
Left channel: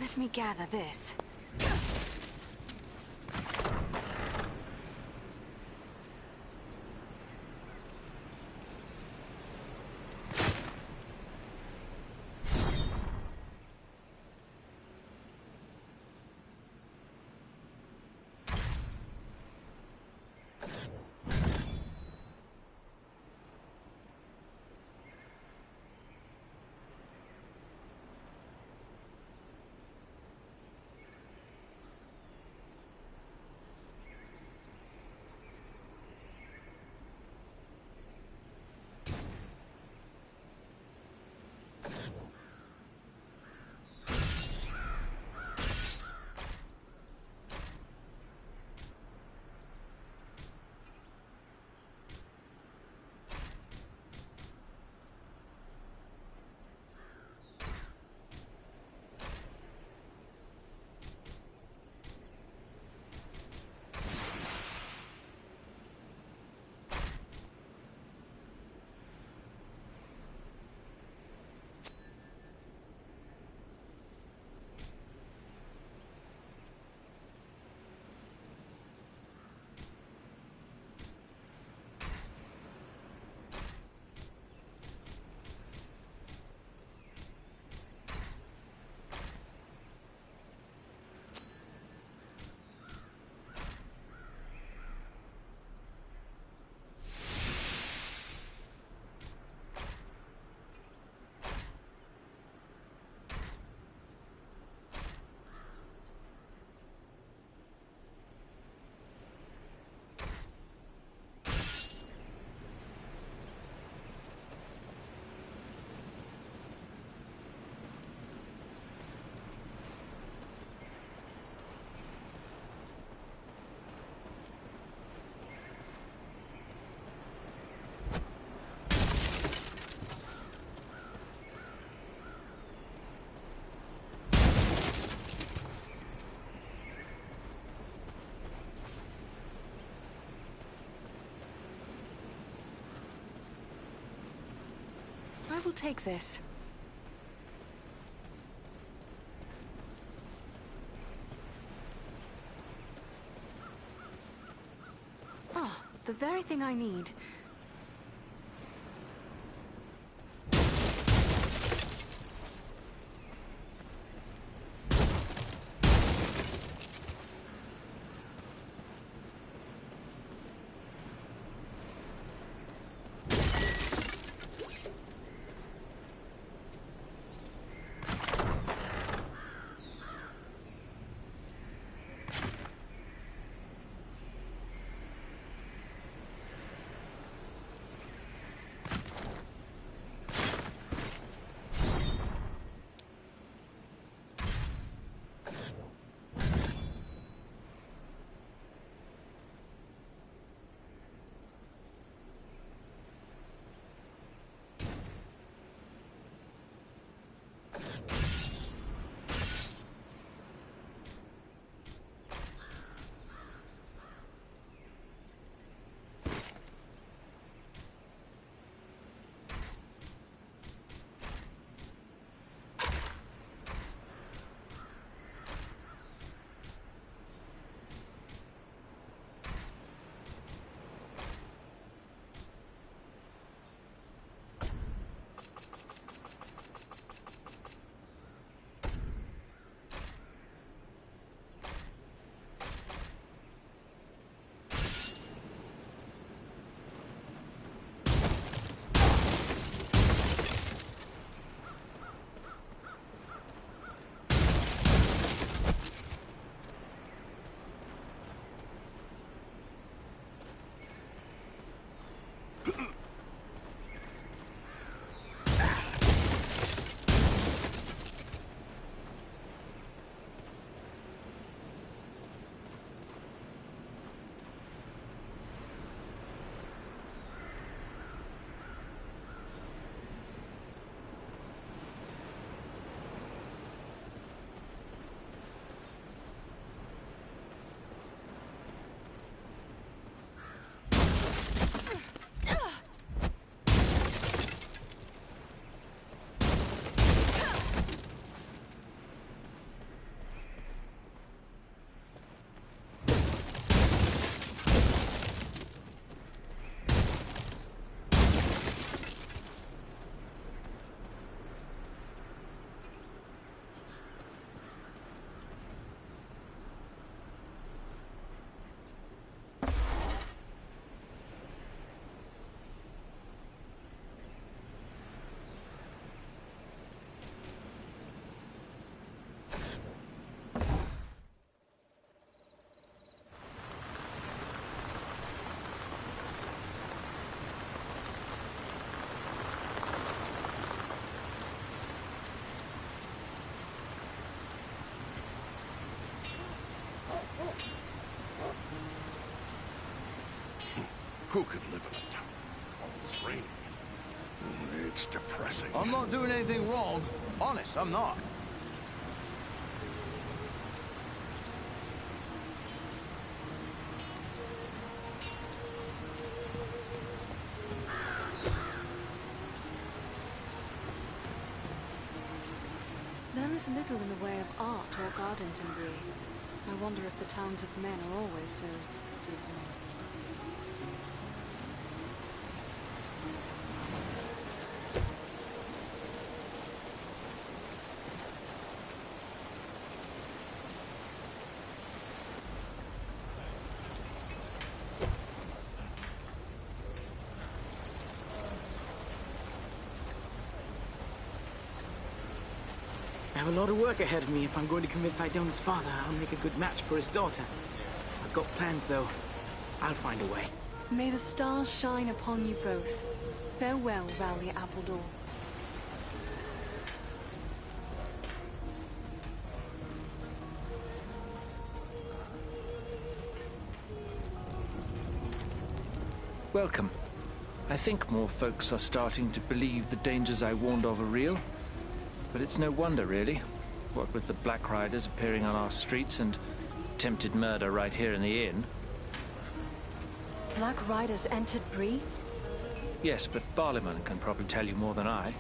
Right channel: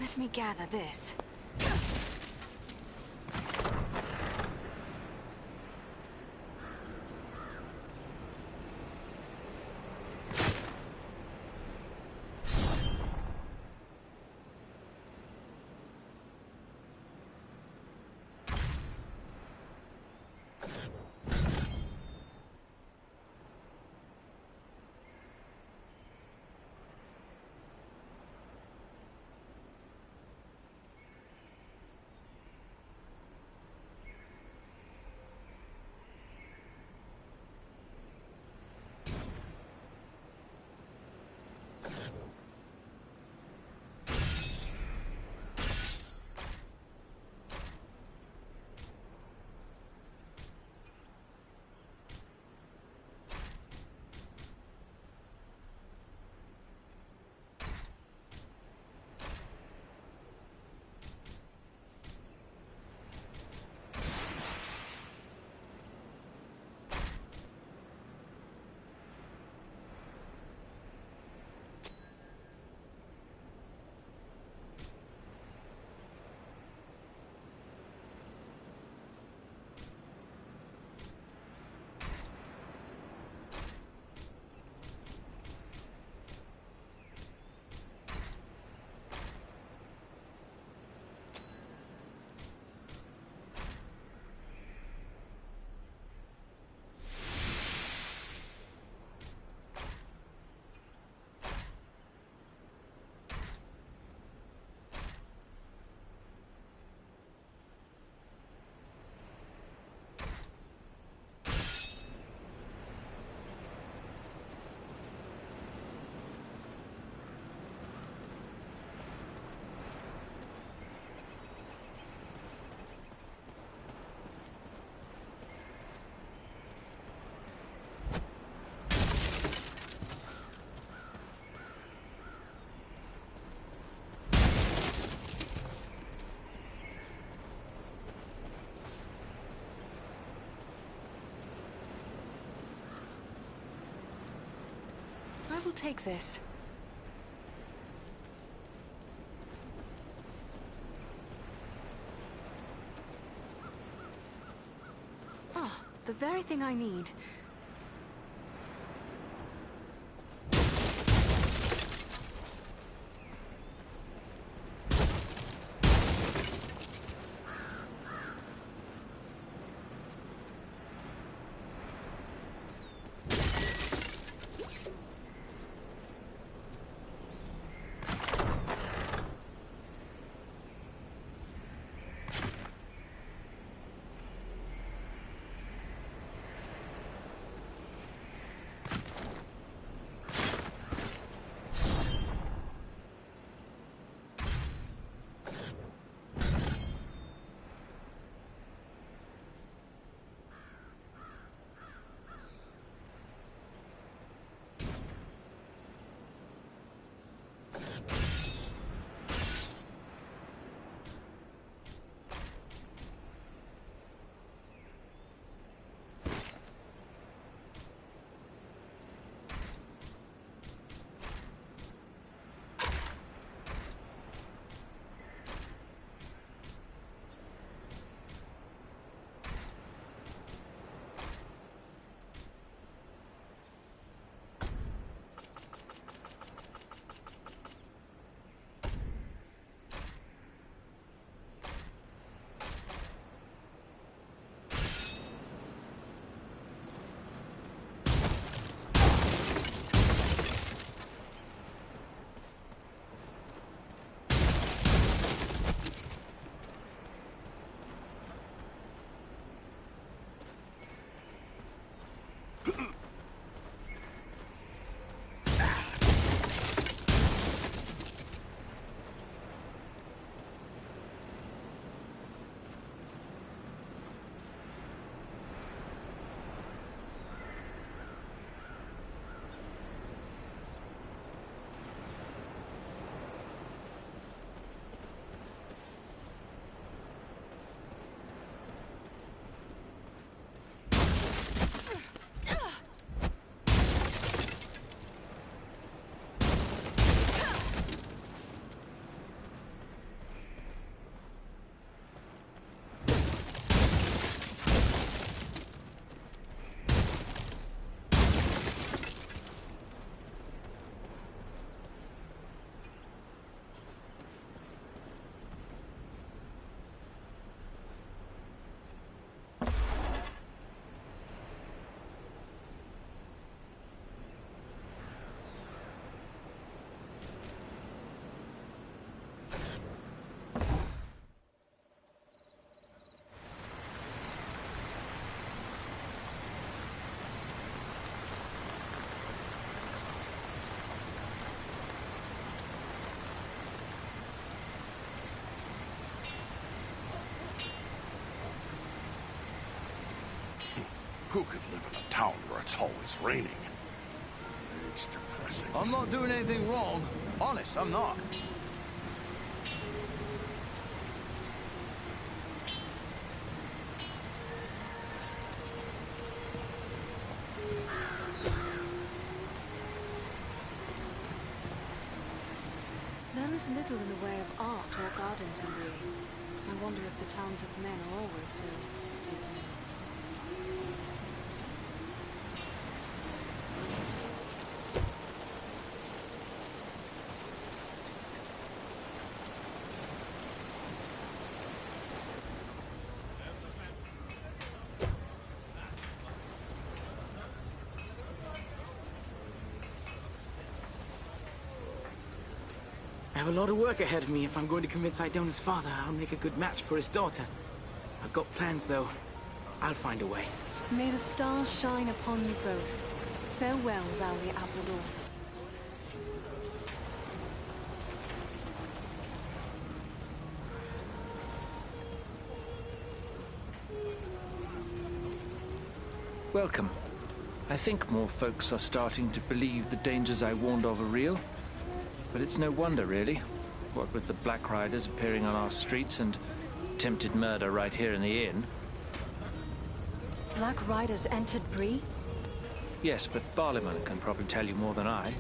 Let me gather this. I will take this. Ah, the very thing I need. Who could live in a town where it's always raining? It's depressing. I'm not doing anything wrong. Honest, I'm not. There is little in the way of art or gardens in Bree. I wonder if the towns of men are always so dismal. I have a lot of work ahead of me if I'm going to convince Idona's father I'll make a good match for his daughter. I've got plans, though. I'll find a way. May the stars shine upon you both. Farewell, Rowley Appledore. Welcome. I think more folks are starting to believe the dangers I warned of are real. But it's no wonder, really. What with the Black Riders appearing on our streets and attempted murder right here in the inn. Black Riders entered Bree? Yes, but Barliman can probably tell you more than I.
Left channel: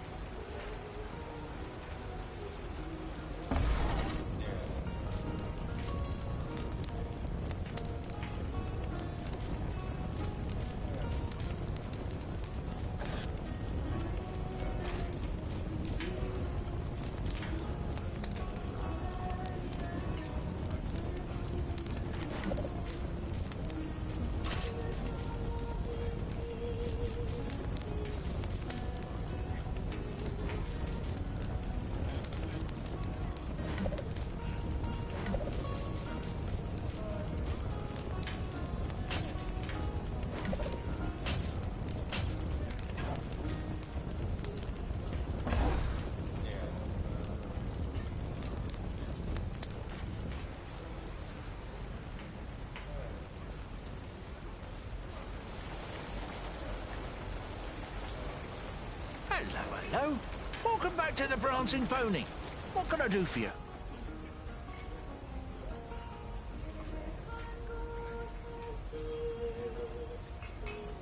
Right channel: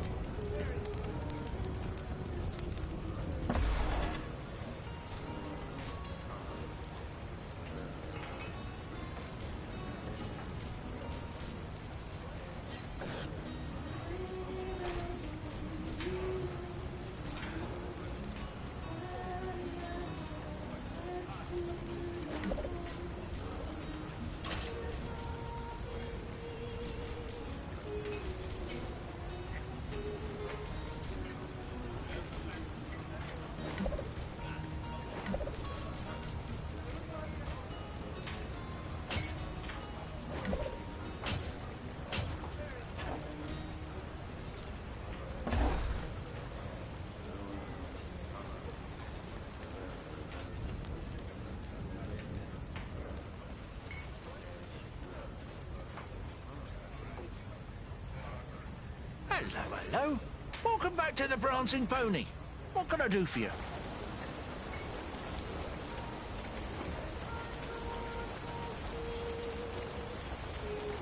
Hello, hello. Welcome back to the Prancing Pony. What can I do for you?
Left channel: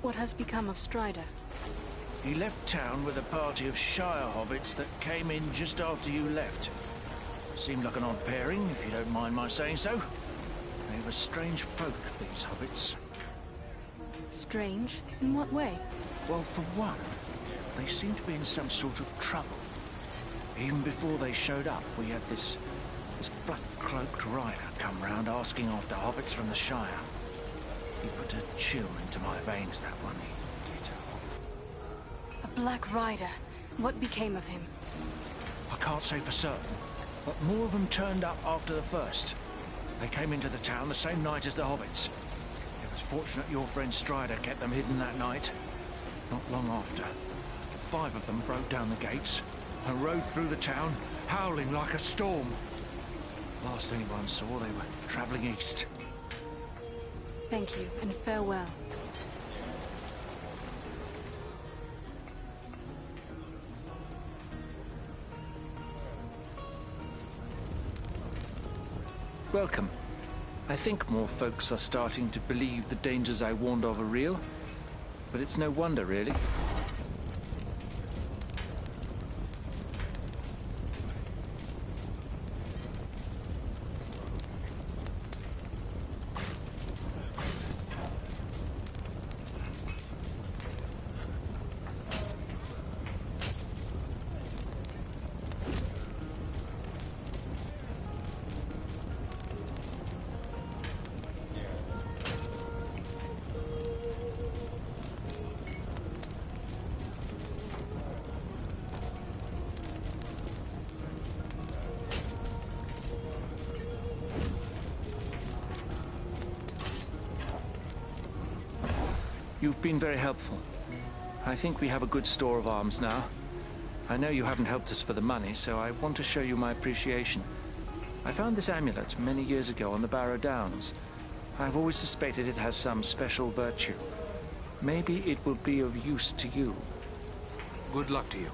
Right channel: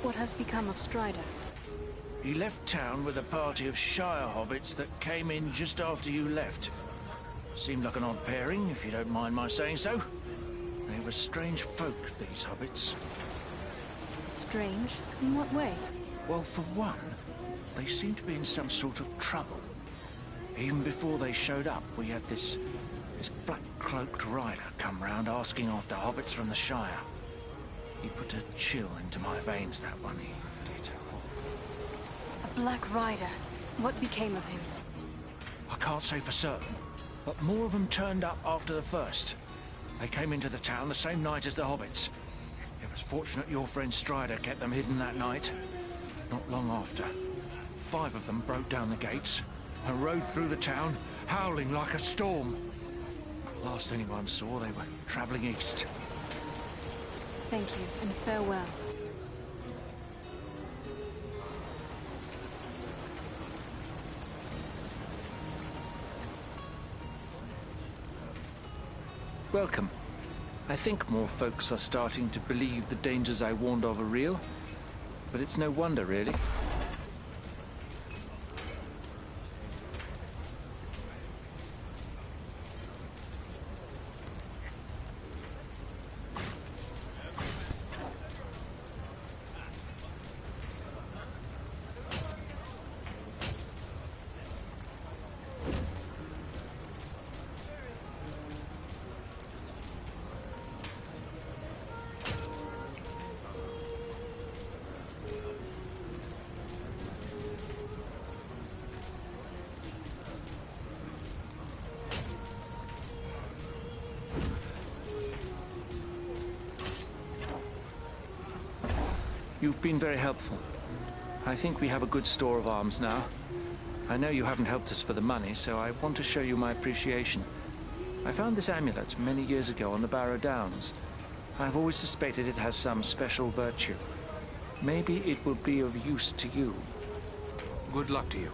What has become of Strider? He left town with a party of Shire hobbits that came in just after you left. Seemed like an odd pairing, if you don't mind my saying so. They were strange folk, these hobbits. Strange? In what way? Well, for one, they seemed to be in some sort of trouble. Even before they showed up, we had this black-cloaked rider come round asking after hobbits from the Shire. He put a chill into my veins, that one, he did. A Black Rider? What became of him? I can't say for certain, but more of them turned up after the first. They came into the town the same night as the hobbits. It was fortunate your friend Strider kept them hidden that night. Not long after, 5 of them broke down the gates and rode through the town, howling like a storm. Last anyone saw, they were traveling east. Thank you, and farewell. Welcome. I think more folks are starting to believe the dangers I warned of are real. But it's no wonder, really. You've been very helpful. I think we have a good store of arms now. I know you haven't helped us for the money, so I want to show you my appreciation. I found this amulet many years ago on the Barrow Downs. I've always suspected it has some special virtue. Maybe it will be of use to you. Good luck to you.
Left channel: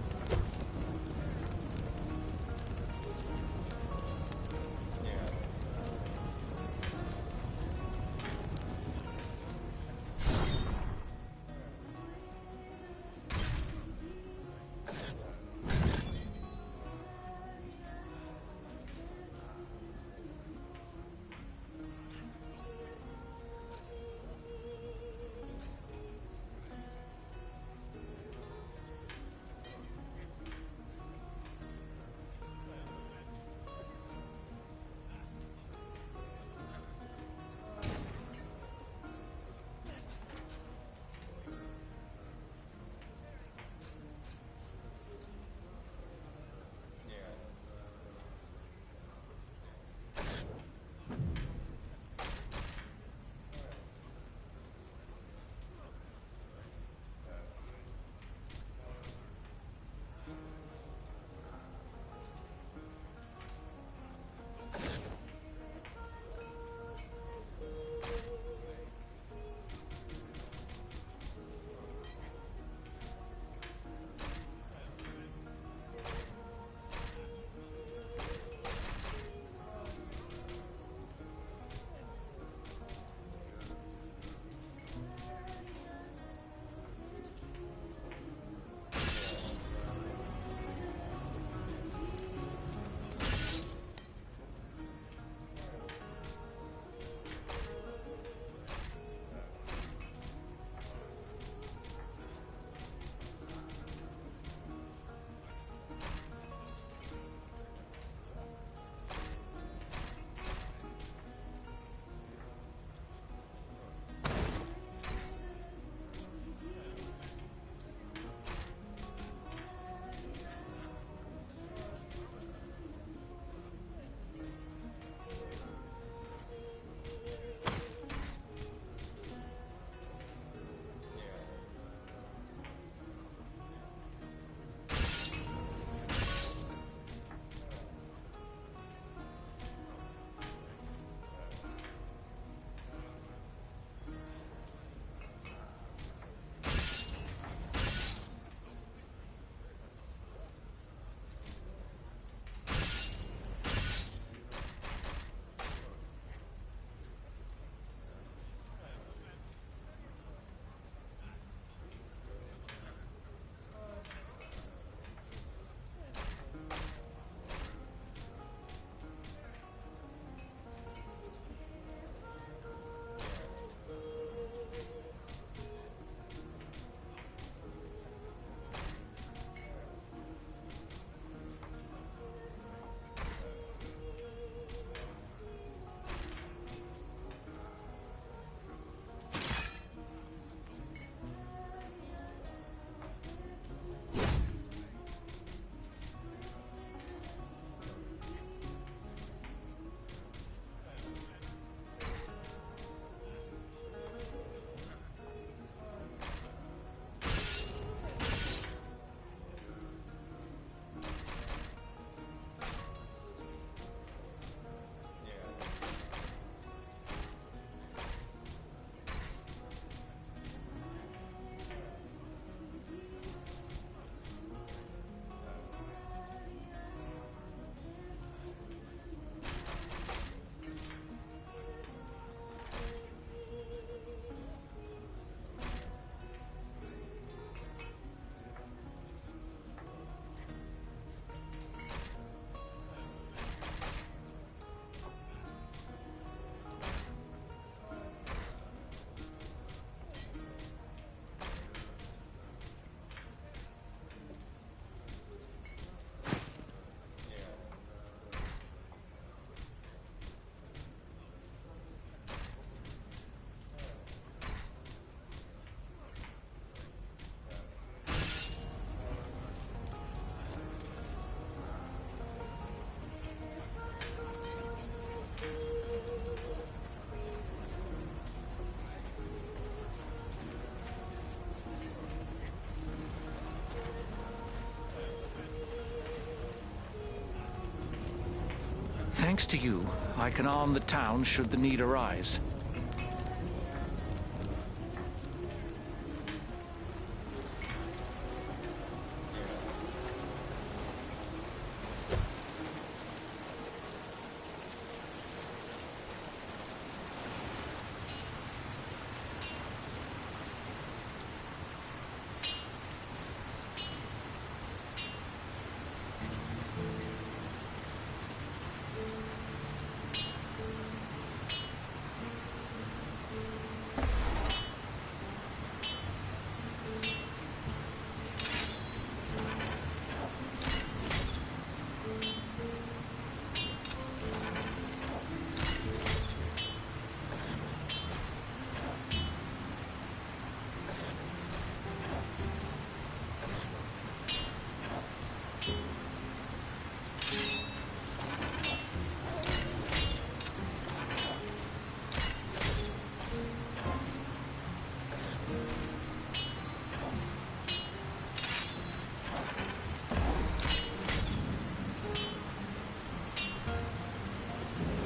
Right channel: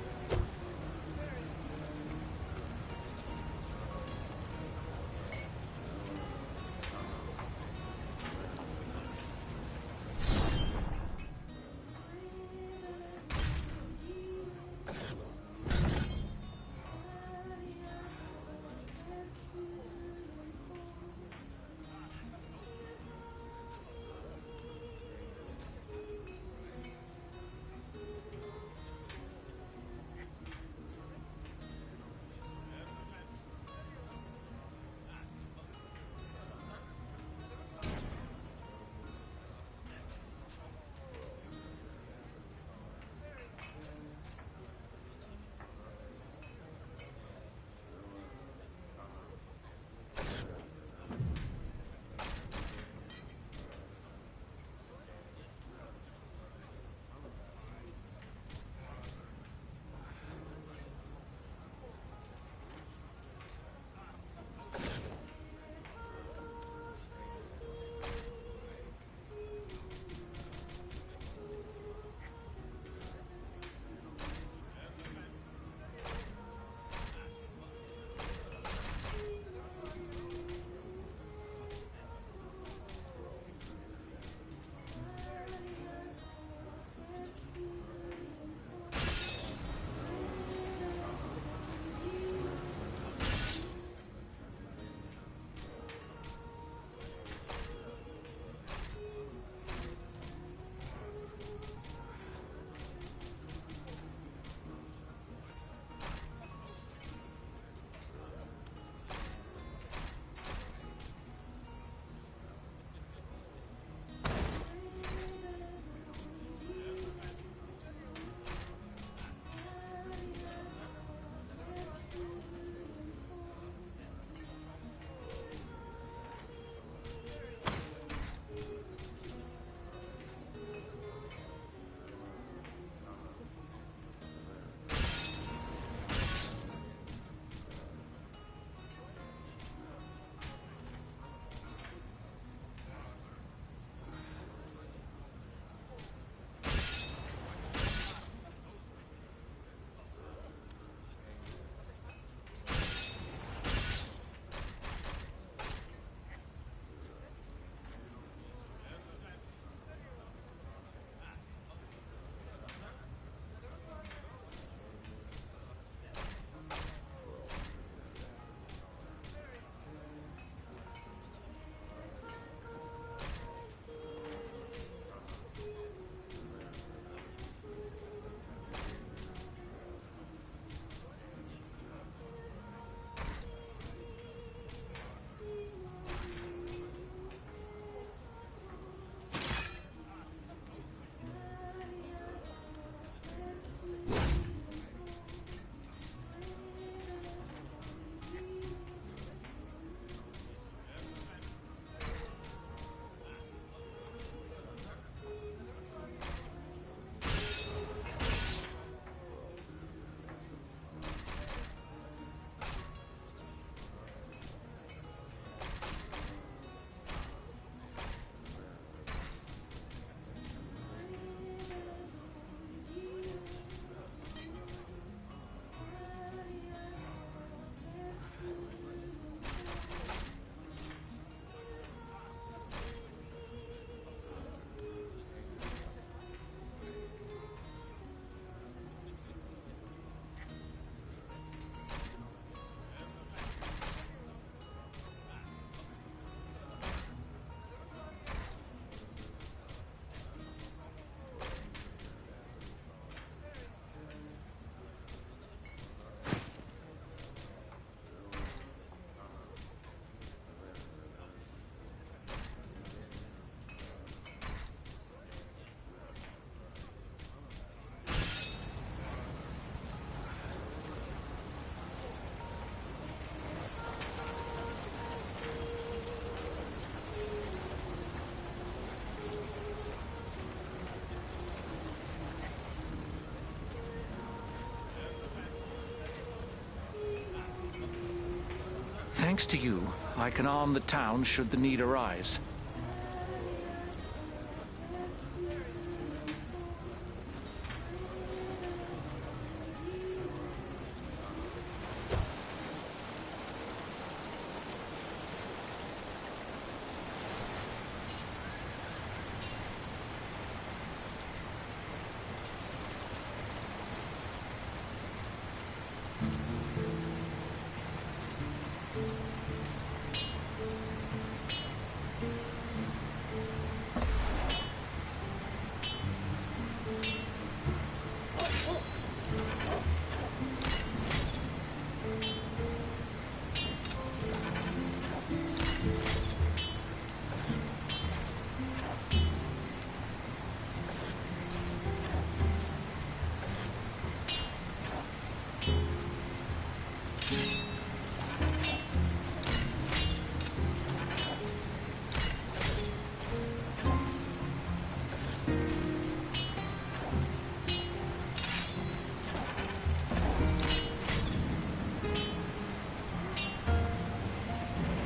Thanks to you, I can arm the town should the need arise.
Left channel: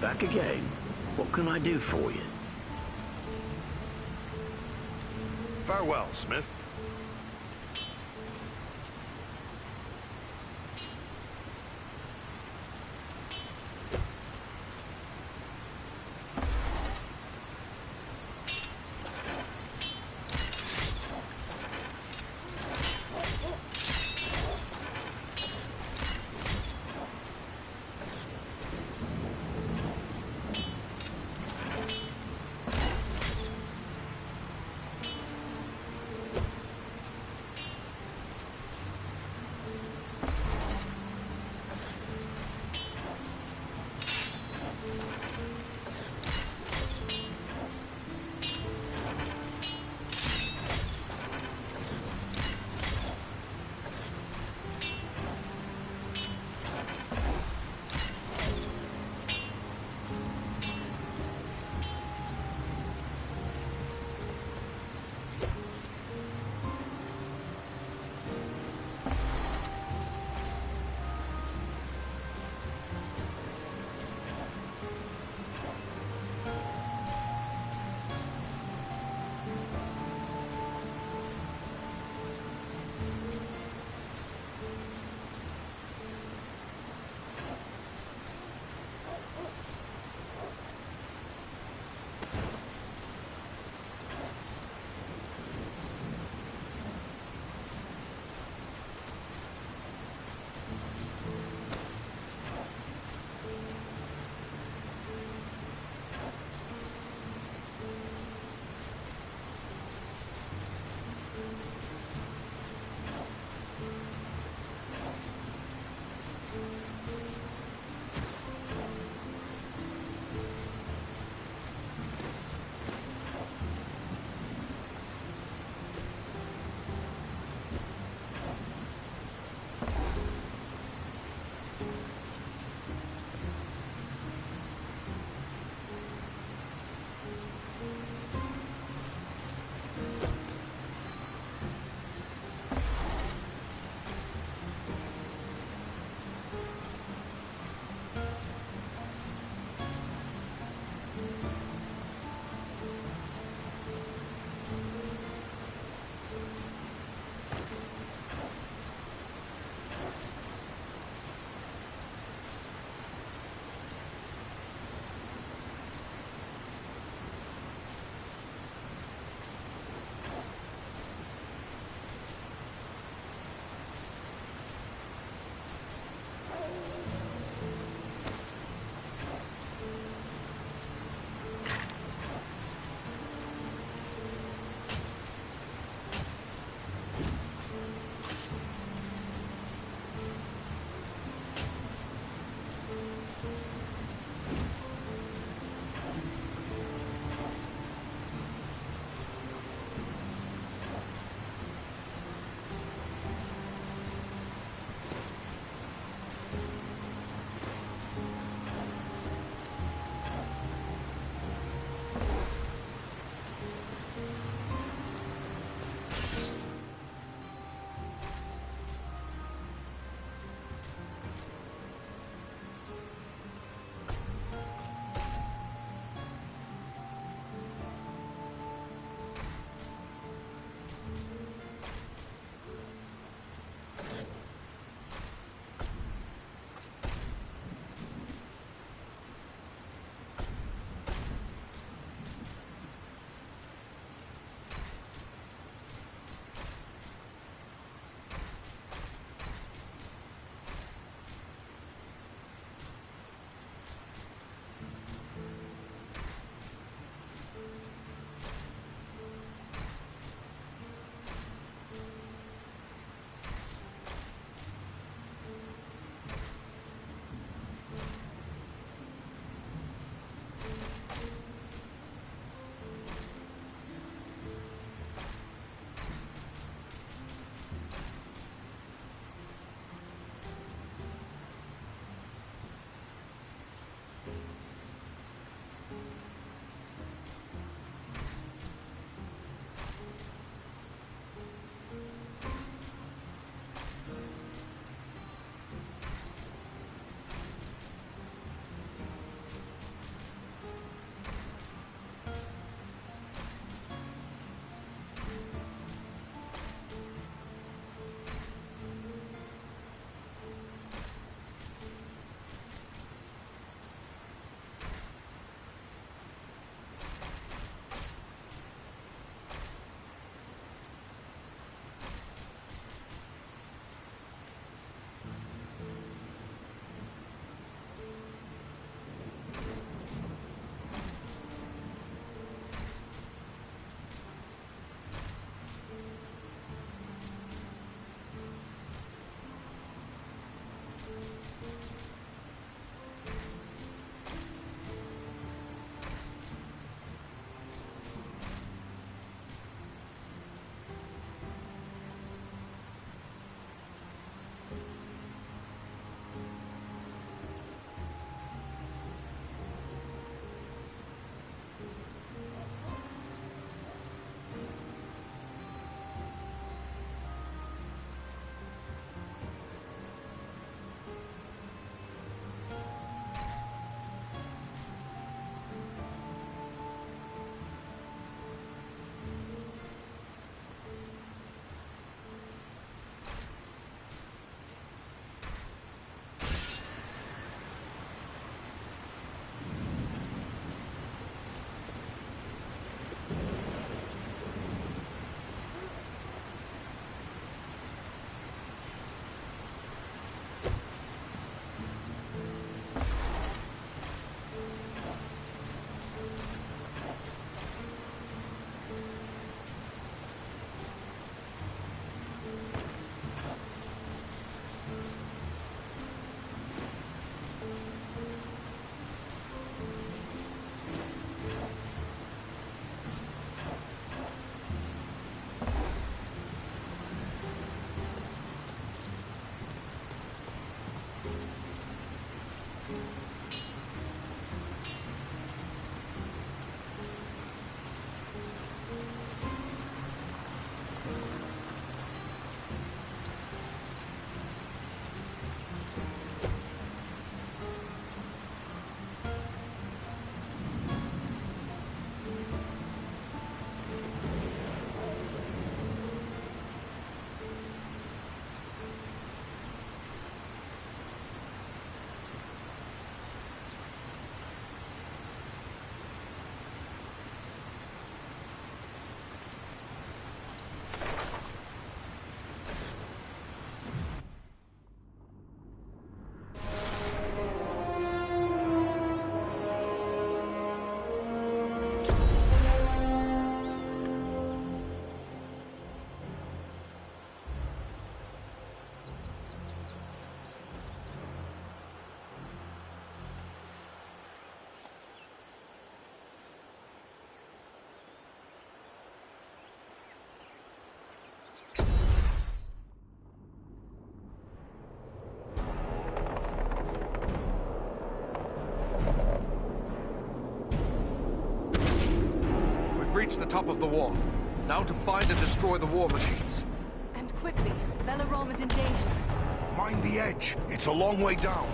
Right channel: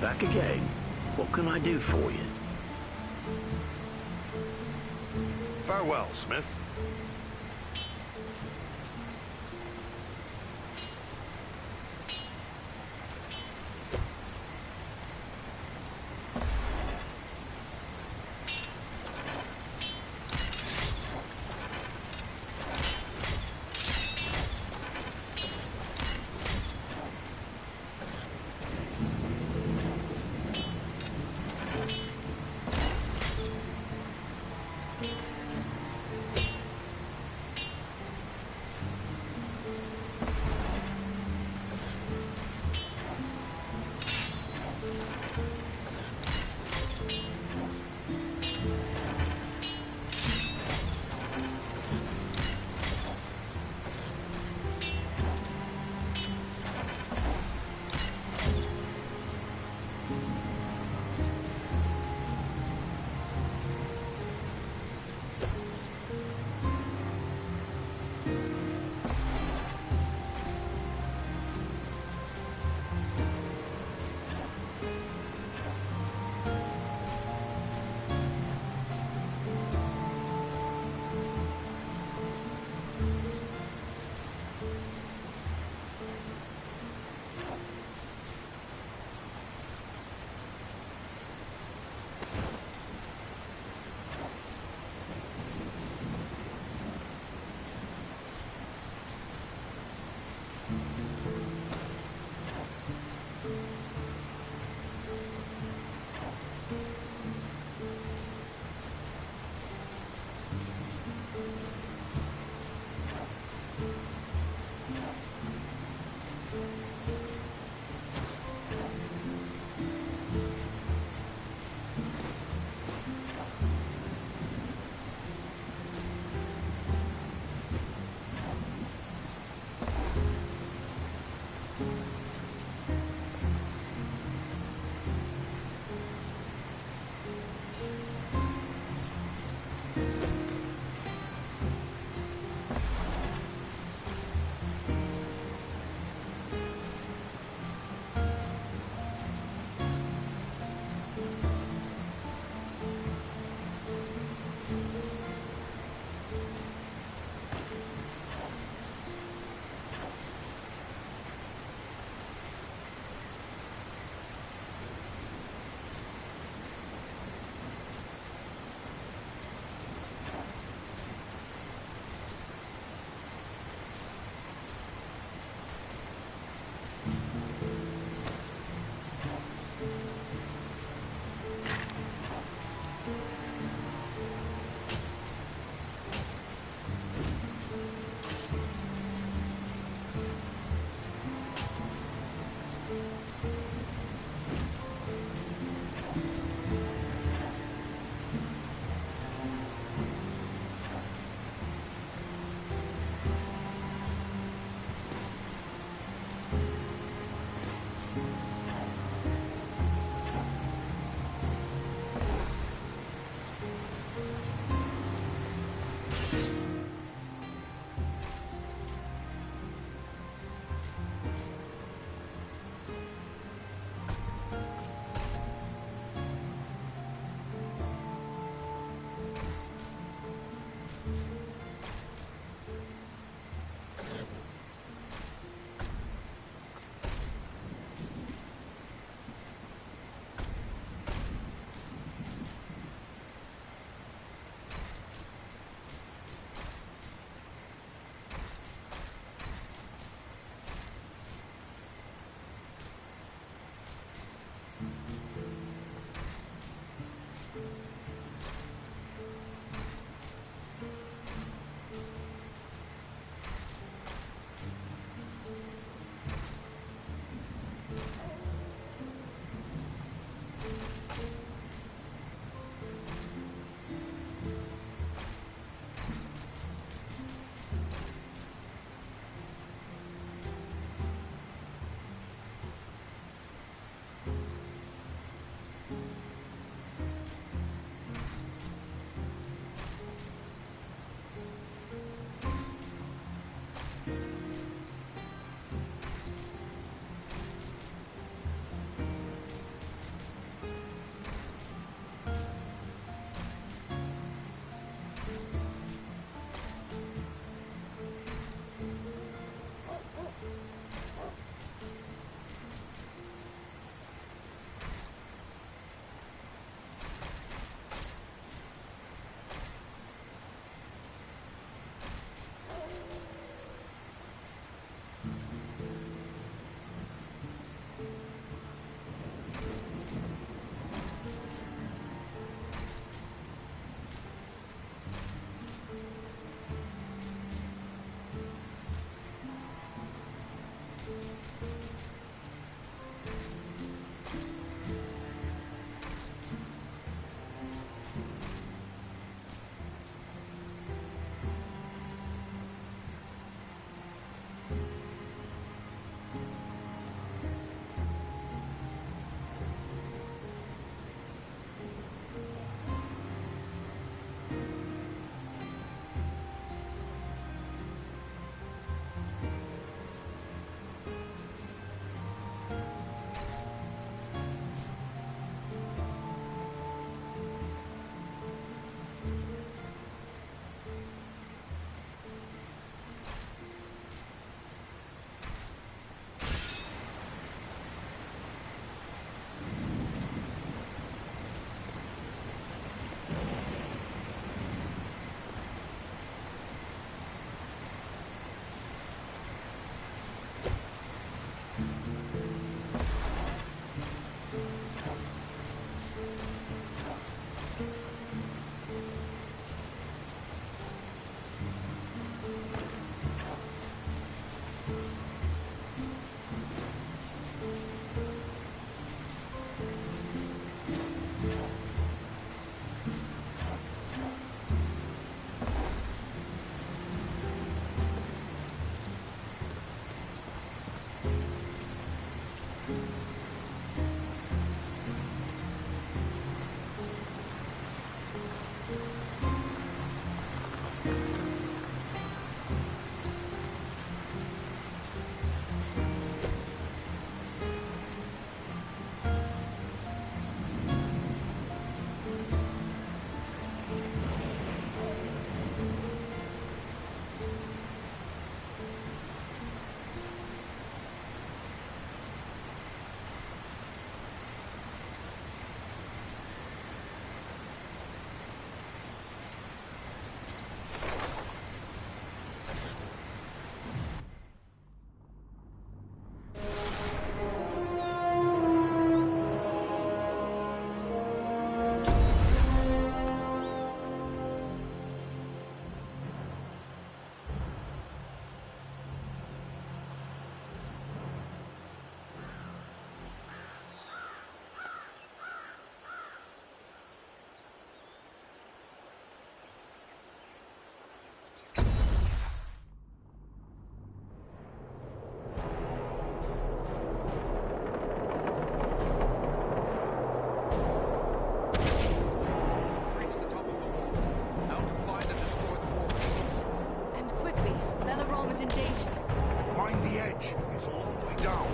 back again. What can I do for you? Farewell, Smith. reached the top of the wall. Now to find and destroy the war machines. And quickly. Belaram is in danger. Mind the edge. It's a long way down.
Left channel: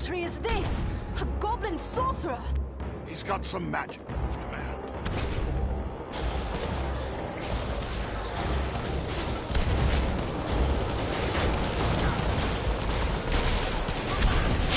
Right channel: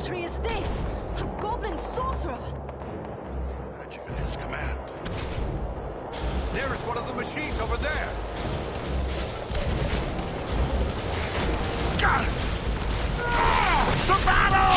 Tree is this? A goblin sorcerer! He's got some magic in his command. There's one of the machines over there! Got it! To battle!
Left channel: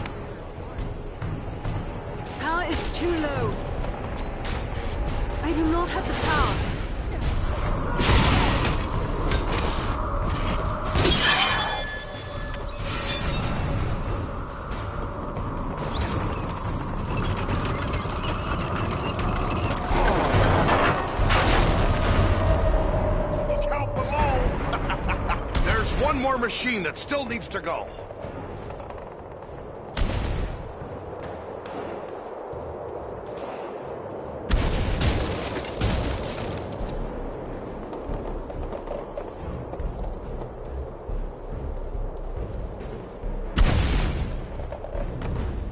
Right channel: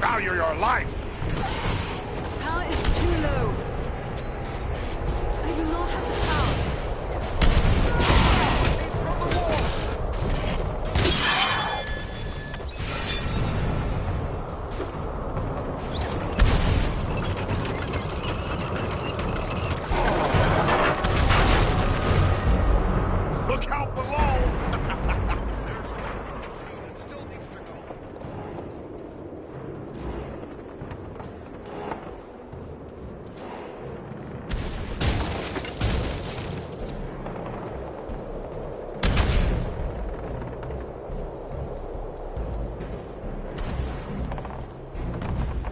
Value your life! Power is too low. I do not have the power. Look out below! There's one more machine that still needs to go.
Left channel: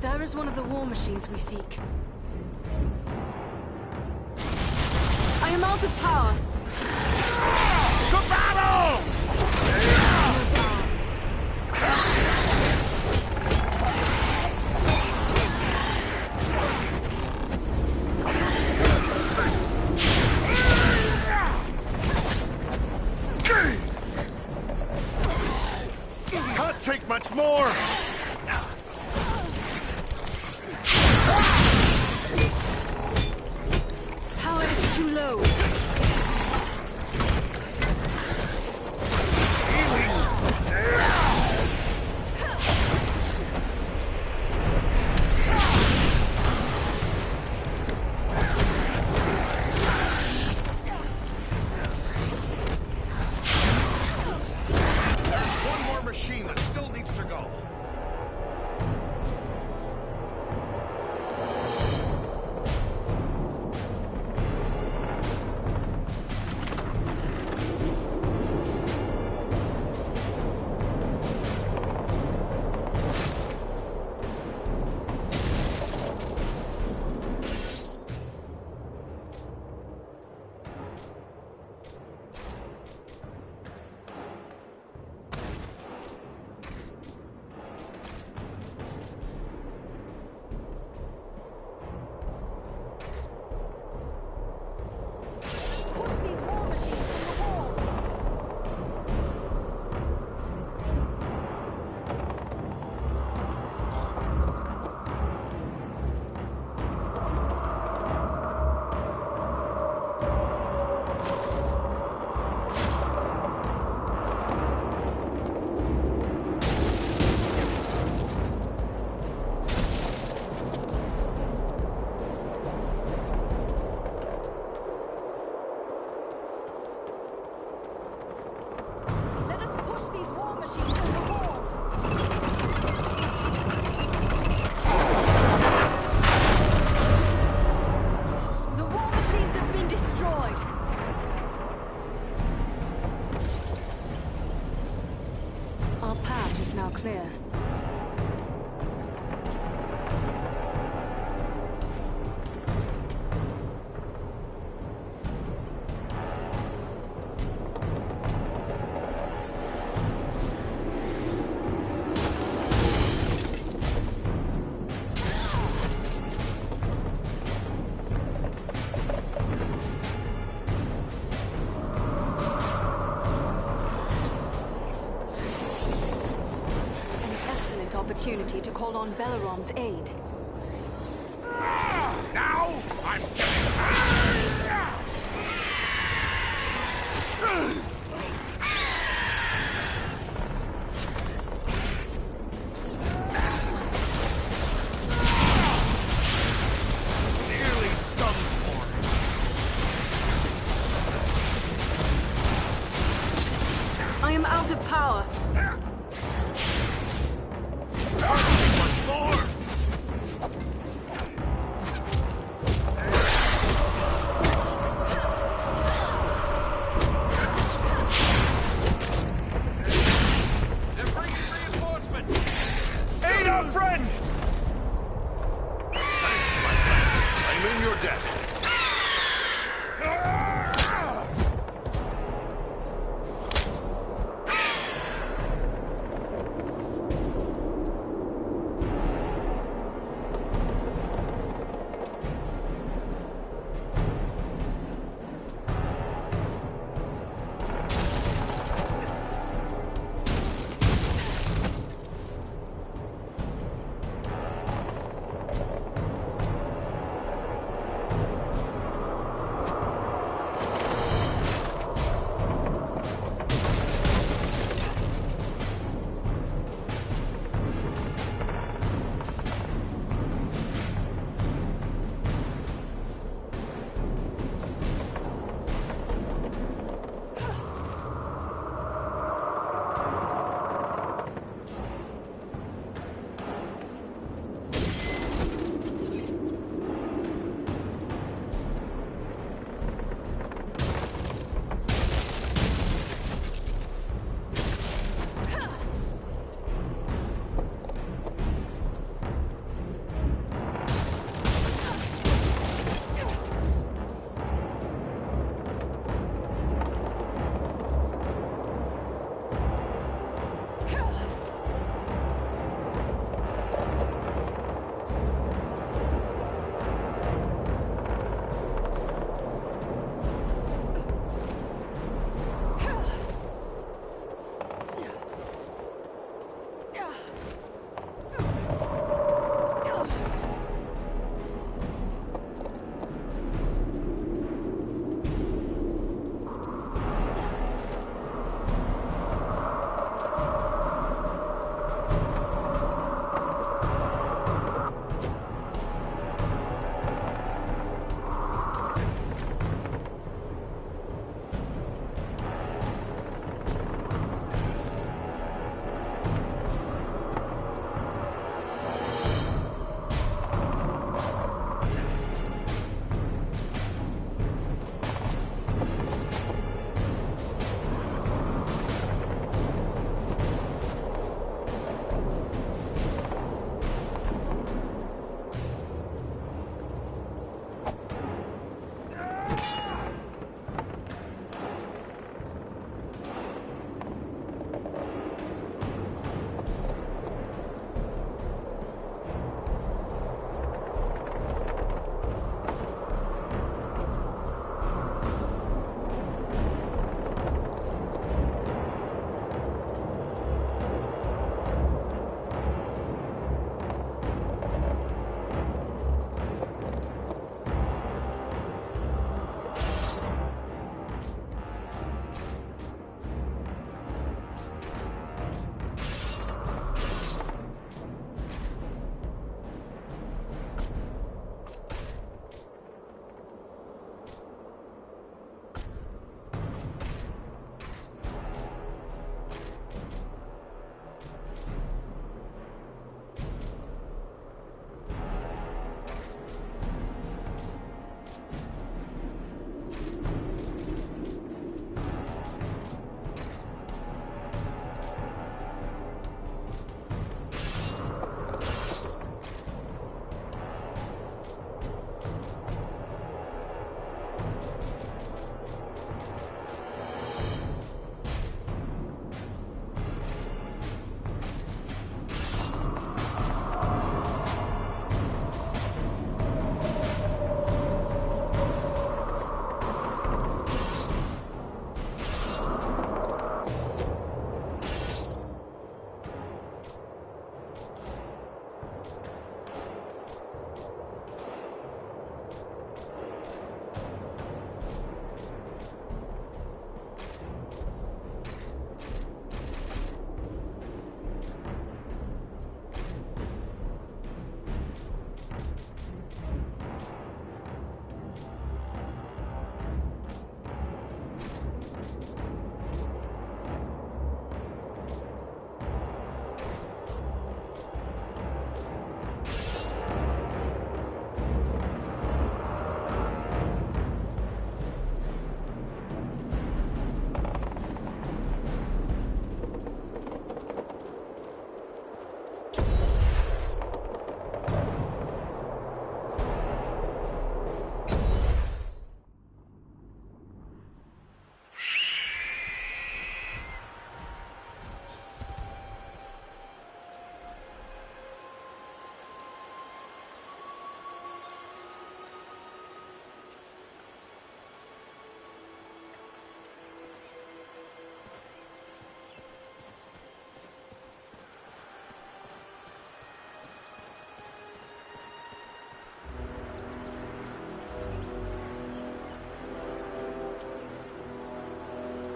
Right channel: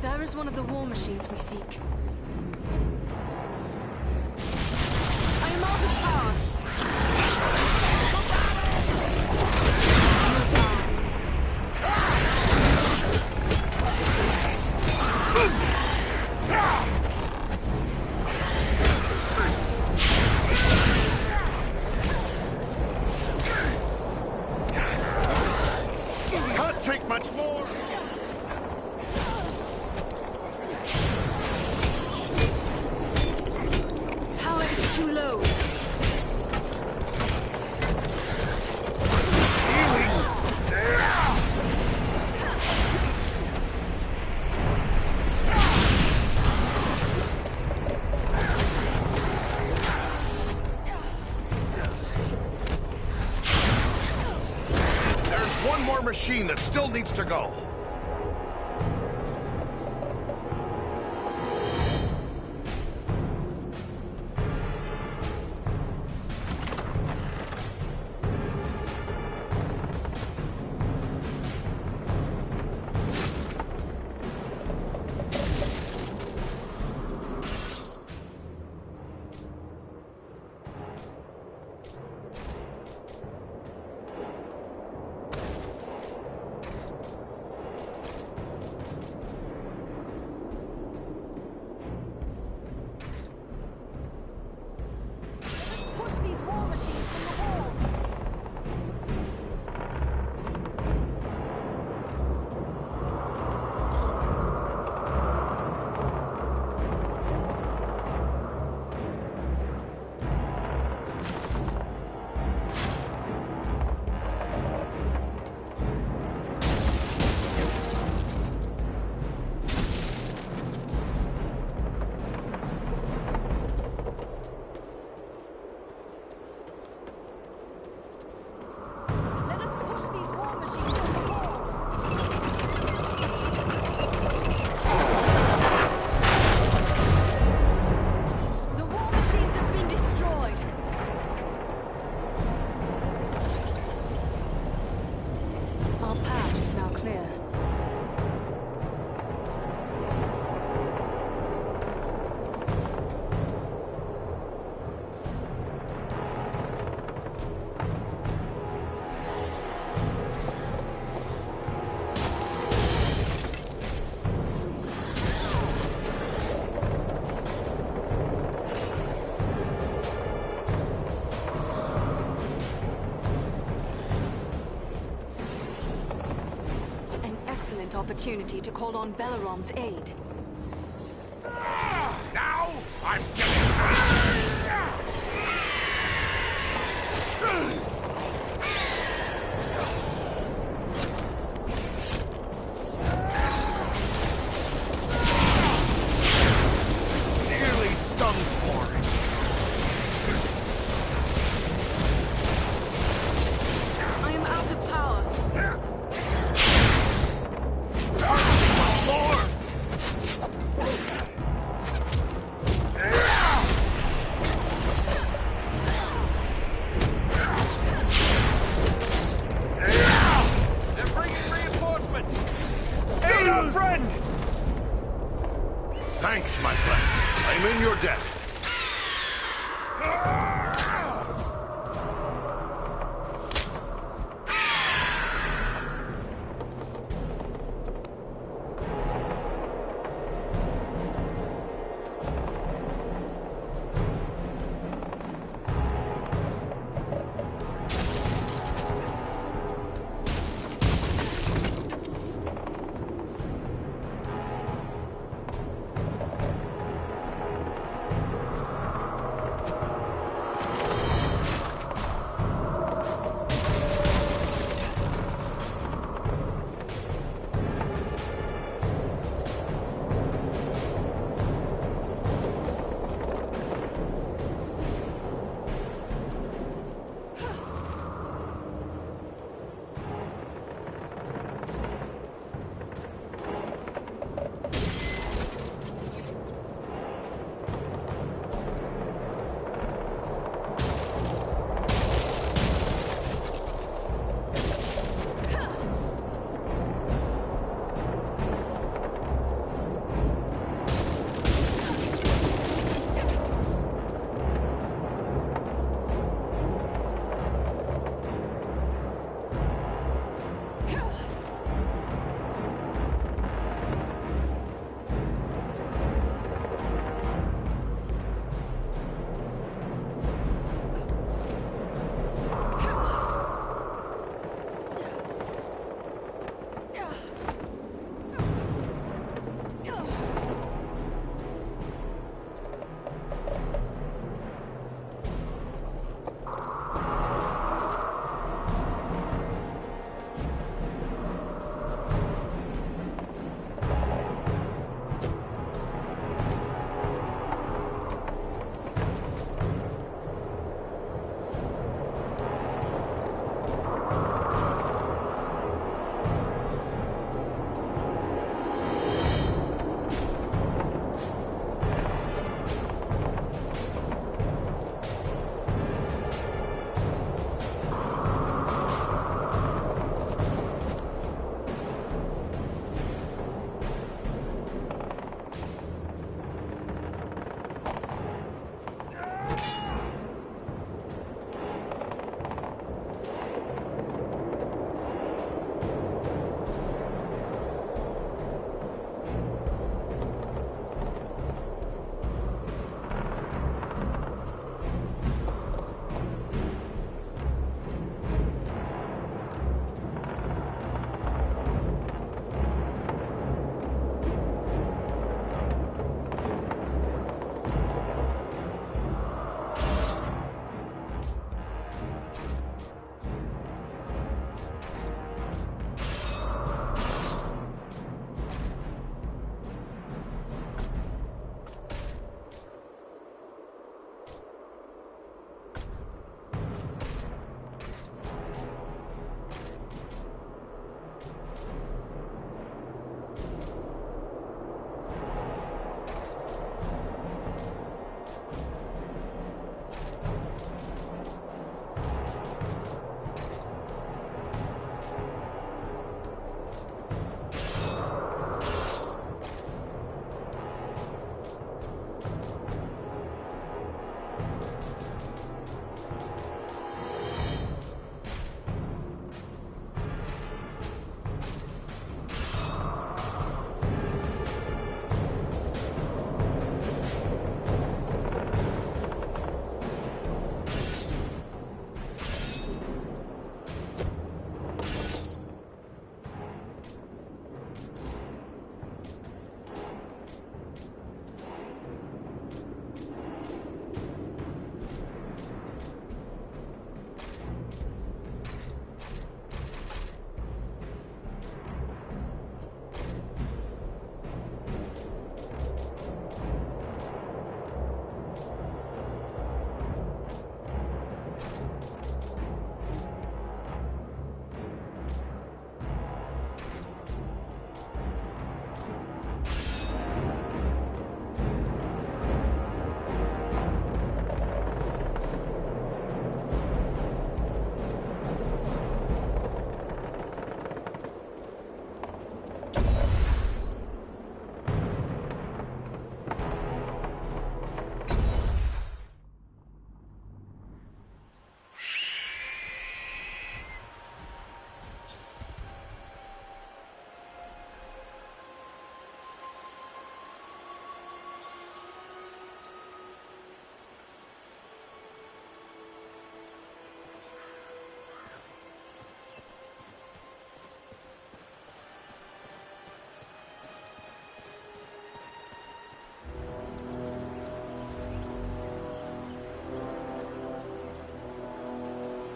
There is one of the war machines we seek. I am out of power. To battle! Can't take much more! Power is too low. There's one more machine that still needs to go. opportunity to call on Belarom's aid. Now I'm getting... Nearly done for. I am out of power. Once more! They're bringing reinforcements! Aid our friend! Thanks, my friend. I'm in your debt.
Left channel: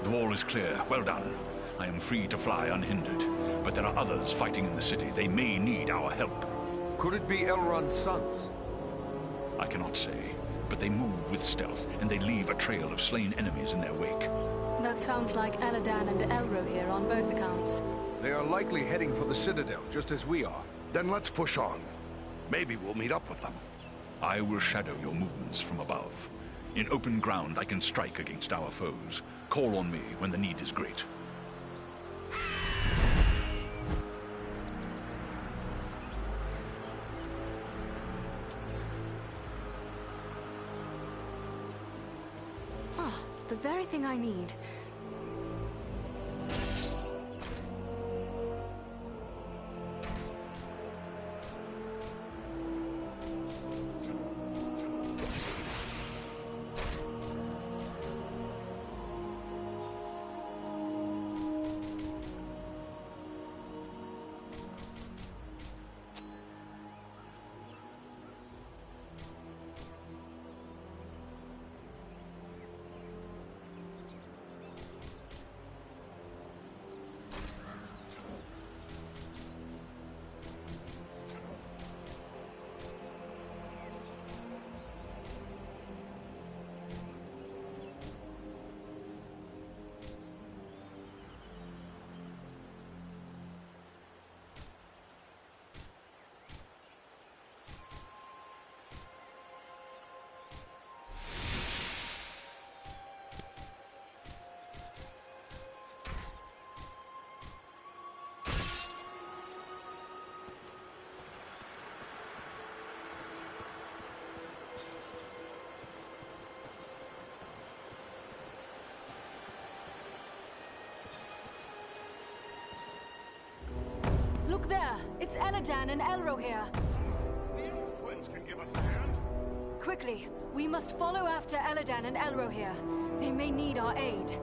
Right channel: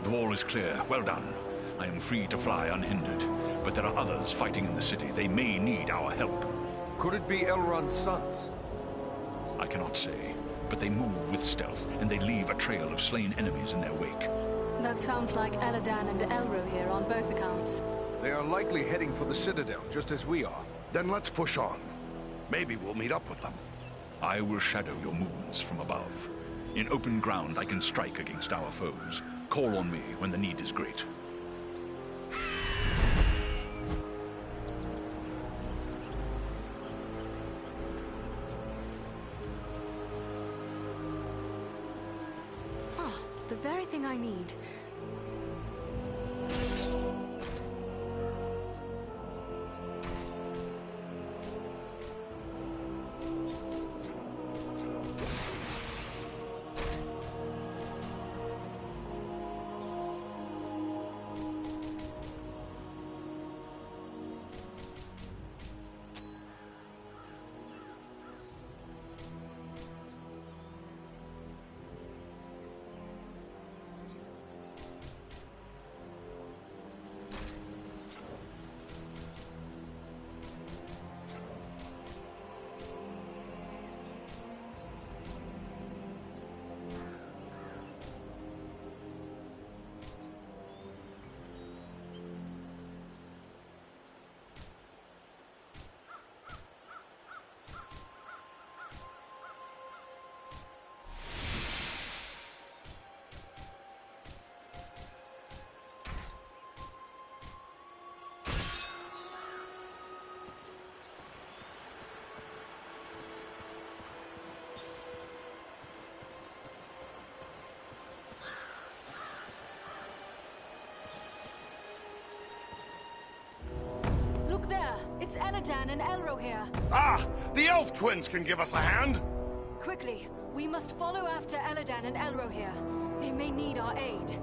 The wall is clear. Well done. I am free to fly unhindered. But there are others fighting in the city. They may need our help. Could it be Elrond's sons? I cannot say, but they move with stealth, and they leave a trail of slain enemies in their wake. That sounds like Eladan and Elrohir on both accounts. They are likely heading for the Citadel, just as we are. Then let's push on. Maybe we'll meet up with them. I will shadow your movements from above. In open ground, I can strike against our foes. Call on me when the need is great. Ah, the very thing I need. Look there! It's Eladan and Elrohir! Ah! The elf twins can give us a hand! Quickly! We must follow after Eladan and Elrohir. They may need our aid.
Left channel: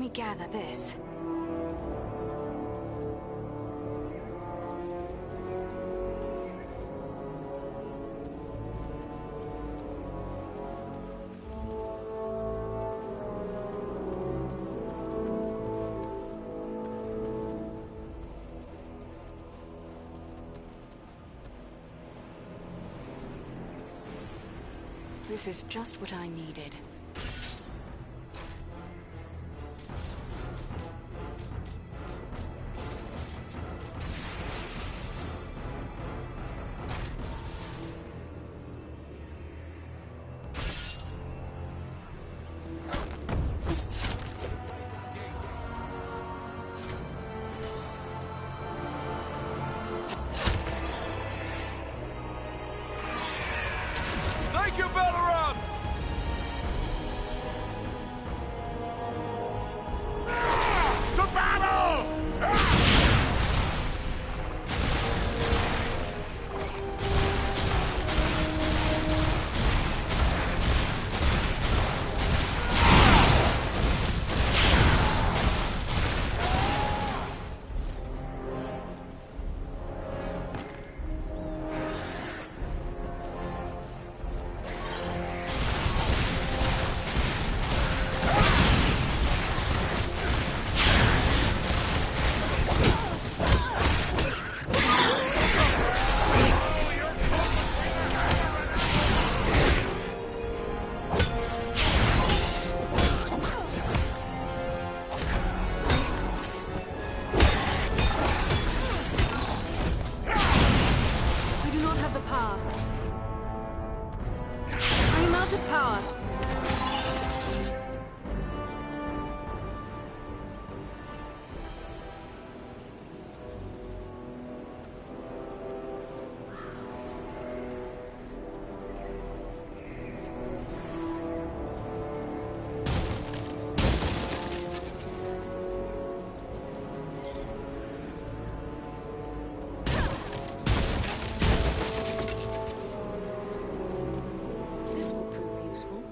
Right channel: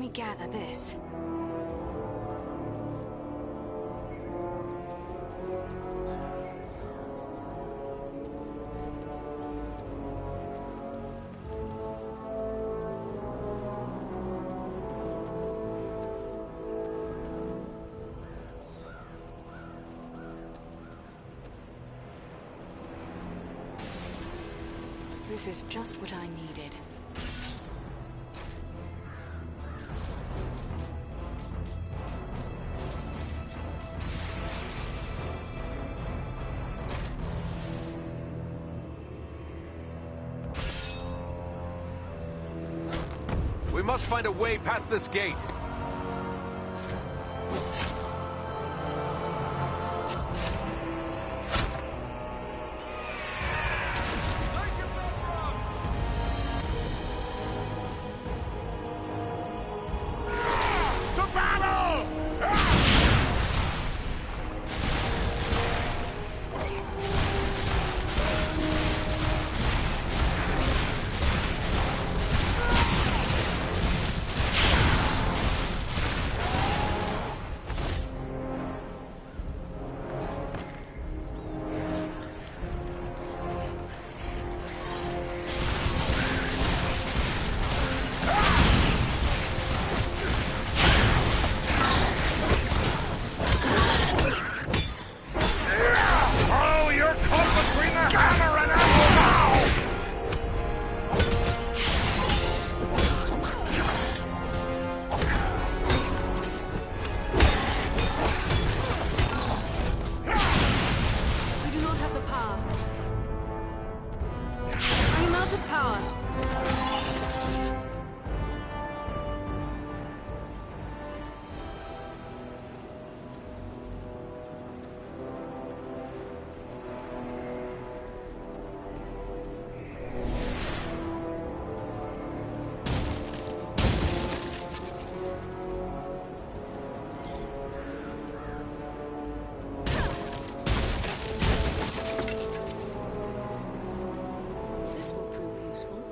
me gather this. This is just what I needed. We must find a way past this gate. Thank you, Balaram! To battle! Oh, you're caught between the hammer and anvil now! I do not have the power. I am out of power. This will prove useful.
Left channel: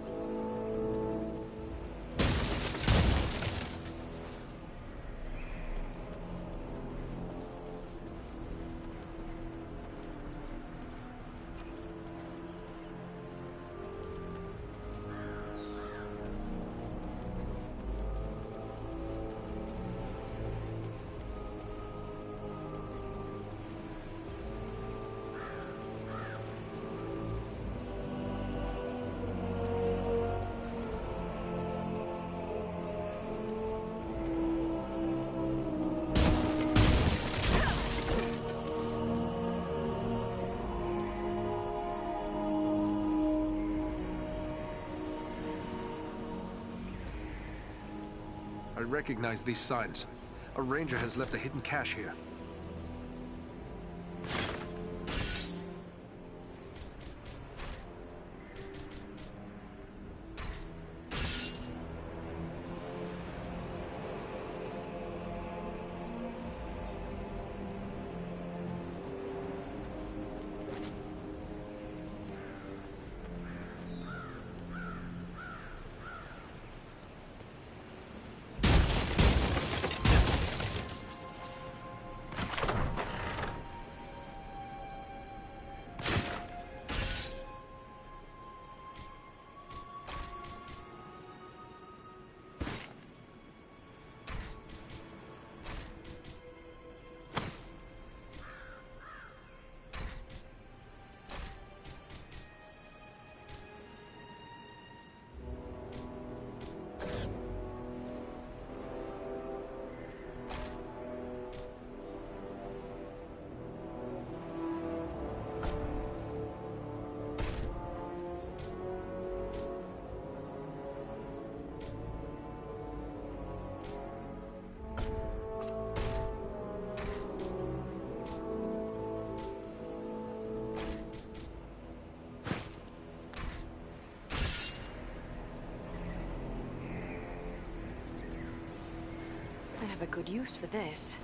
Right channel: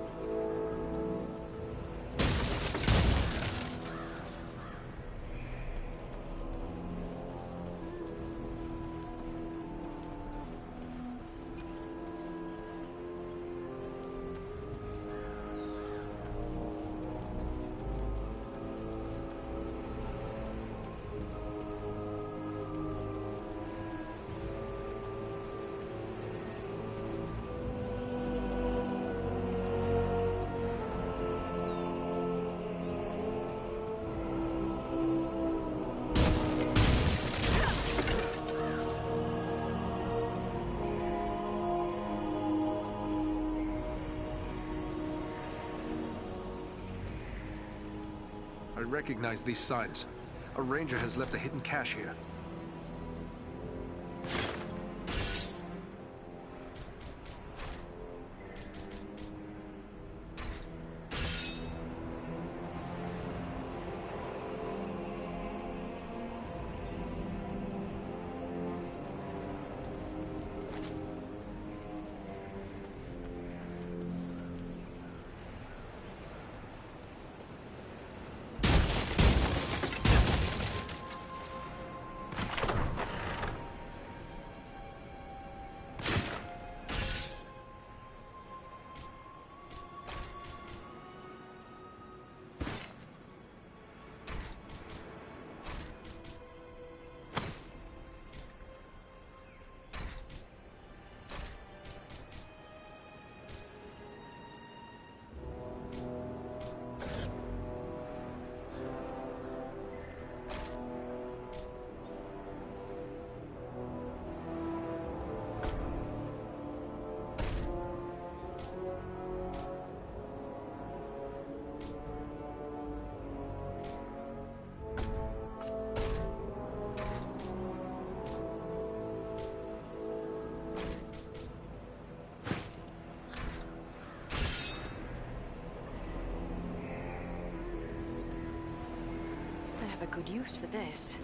I recognize these signs. A ranger has left a hidden cache here. I have a good use for this.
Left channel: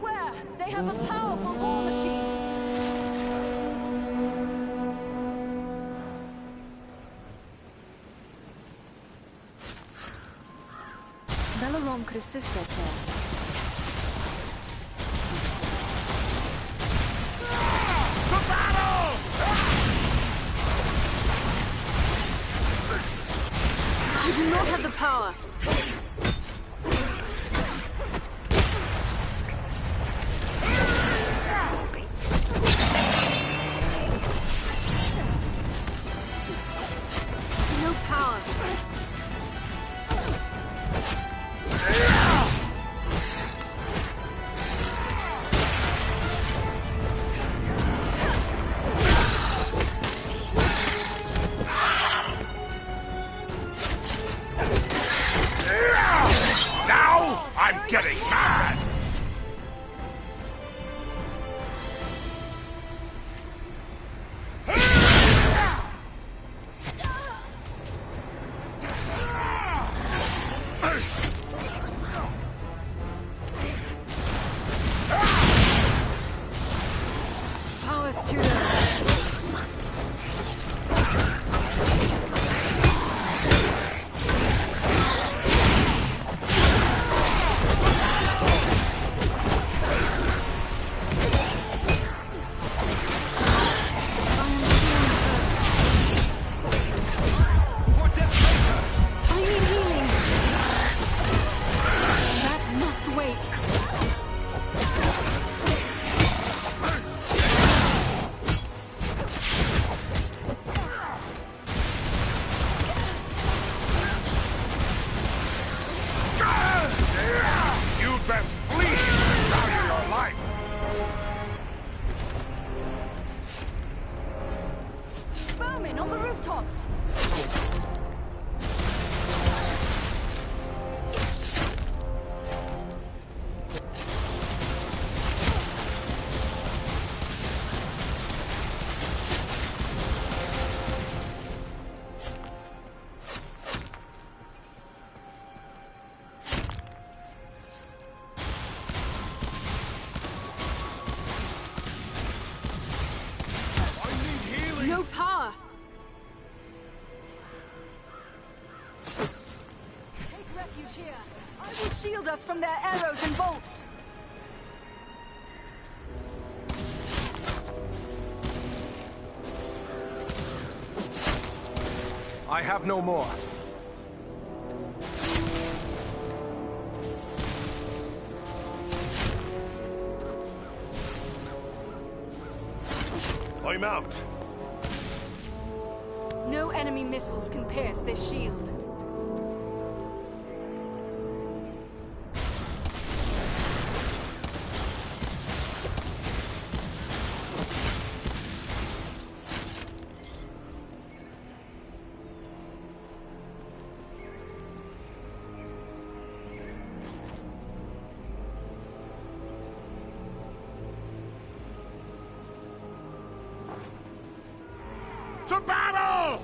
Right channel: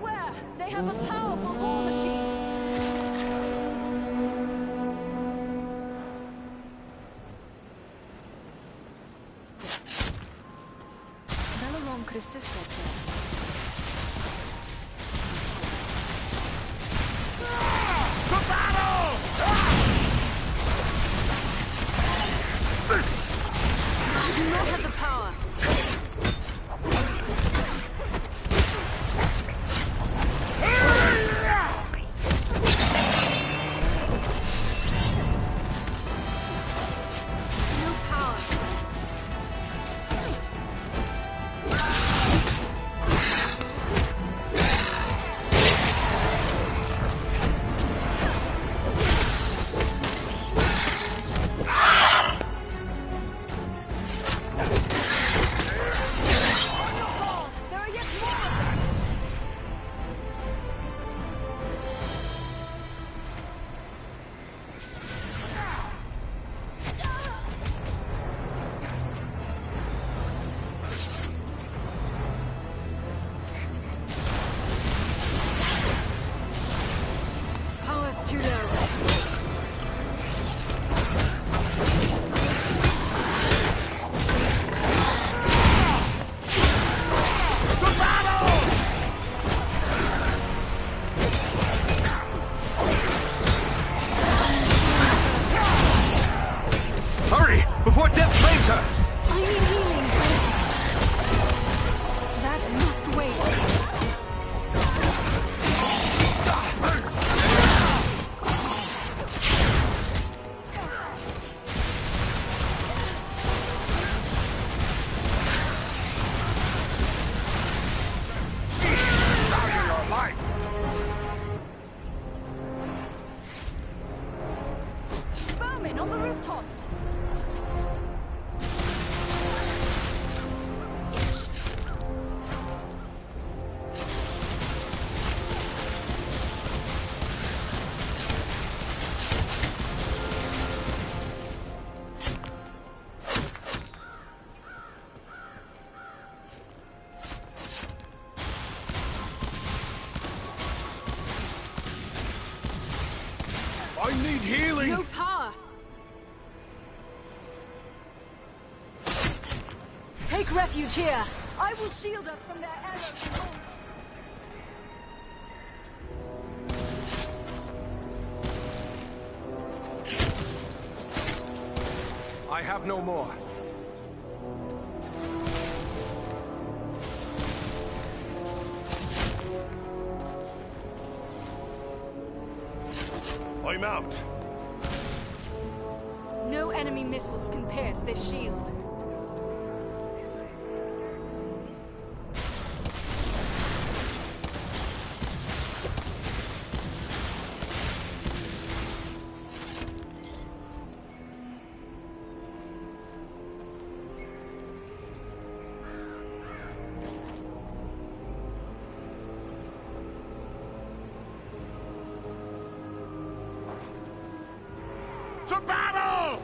Beware! They have a powerful war machine! Belarom could assist us here. You do not have the power. No power. Power's too low. Hurry! Before death claims her! I need healing. That must wait. You best flee! Value your life! Vermin on the rooftops! I need healing! No power! Take refuge here. I will shield us from their arrows and bolts. I have no more. I'm out. No enemy missiles can pierce this shield. To battle!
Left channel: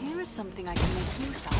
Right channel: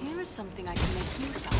Here is something I can make use of.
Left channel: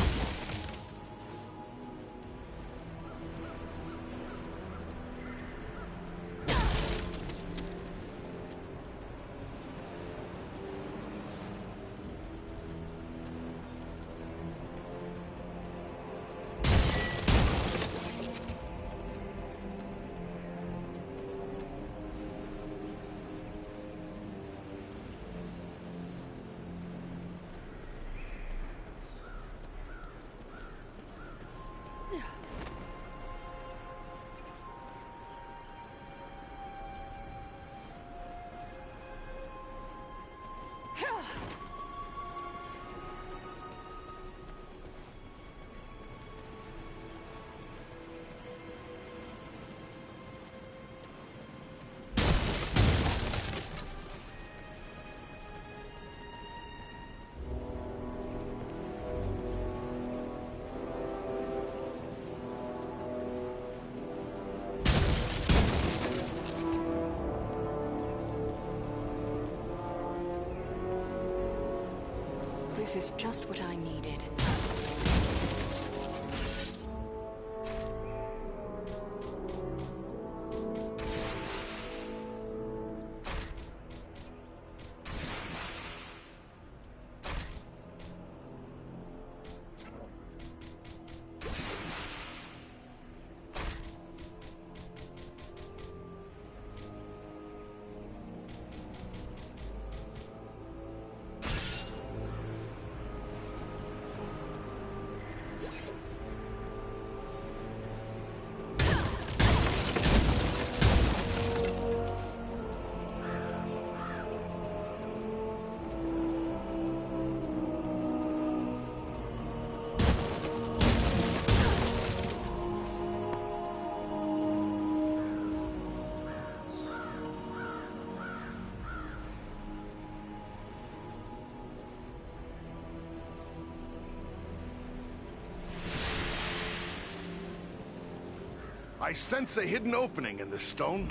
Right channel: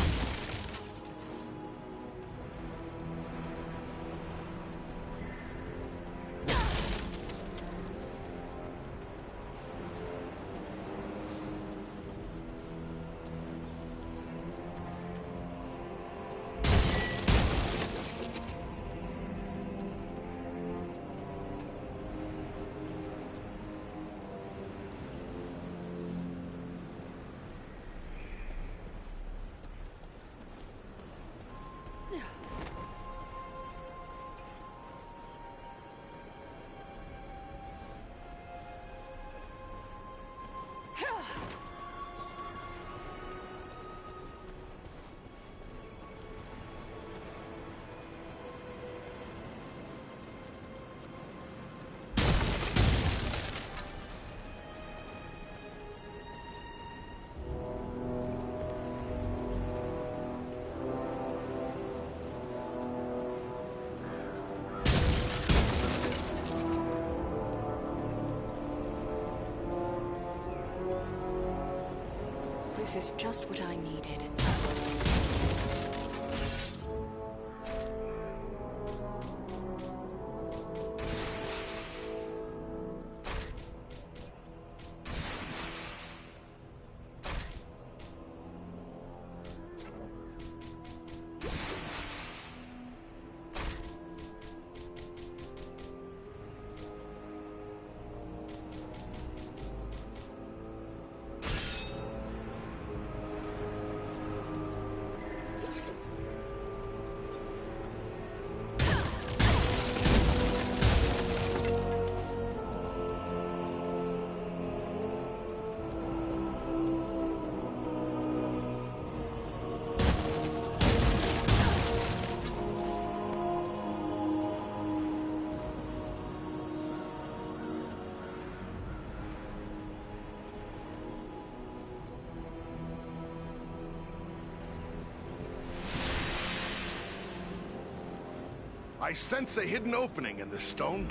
This is just what I needed. I sense a hidden opening in this stone.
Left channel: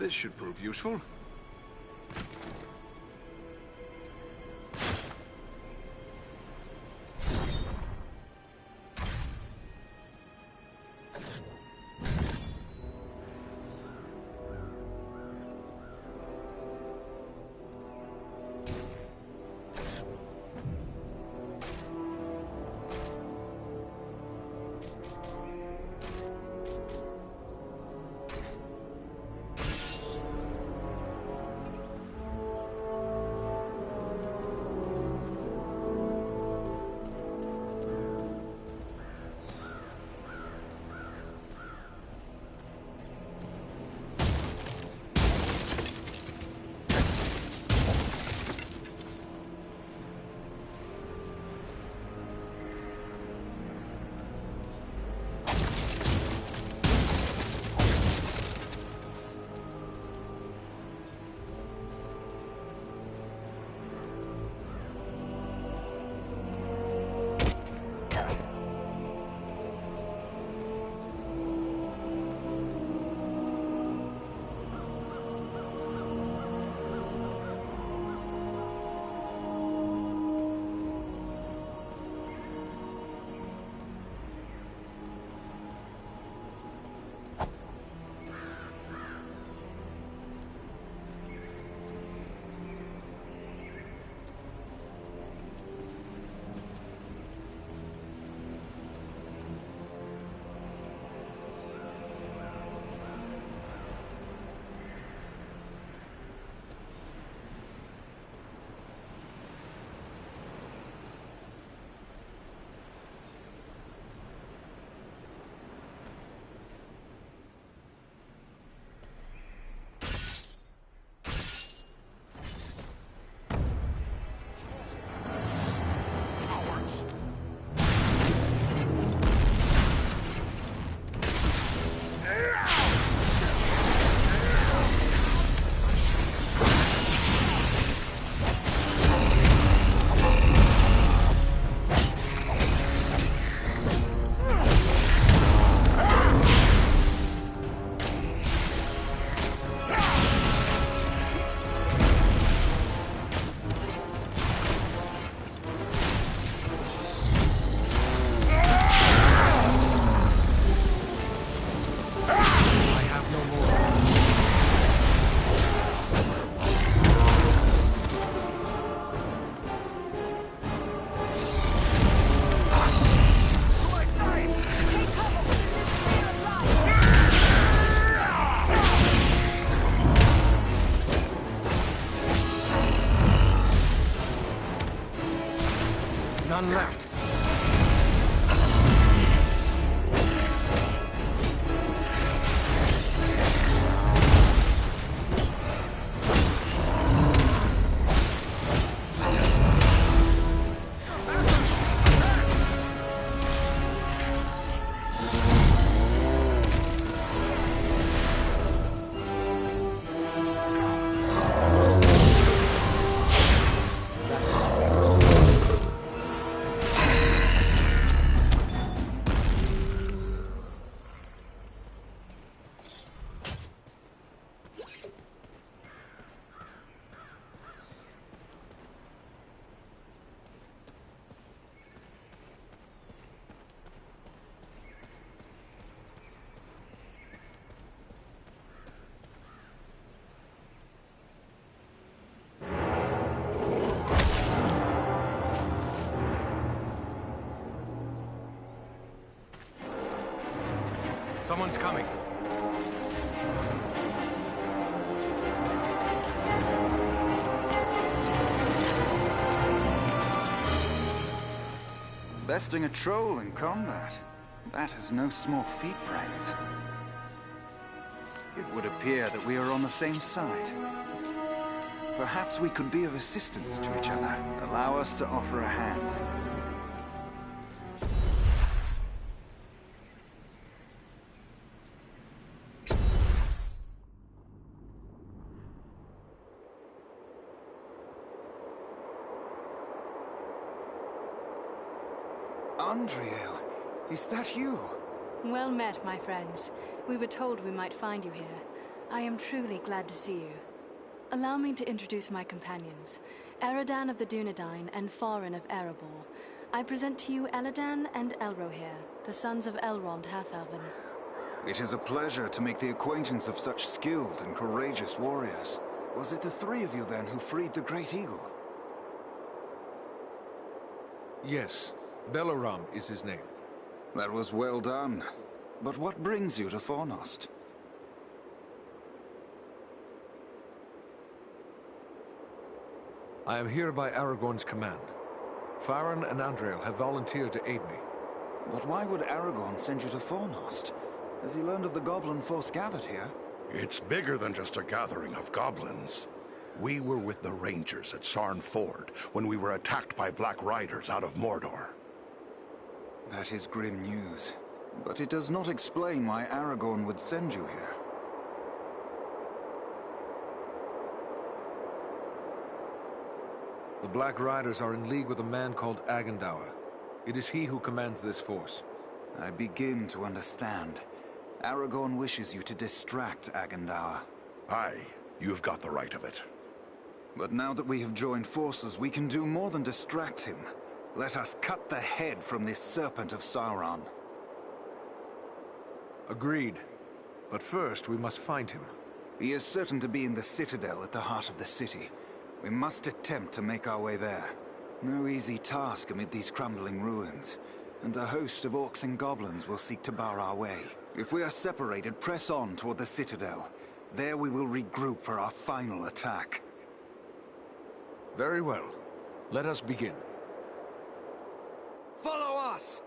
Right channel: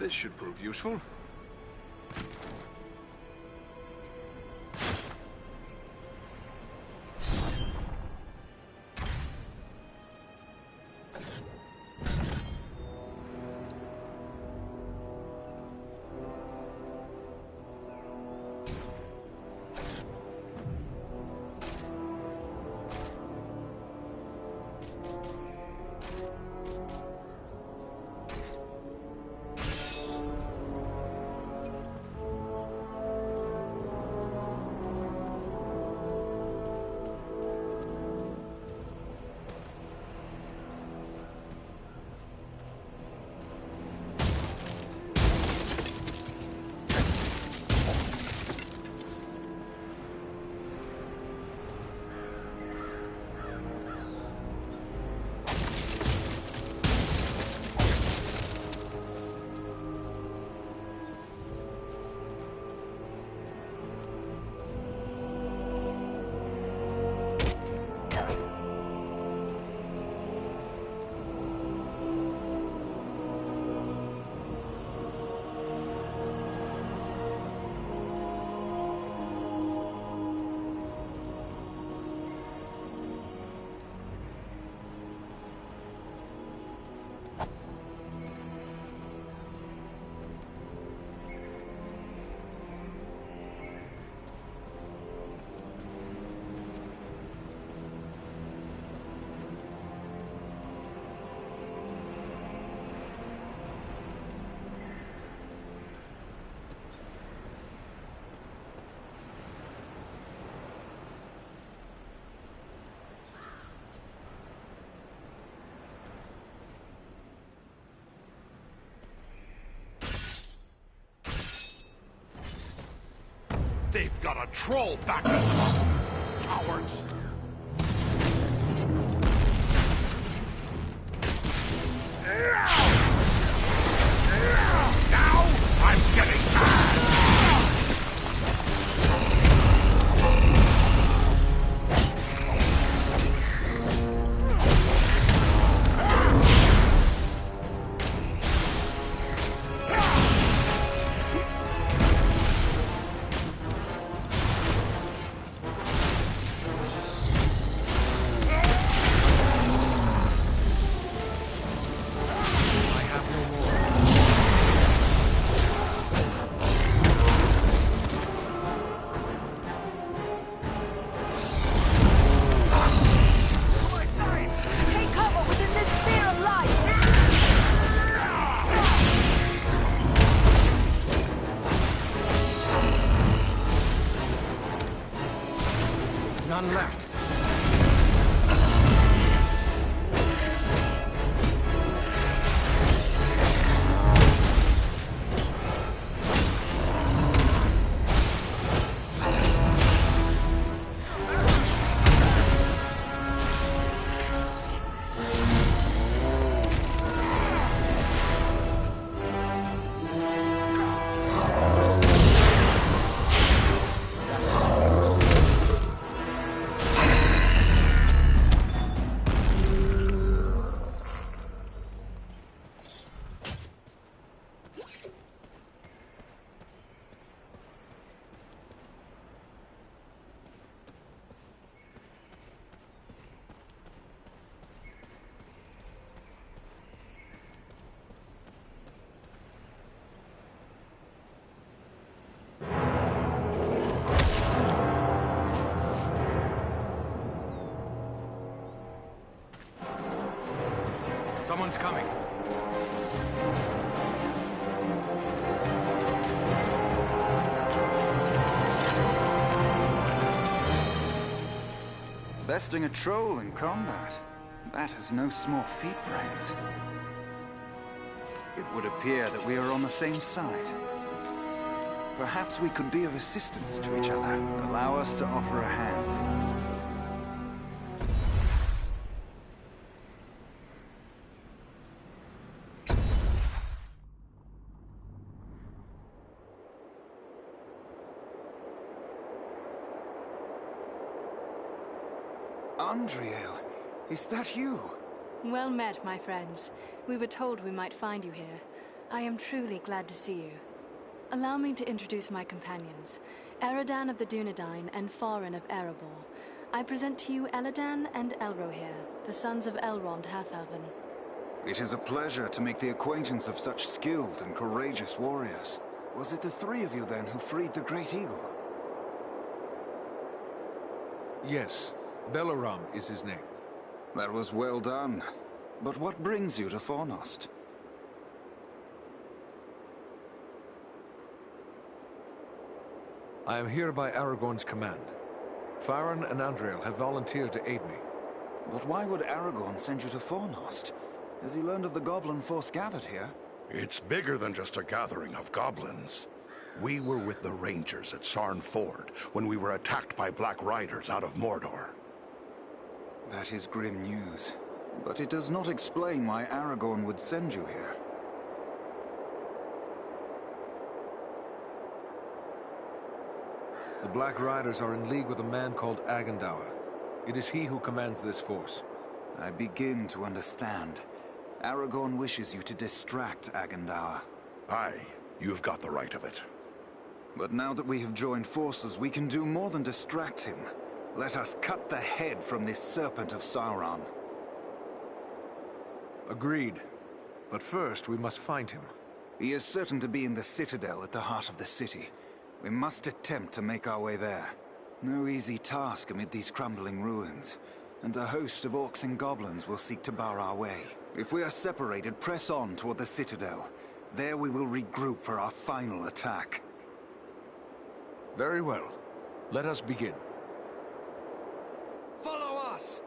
This should prove useful. troll back in time, cowards! Now I'm getting None left. Someone's coming. Besting a troll in combat. That is no small feat, friends. It would appear that we are on the same side. Perhaps we could be of assistance to each other. Allow us to offer a hand. Andriel, is that you? Well met, my friends. We were told we might find you here. I am truly glad to see you. Allow me to introduce my companions, Eridan of the Dunedain and Farin of Erebor. I present to you Eladan and Elrohir, the sons of Elrond Half-Elven. It is a pleasure to make the acquaintance of such skilled and courageous warriors. Was it the three of you then who freed the Great Eagle? Yes. Belaram is his name. That was well done. But what brings you to Fornost? I am here by Aragorn's command. Farin and Andriel have volunteered to aid me. But why would Aragorn send you to Fornost? Has he learned of the goblin force gathered here? It's bigger than just a gathering of goblins. We were with the Rangers at Sarn Ford when we were attacked by Black Riders out of Mordor. That is grim news. But it does not explain why Aragorn would send you here. The Black Riders are in league with a man called Agendaur. It is he who commands this force. I begin to understand. Aragorn wishes you to distract Agendaur. Aye, you've got the right of it. But now that we have joined forces, we can do more than distract him. Let us cut the head from this serpent of Sauron. Agreed. But first, we must find him. He is certain to be in the citadel at the heart of the city. We must attempt to make our way there. No easy task amid these crumbling ruins. And a host of orcs and goblins will seek to bar our way. If we are separated, press on toward the citadel. There we will regroup for our final attack. Very well. Let us begin. Follow us!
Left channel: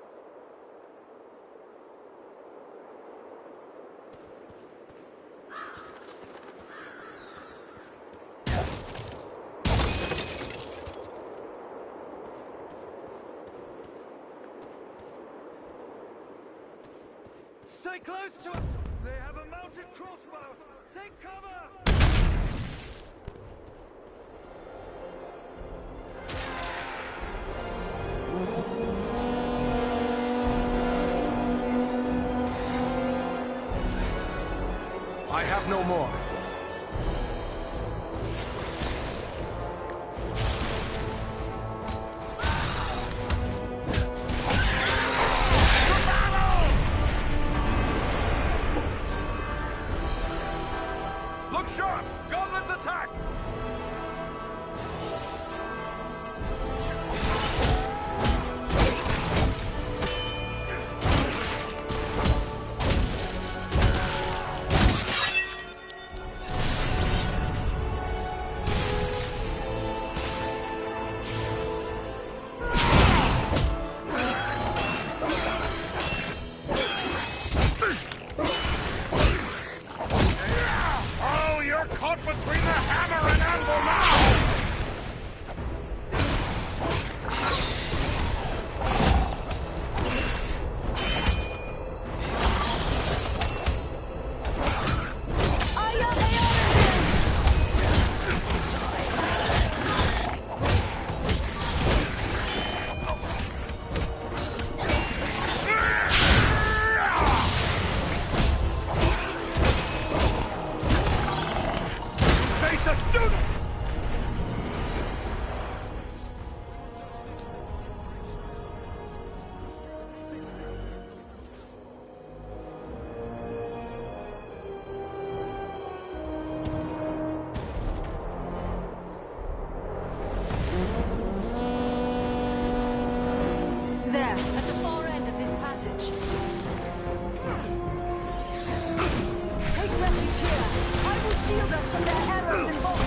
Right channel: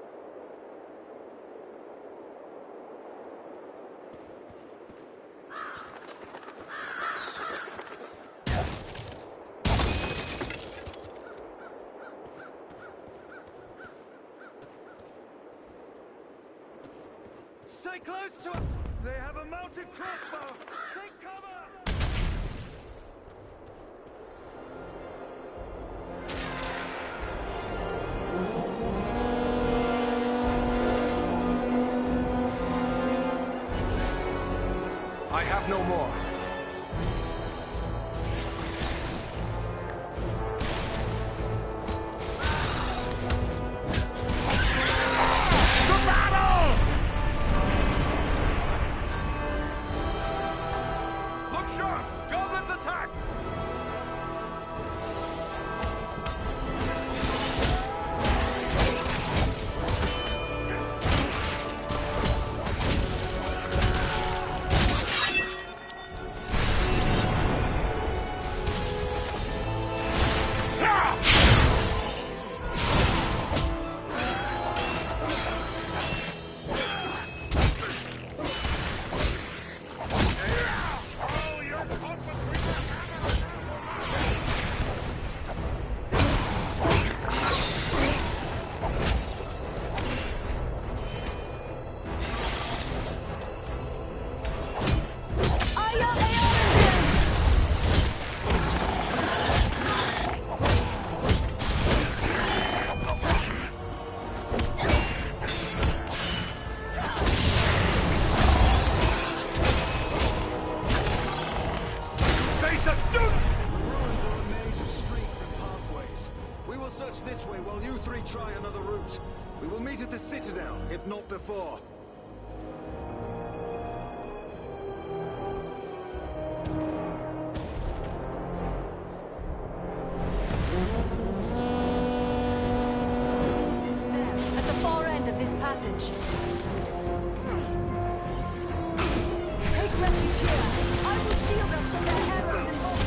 Stay close to it! They have a mounted crossbow! Take cover! I have no more. Look sharp! Goblins attack! Oh, you're caught between the hammer and anvil now! Face a dude! We will search this way while you three try another route. We will meet at the Citadel, if not before. There, at the far end of this passage. Take refuge here. I will shield us from their arrows and bolts.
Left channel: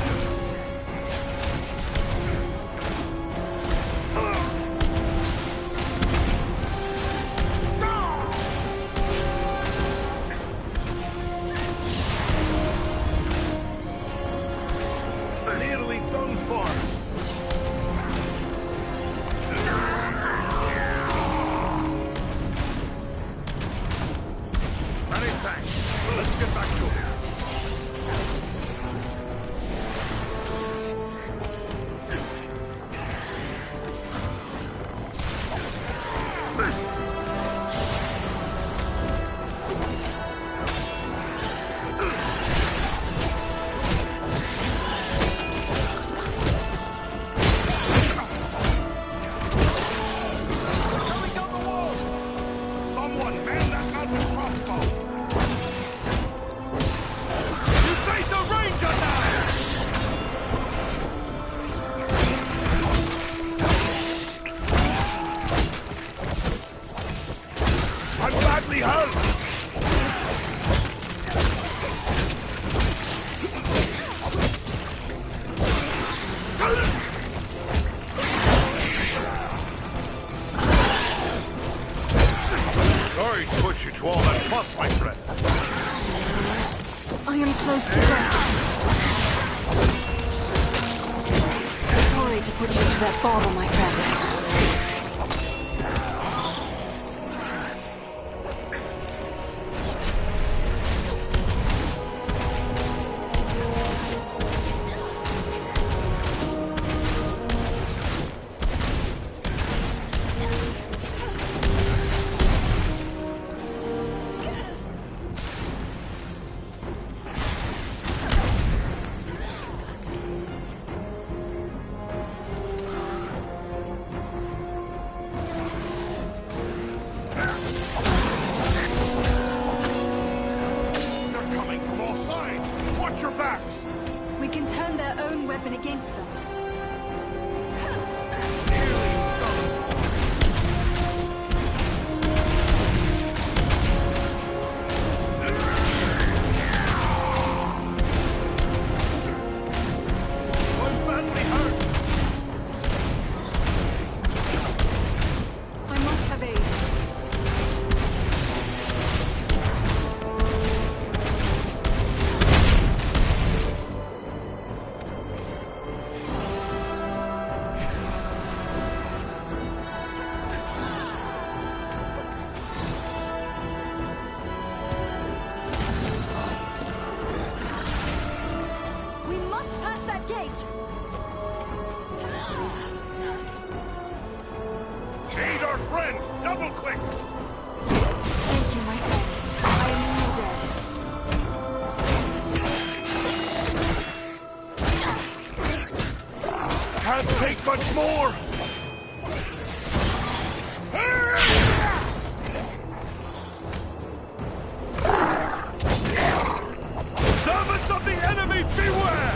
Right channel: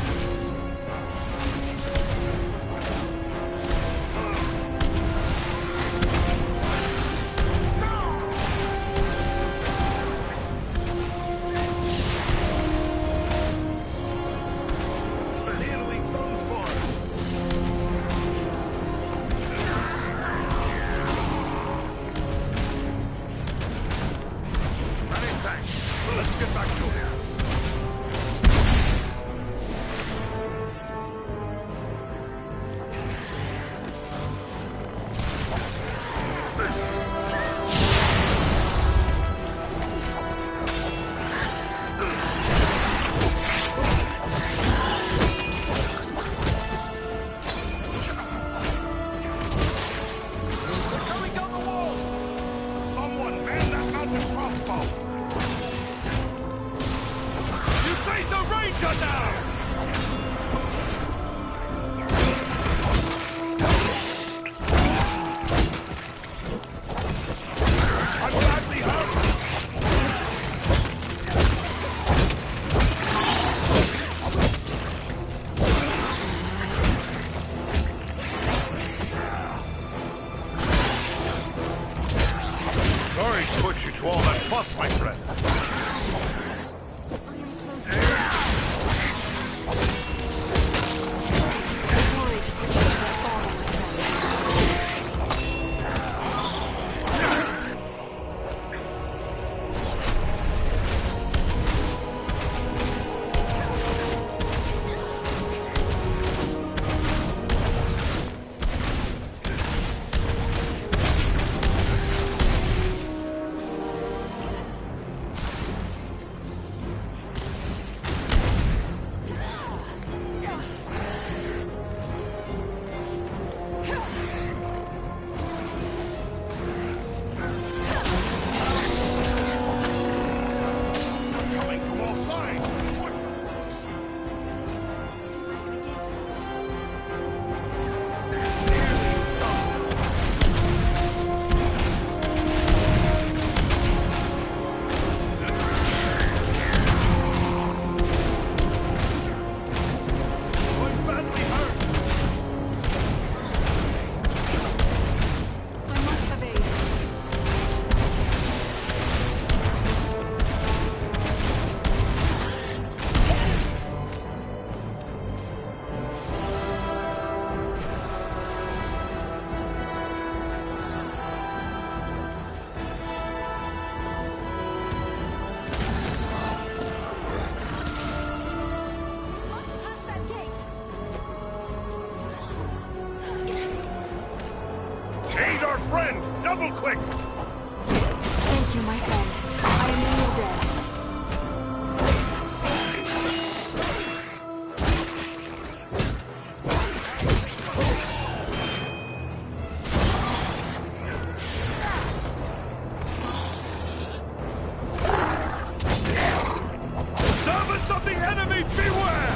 Nearly done for. Many thanks. Let's get back to it. Coming down the wall! Someone man that mounted crossbow! You face a ranger now! I'm badly hurt! Sorry to put you to all that fuss, my friend. I am close to death. Sorry to put you to that bother, my friend. our friend! Double quick! Thank you, my friend. I am in your debt. Can't take much more! Servants of the enemy, beware!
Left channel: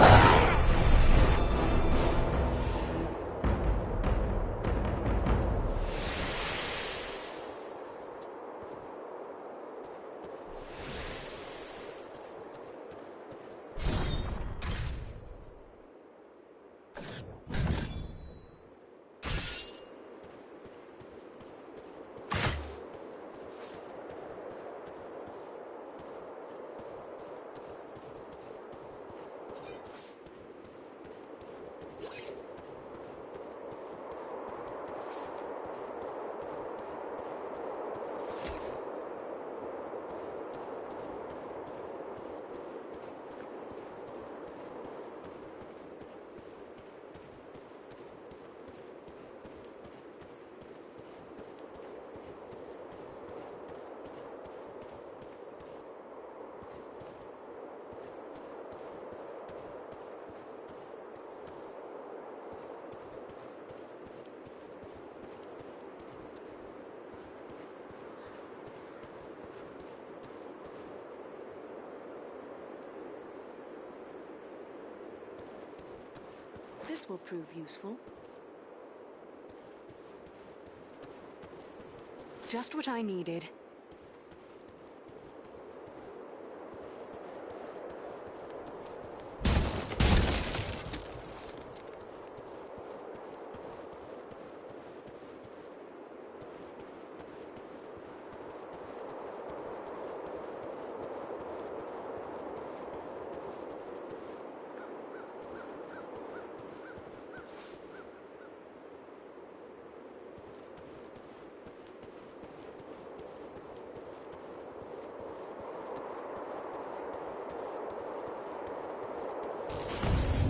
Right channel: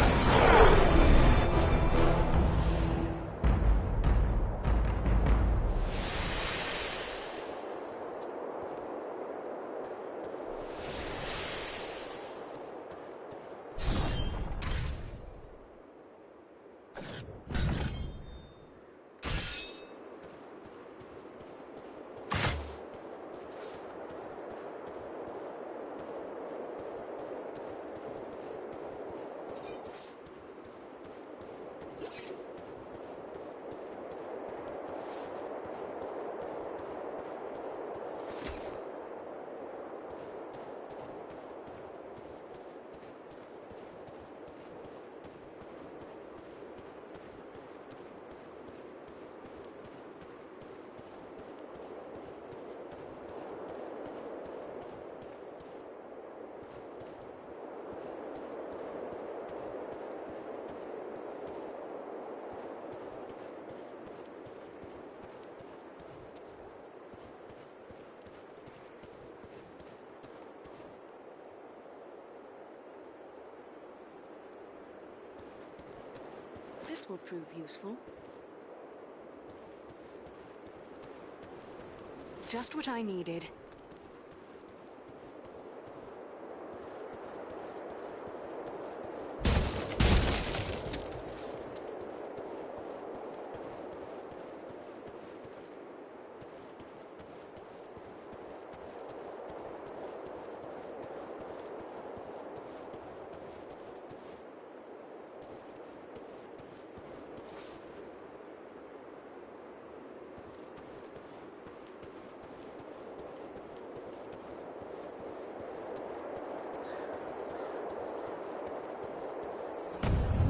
This will prove useful. Just what I needed.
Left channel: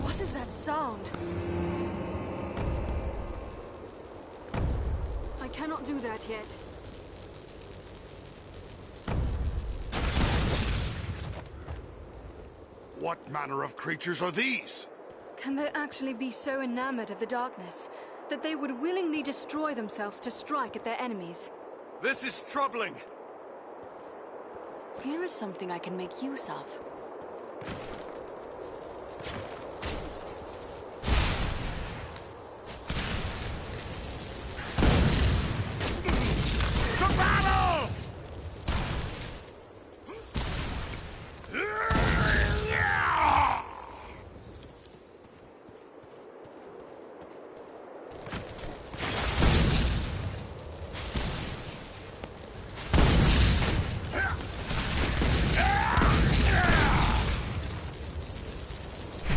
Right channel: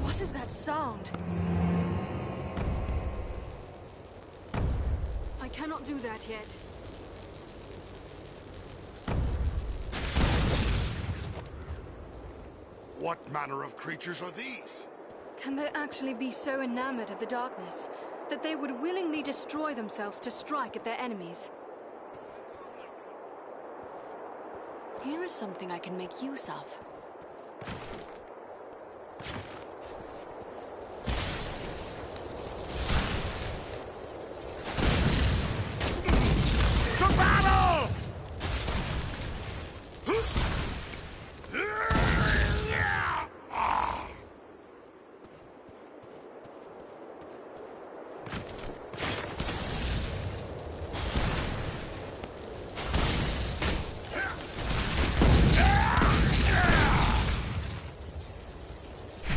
What is that sound? I cannot do that yet. What manner of creatures are these? Can they actually be so enamored of the darkness that they would willingly destroy themselves to strike at their enemies? This is troubling. Here is something I can make use of. To battle!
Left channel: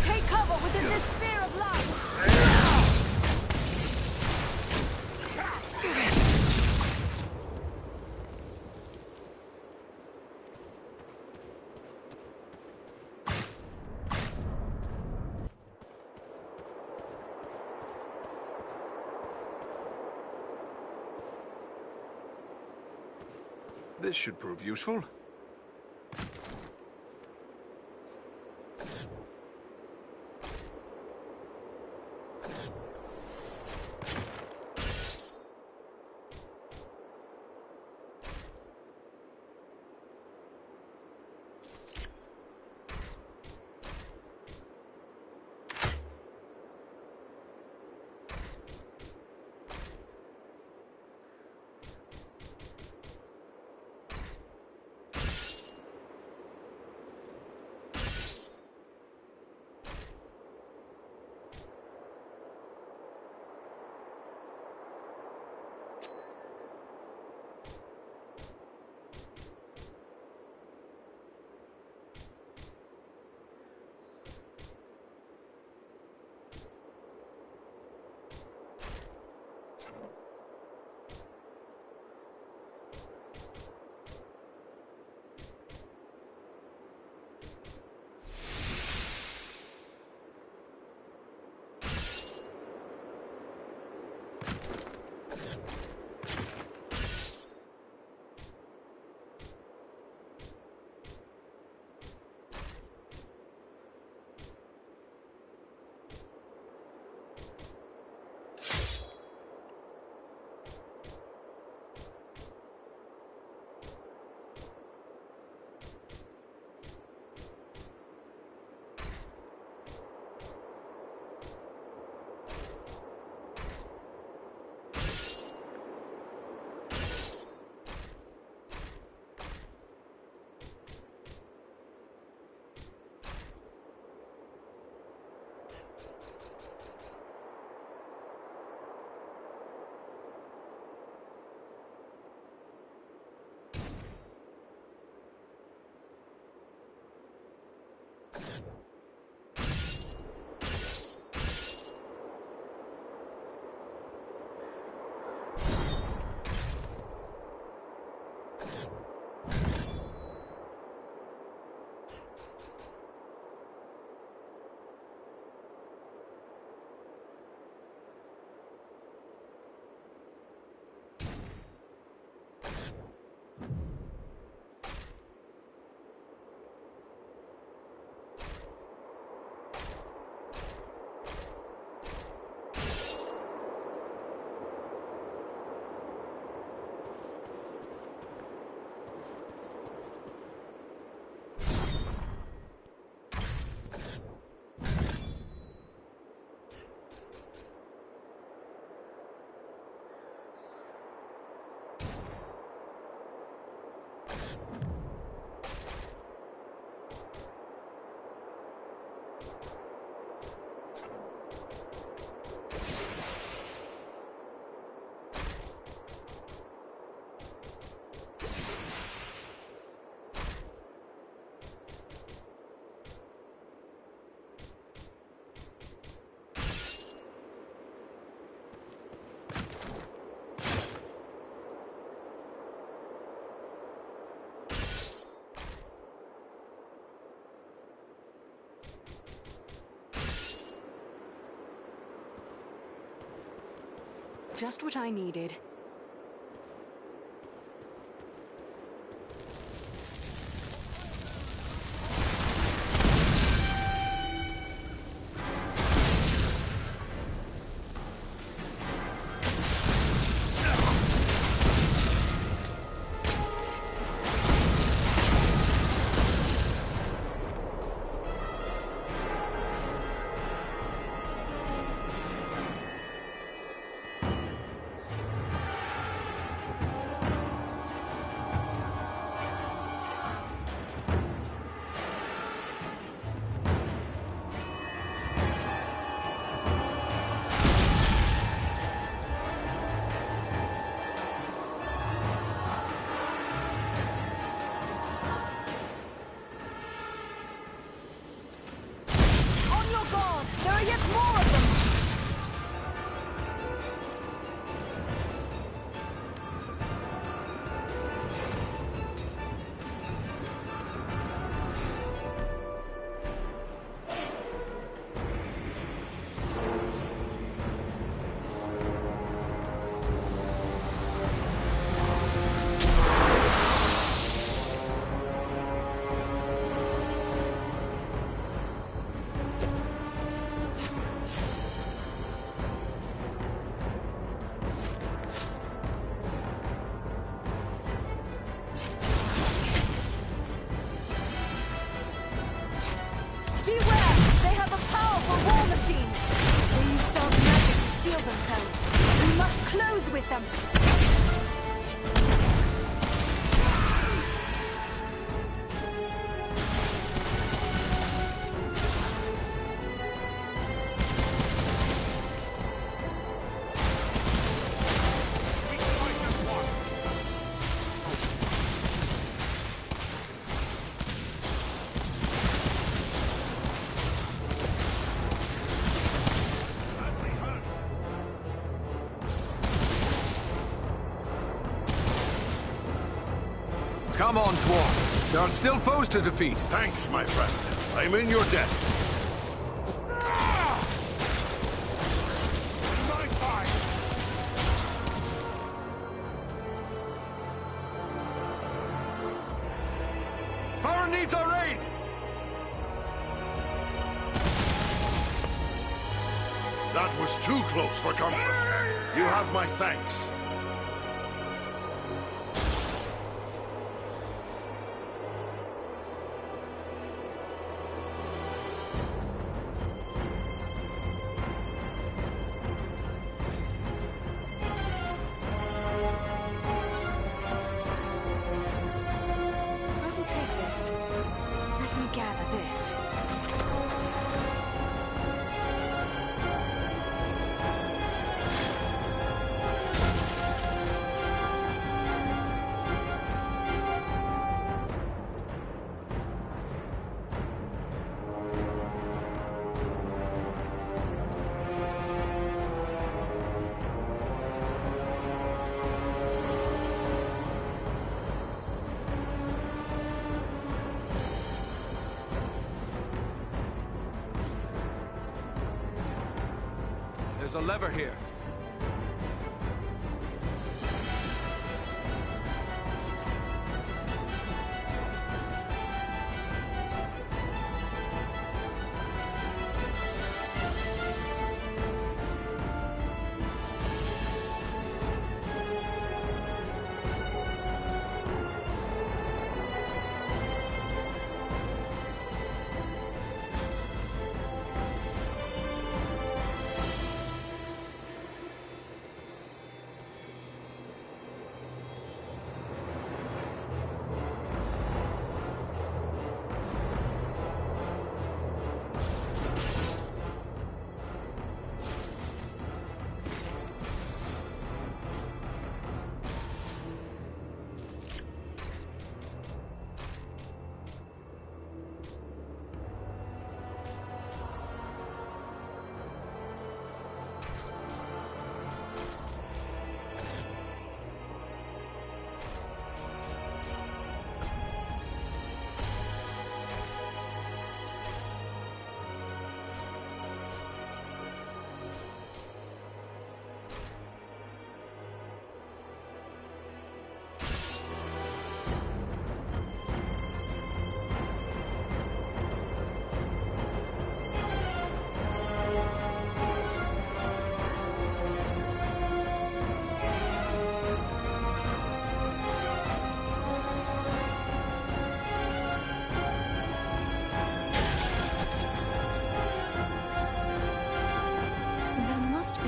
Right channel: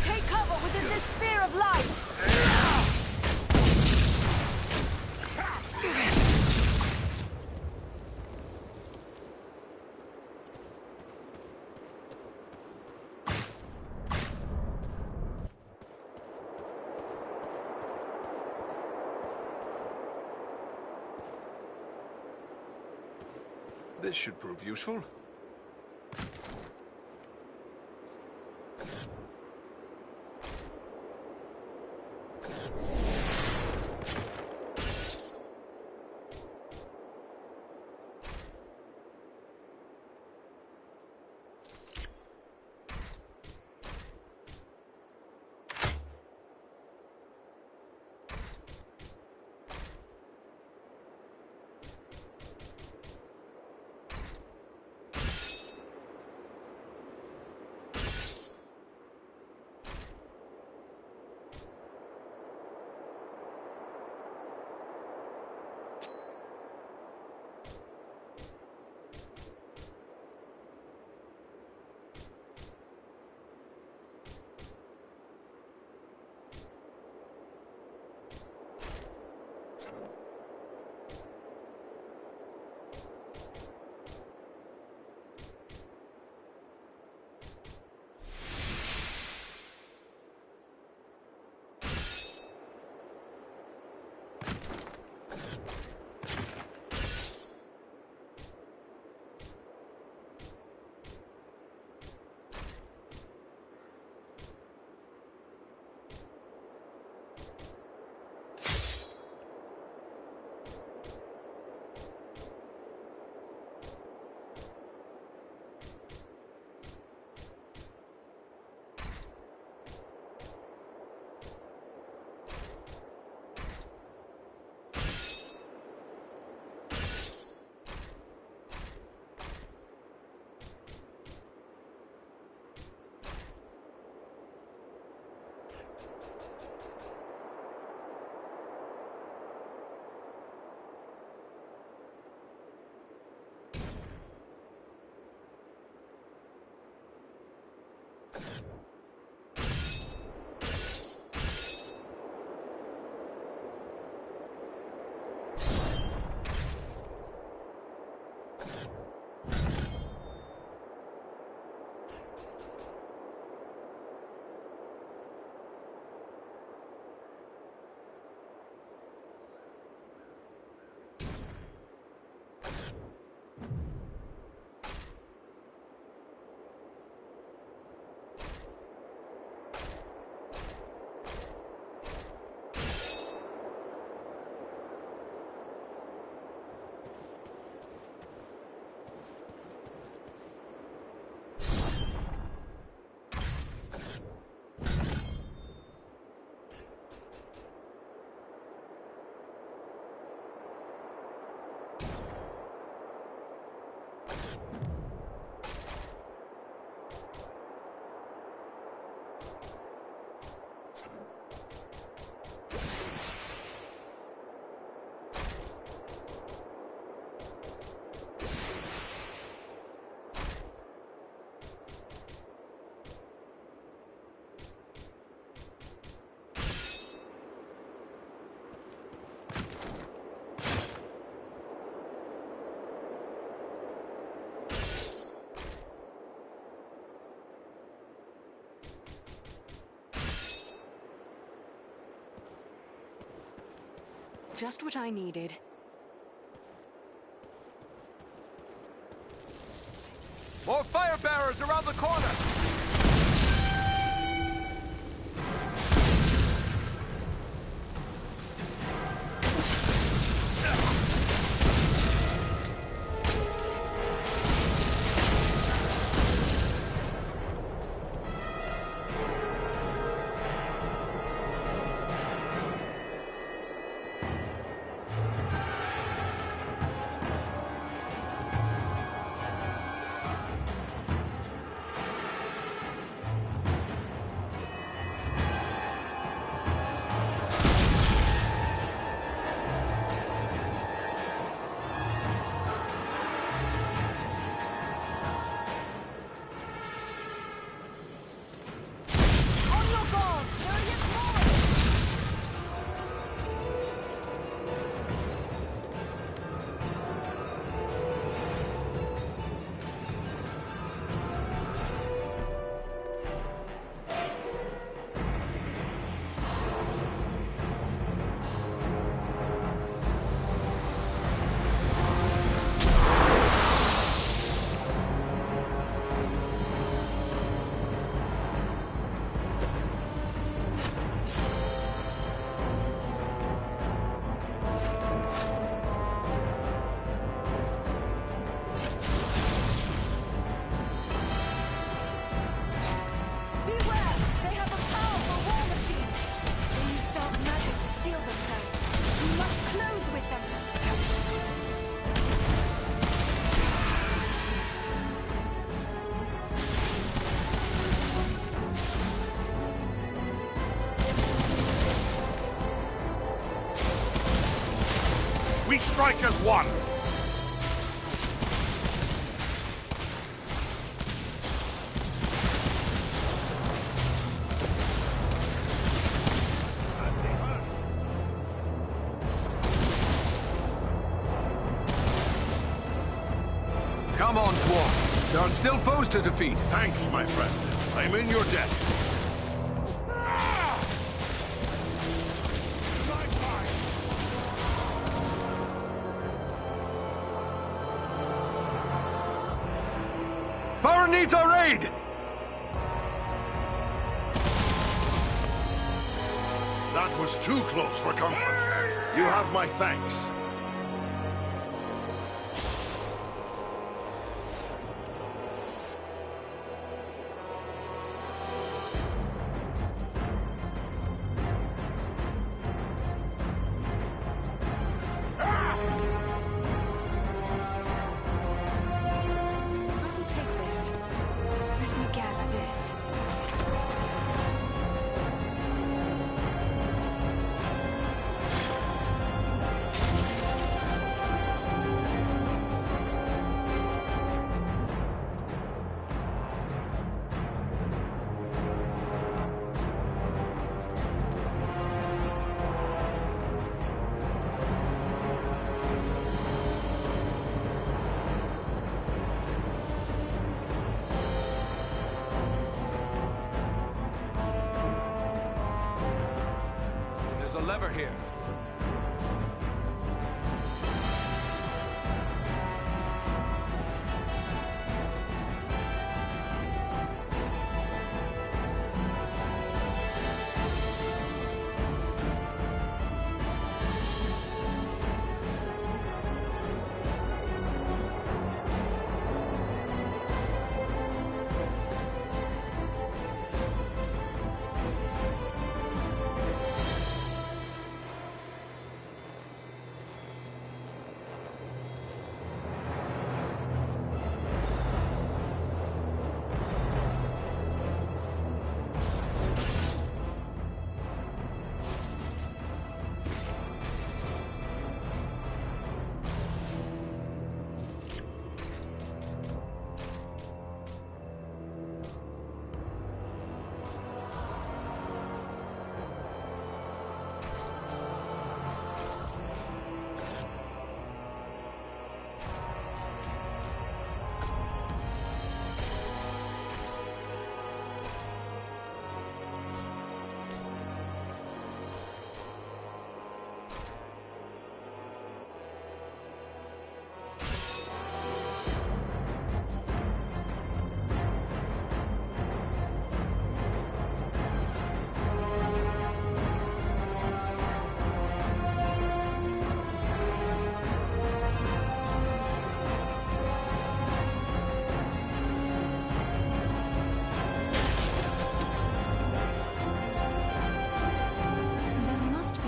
Take cover within this sphere of light! This should prove useful. Just what I needed. More fire bearers around the corner! With them. We strike as one. Come on, Dwarf. There are still foes to defeat. Thanks, my friend. I'm in your debt. My fight! Farron needs our aid! That was too close for comfort. You have my thanks. Let me gather this. There's a lever here.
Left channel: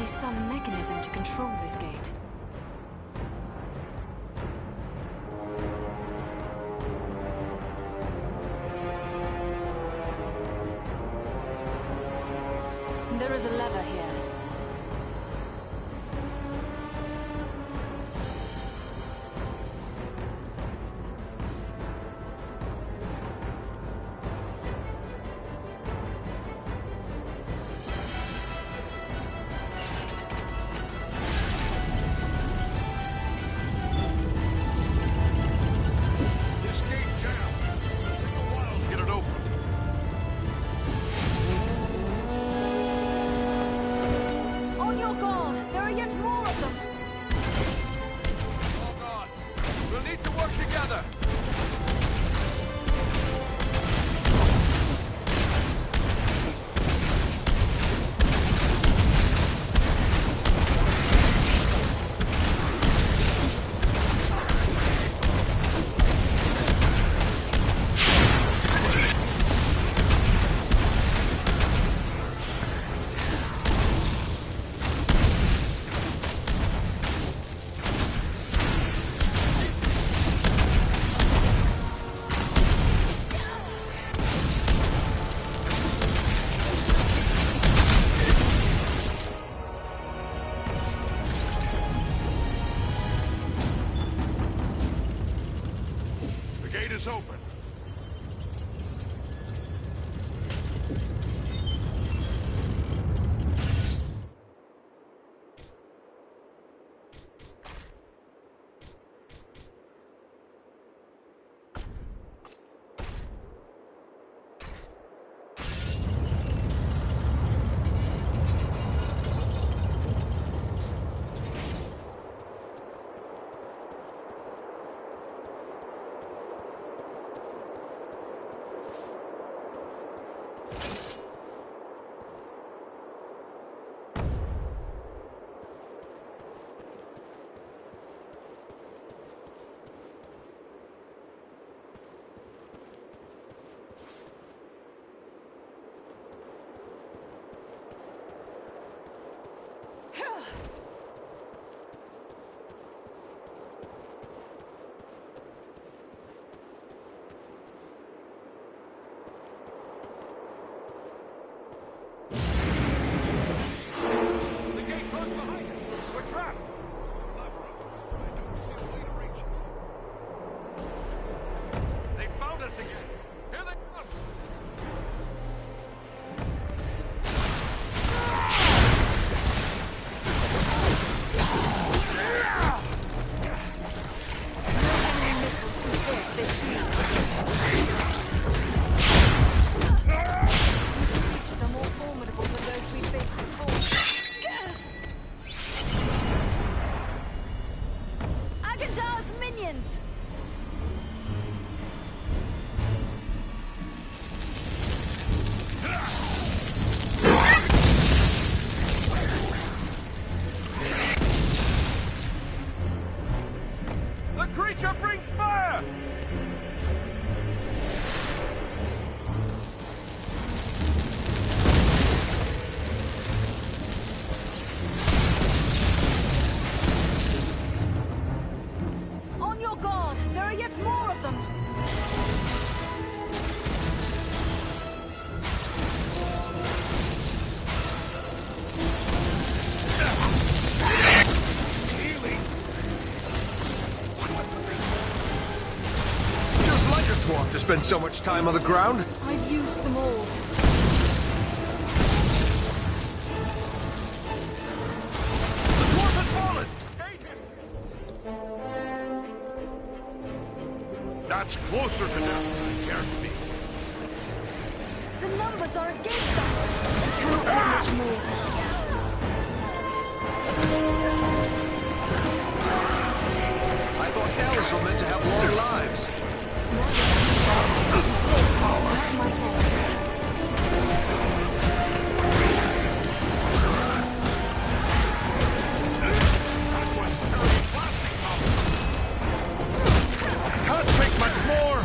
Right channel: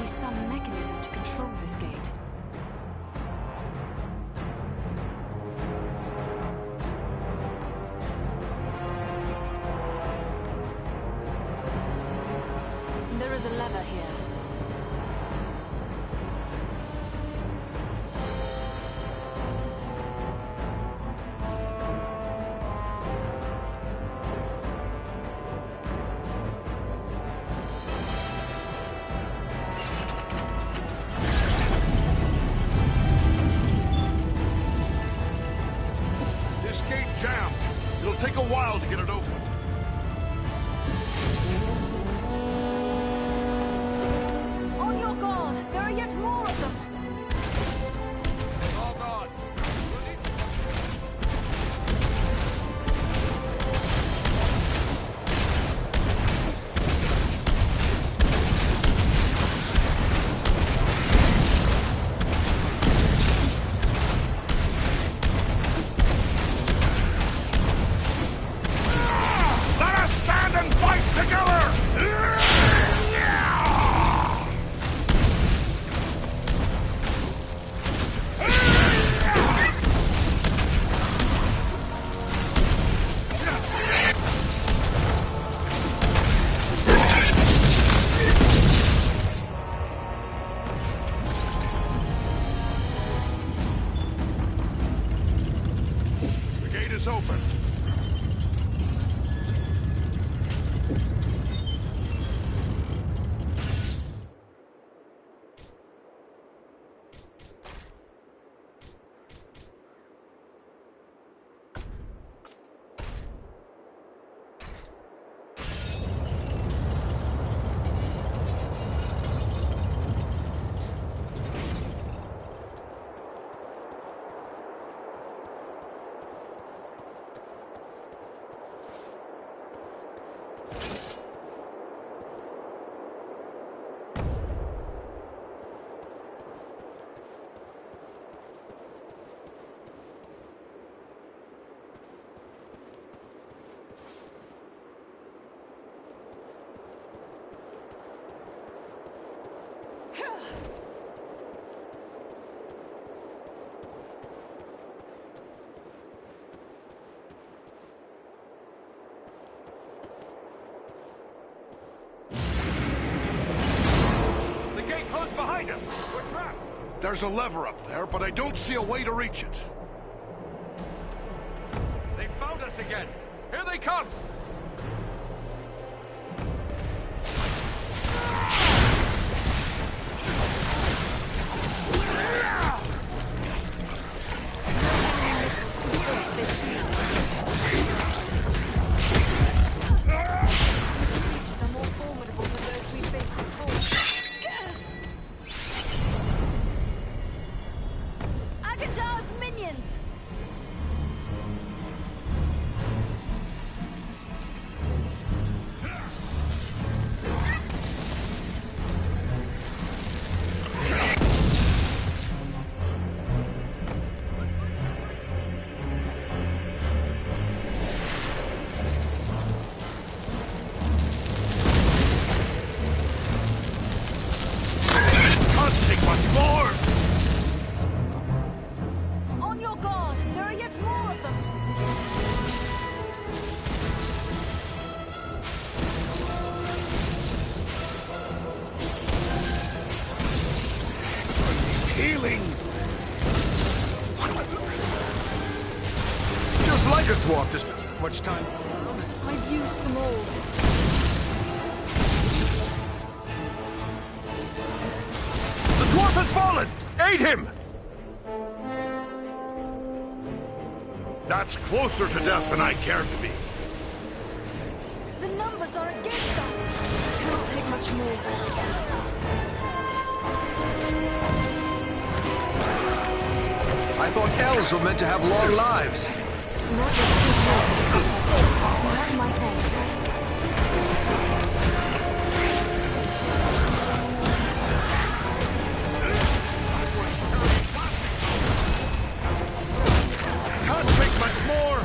be some mechanism to control this gate. There is a lever here. This gate jammed. It'll take a while to get it open. On your guard! There are yet more of them! All gods, we'll need to work together. Let us stand and fight together! The gate is open. The gate closed behind us. We're trapped. There's a lever up there, but I don't see a way to reach it. They found us again. Here they come. Missiles can pierce this shield. These creatures are more formidable than those we faced before. Agandar's minions! The creature brings fire. On your guard! There are yet more of them! Healing! Just like a dwarf to spend so much time on the ground. I've used them all. The dwarf has fallen. Aid him. That's closer to death than I care to be. The numbers are against us! It cannot take much more. I thought elves were meant to have long lives. Not just you have my thanks. Can't take much more.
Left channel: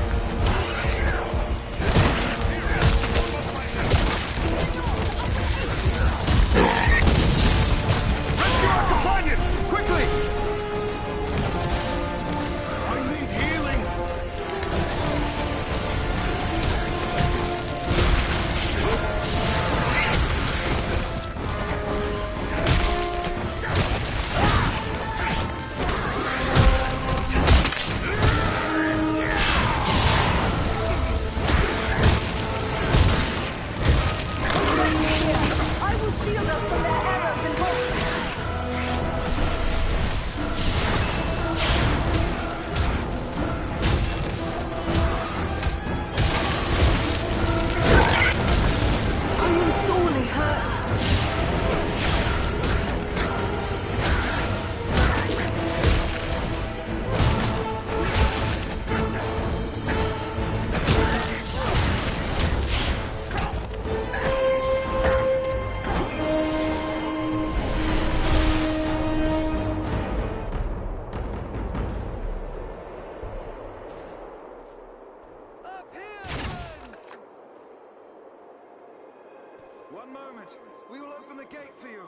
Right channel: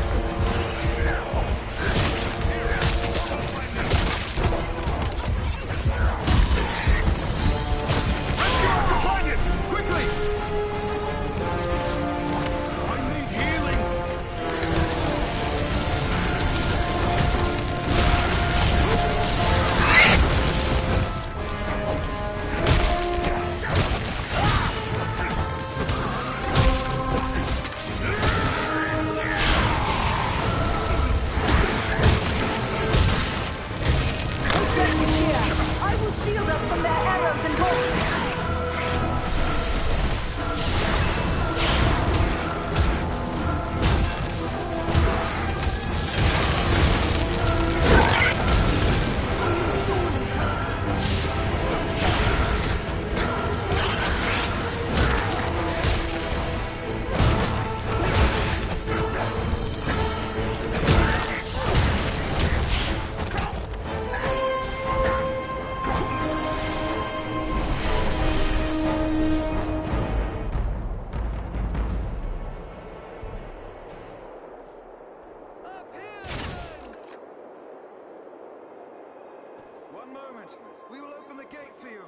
One moment. We will open the gate for you.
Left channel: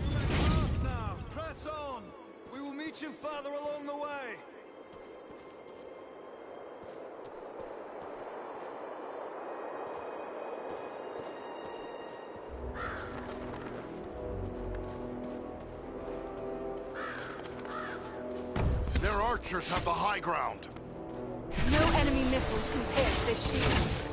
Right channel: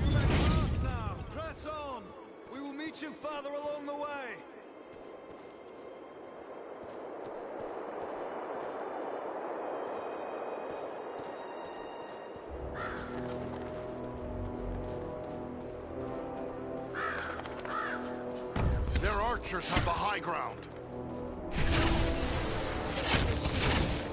You may pass now. Press on. We will meet you farther along the way. Their archers have the high ground. No enemy missiles can force this shield.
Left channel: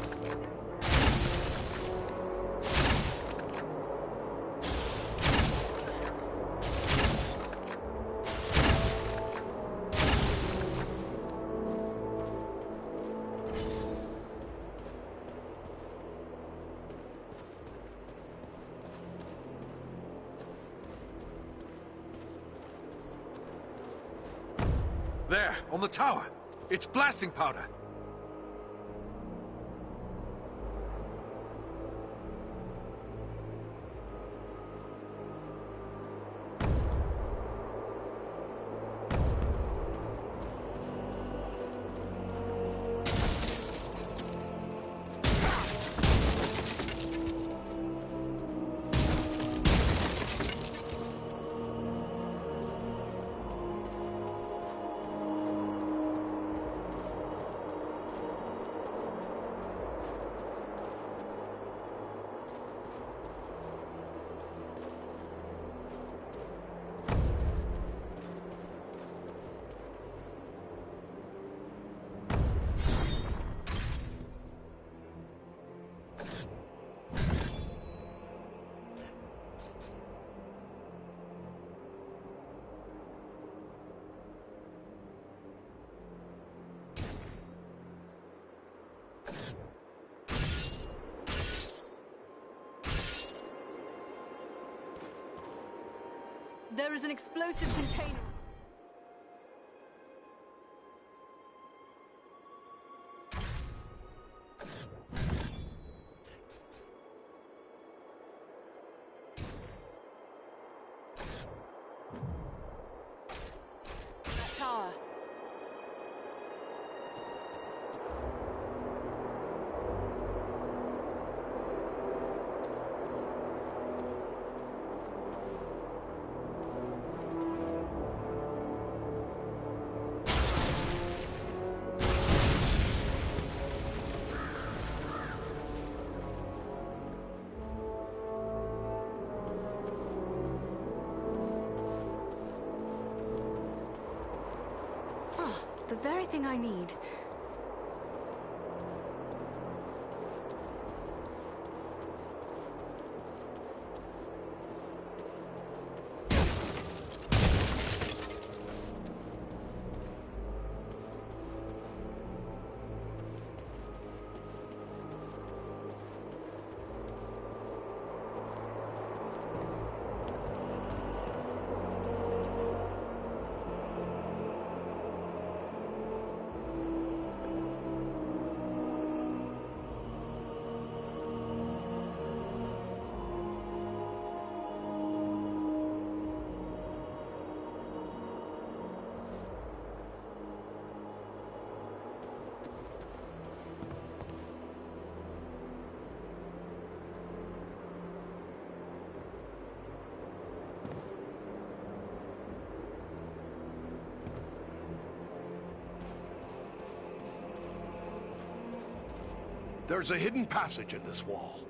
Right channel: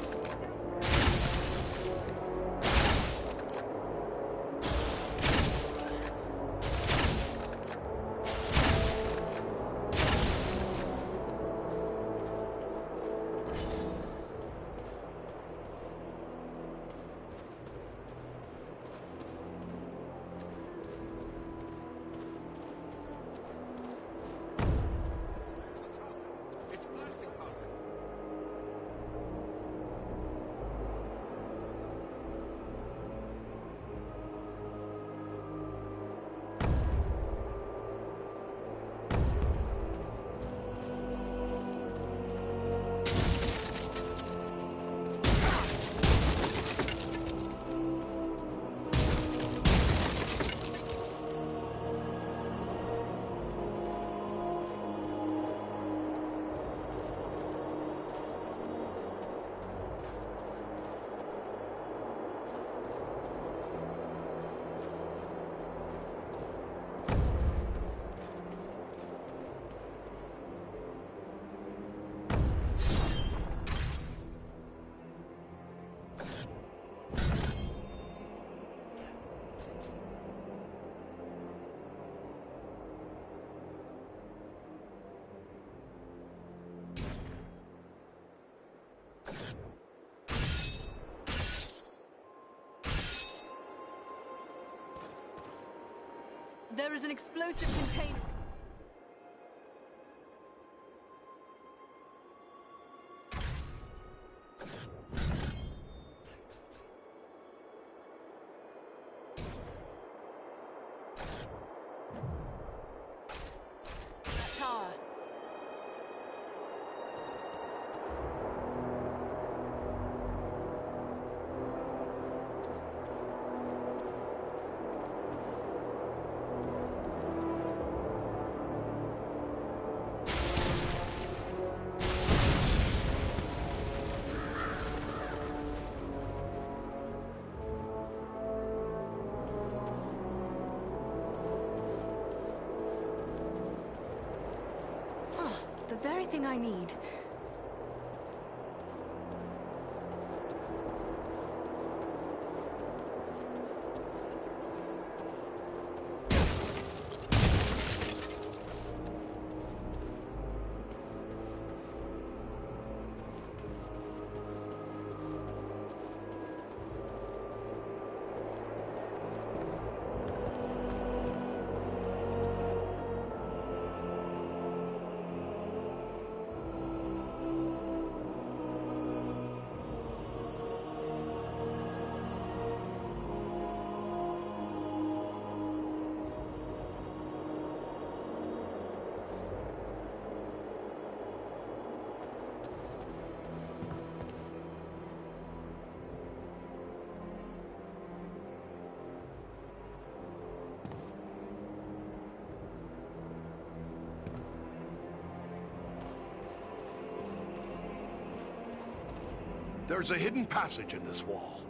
There, on the tower. It's blasting powder. There is an explosive container. That tower. The very thing I need. There's a hidden passage in this wall.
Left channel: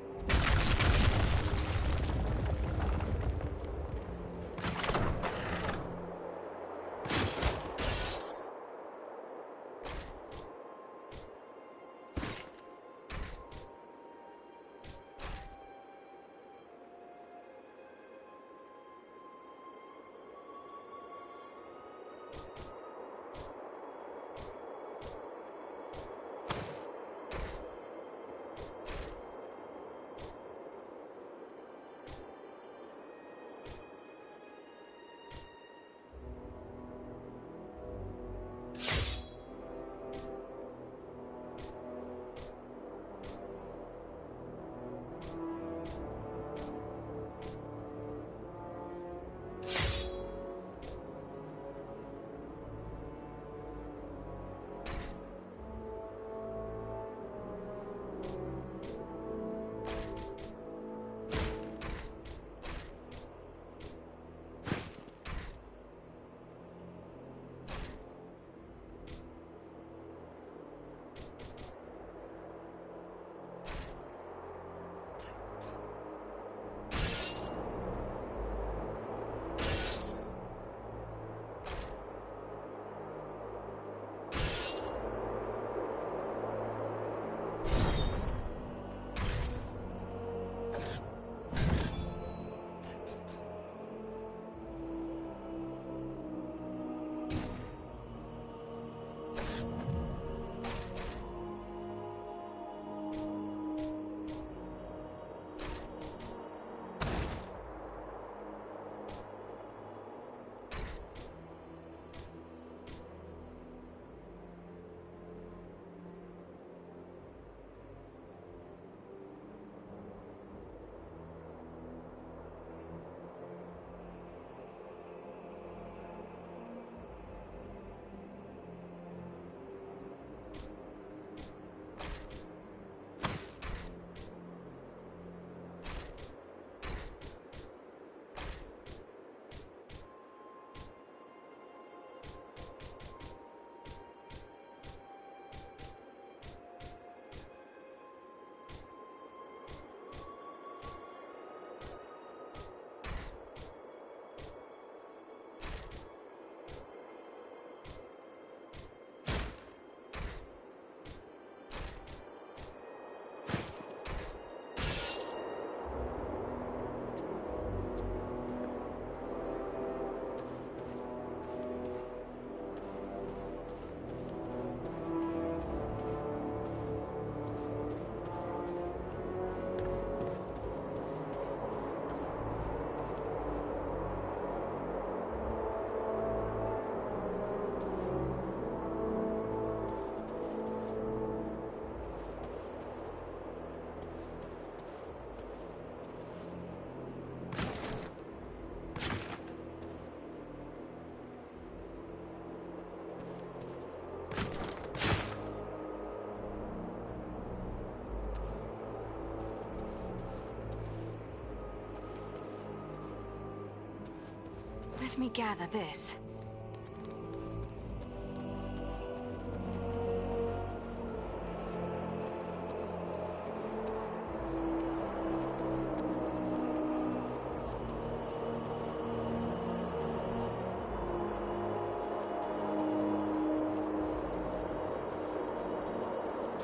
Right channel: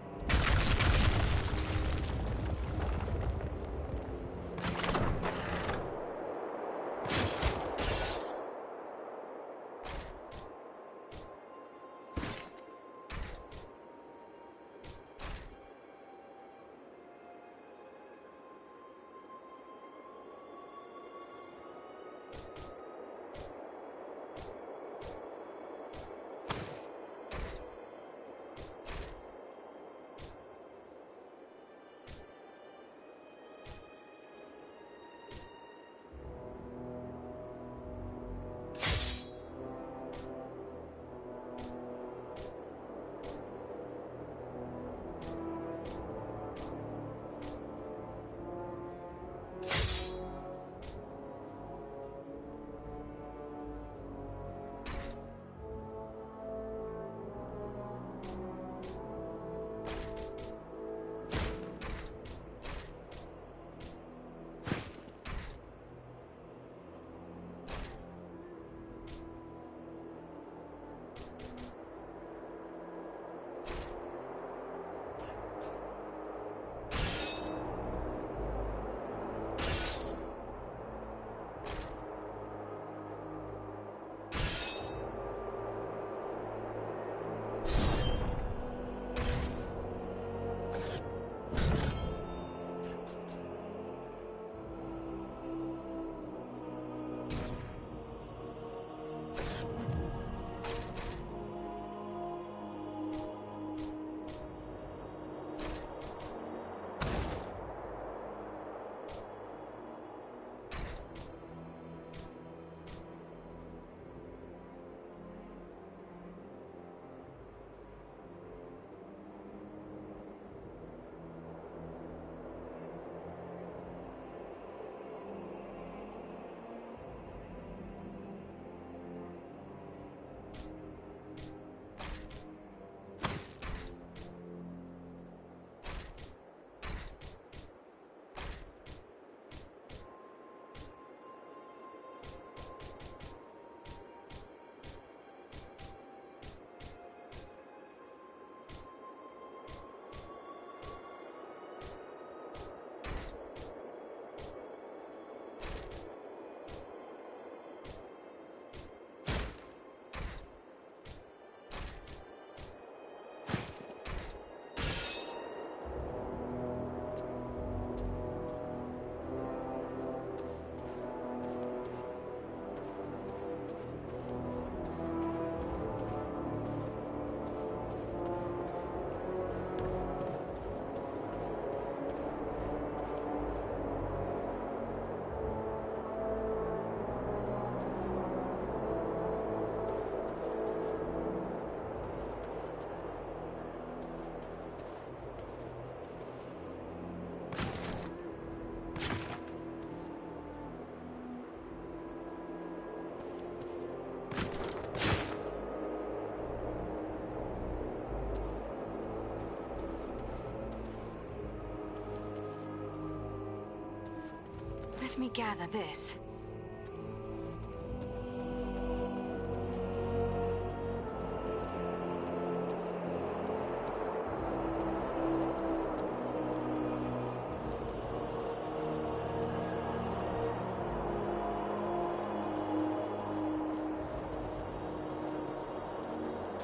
Let me gather this.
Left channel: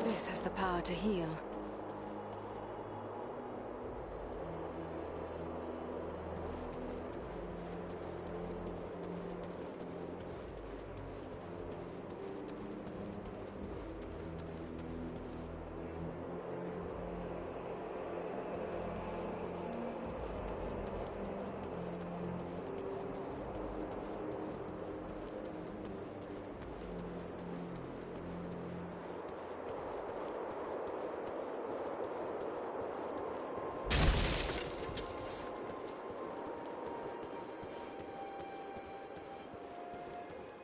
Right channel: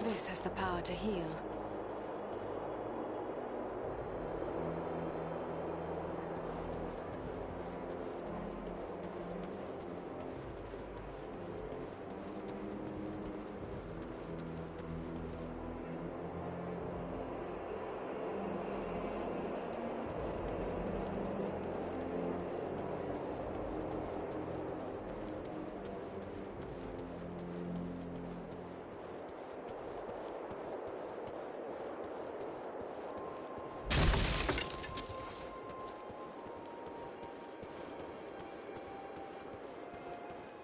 This has the power to heal.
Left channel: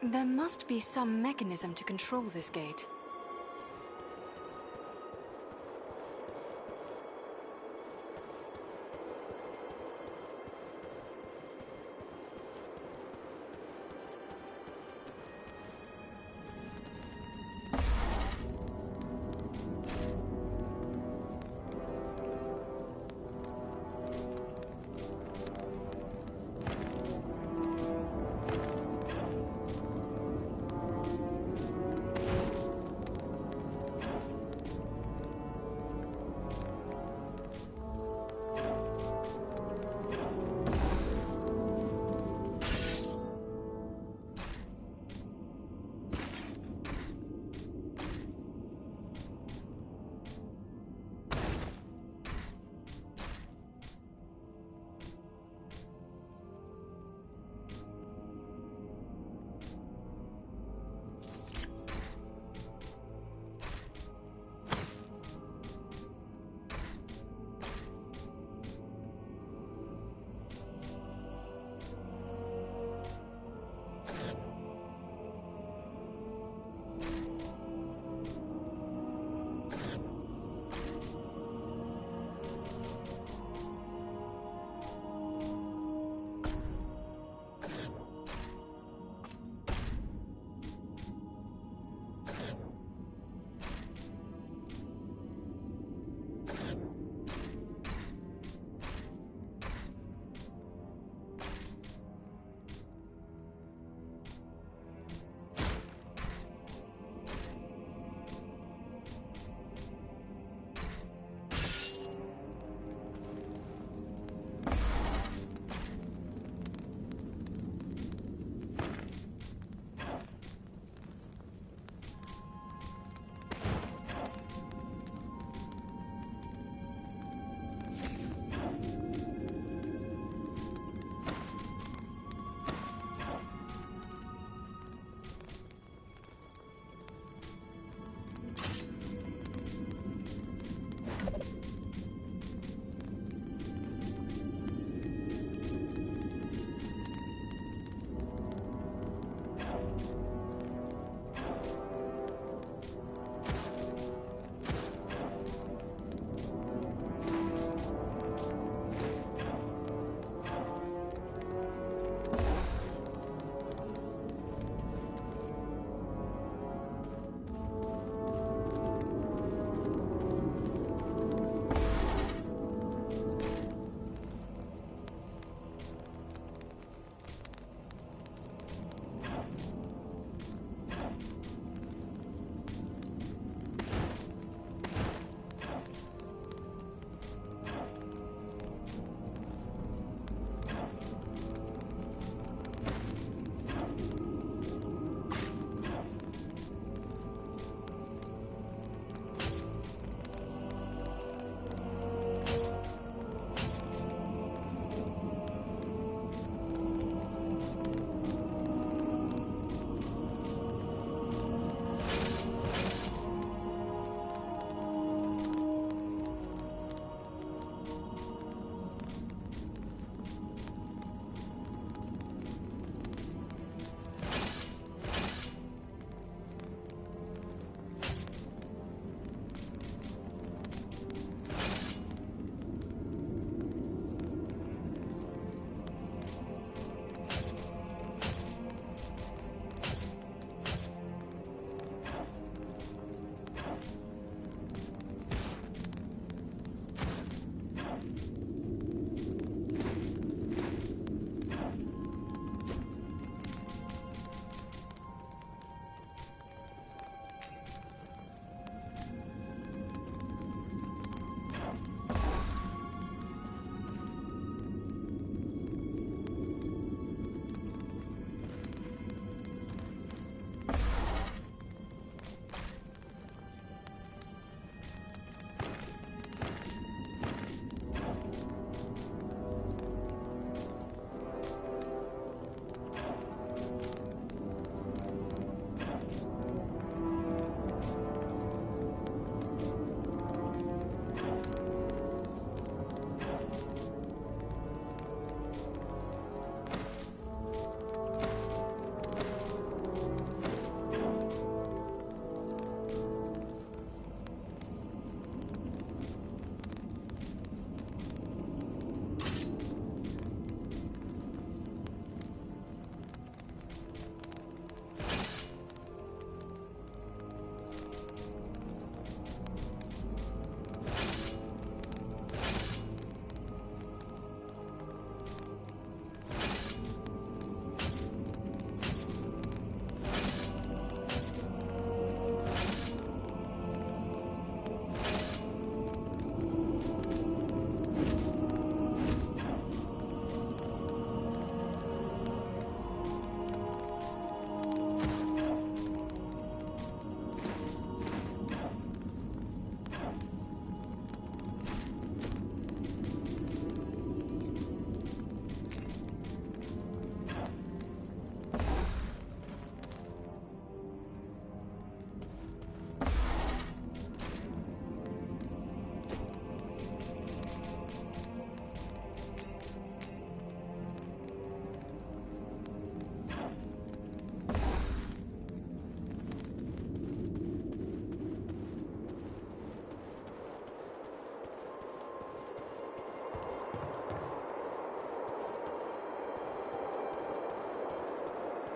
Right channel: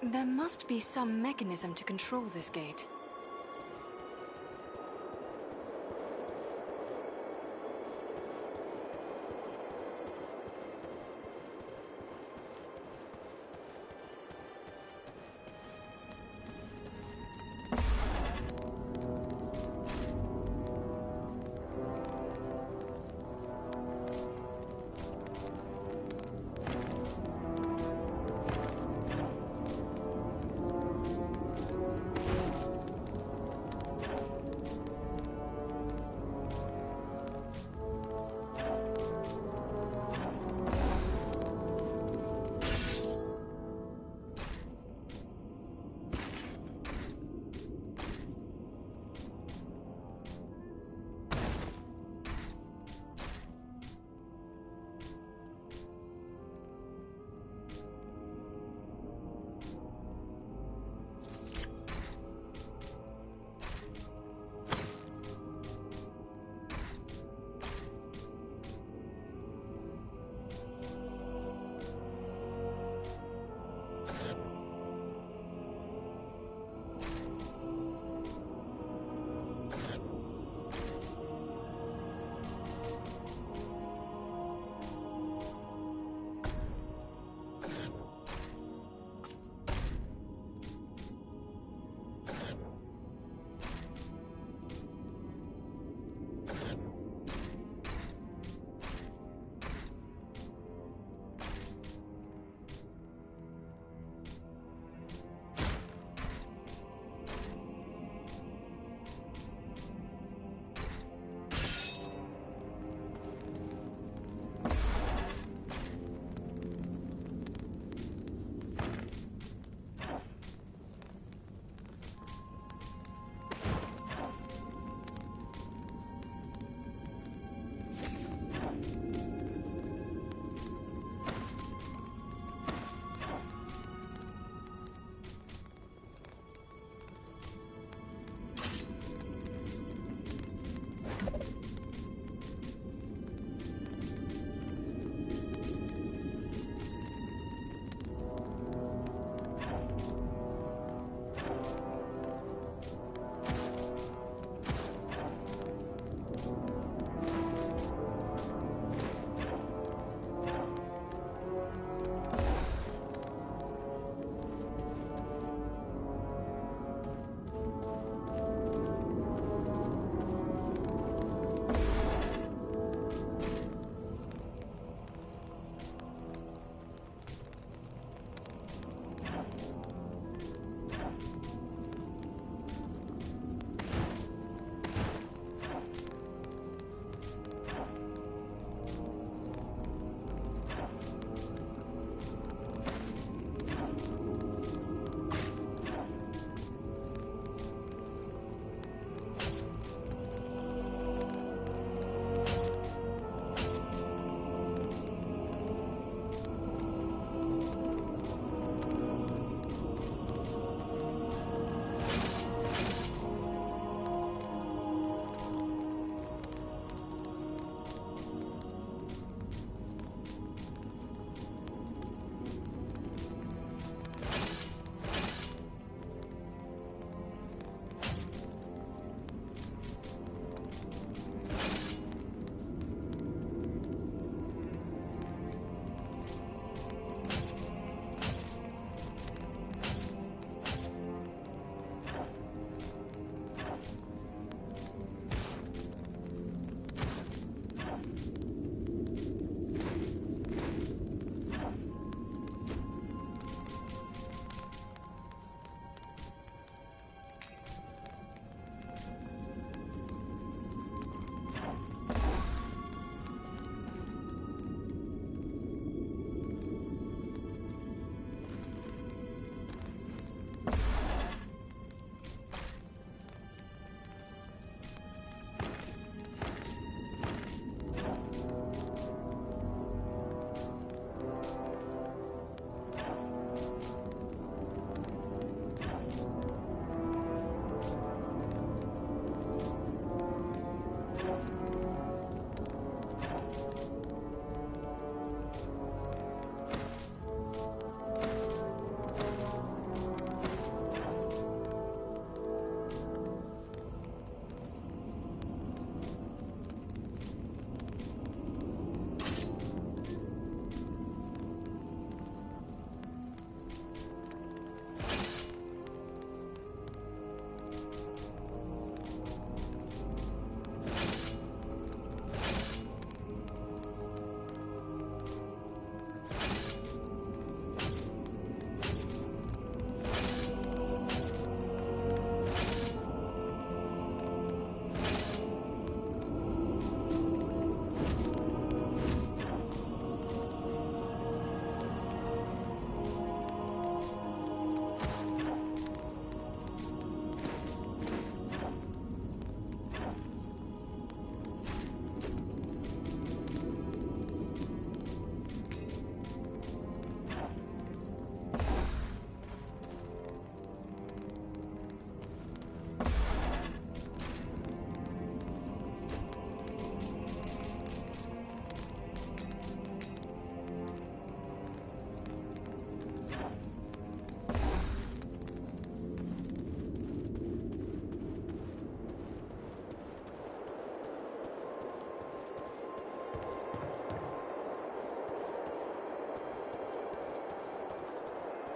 There must be some mechanism to control this gate.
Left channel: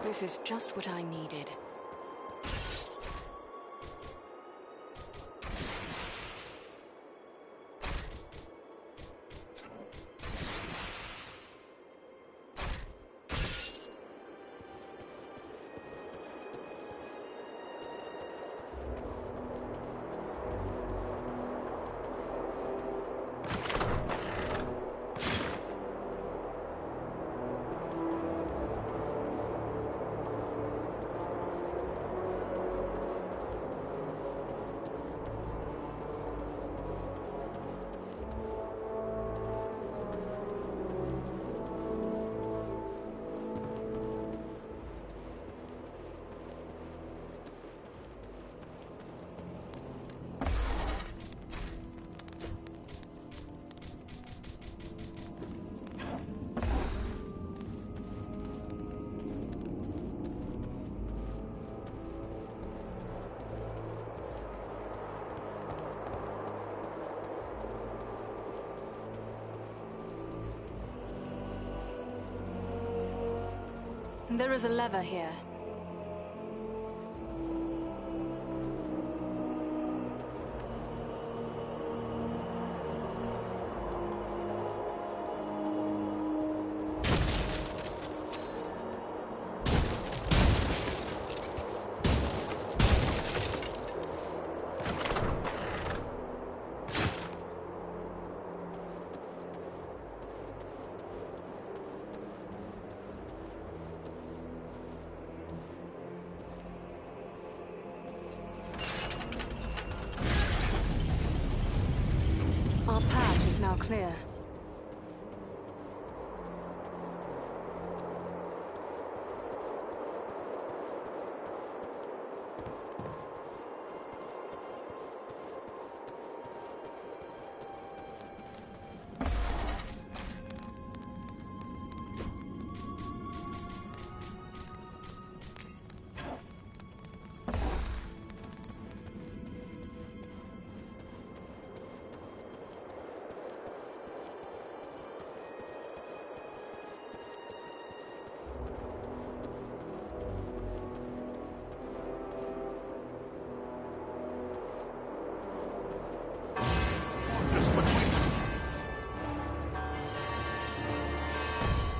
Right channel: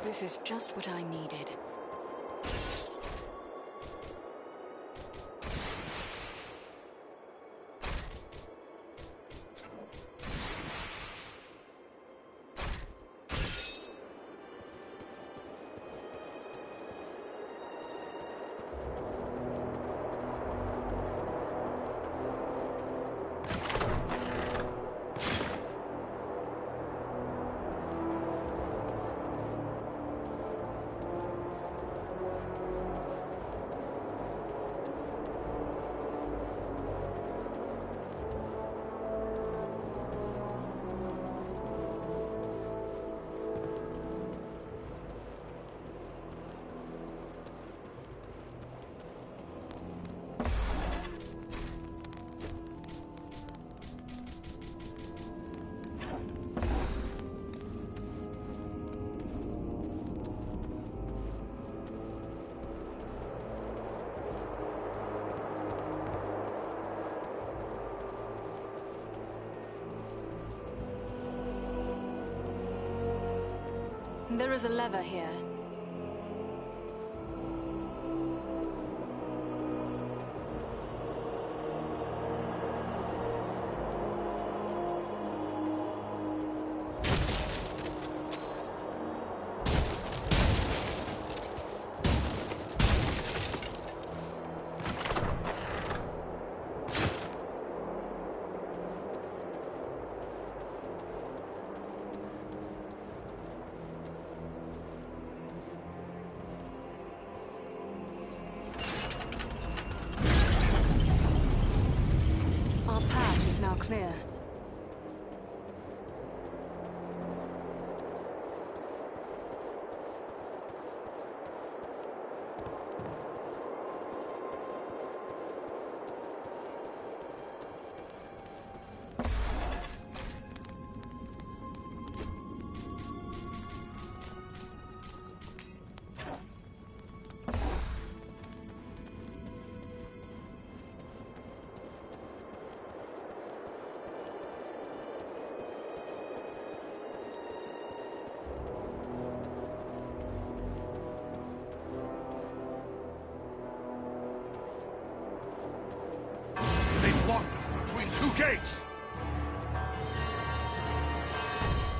This is just what I needed. There is a lever here. Our path is now clear.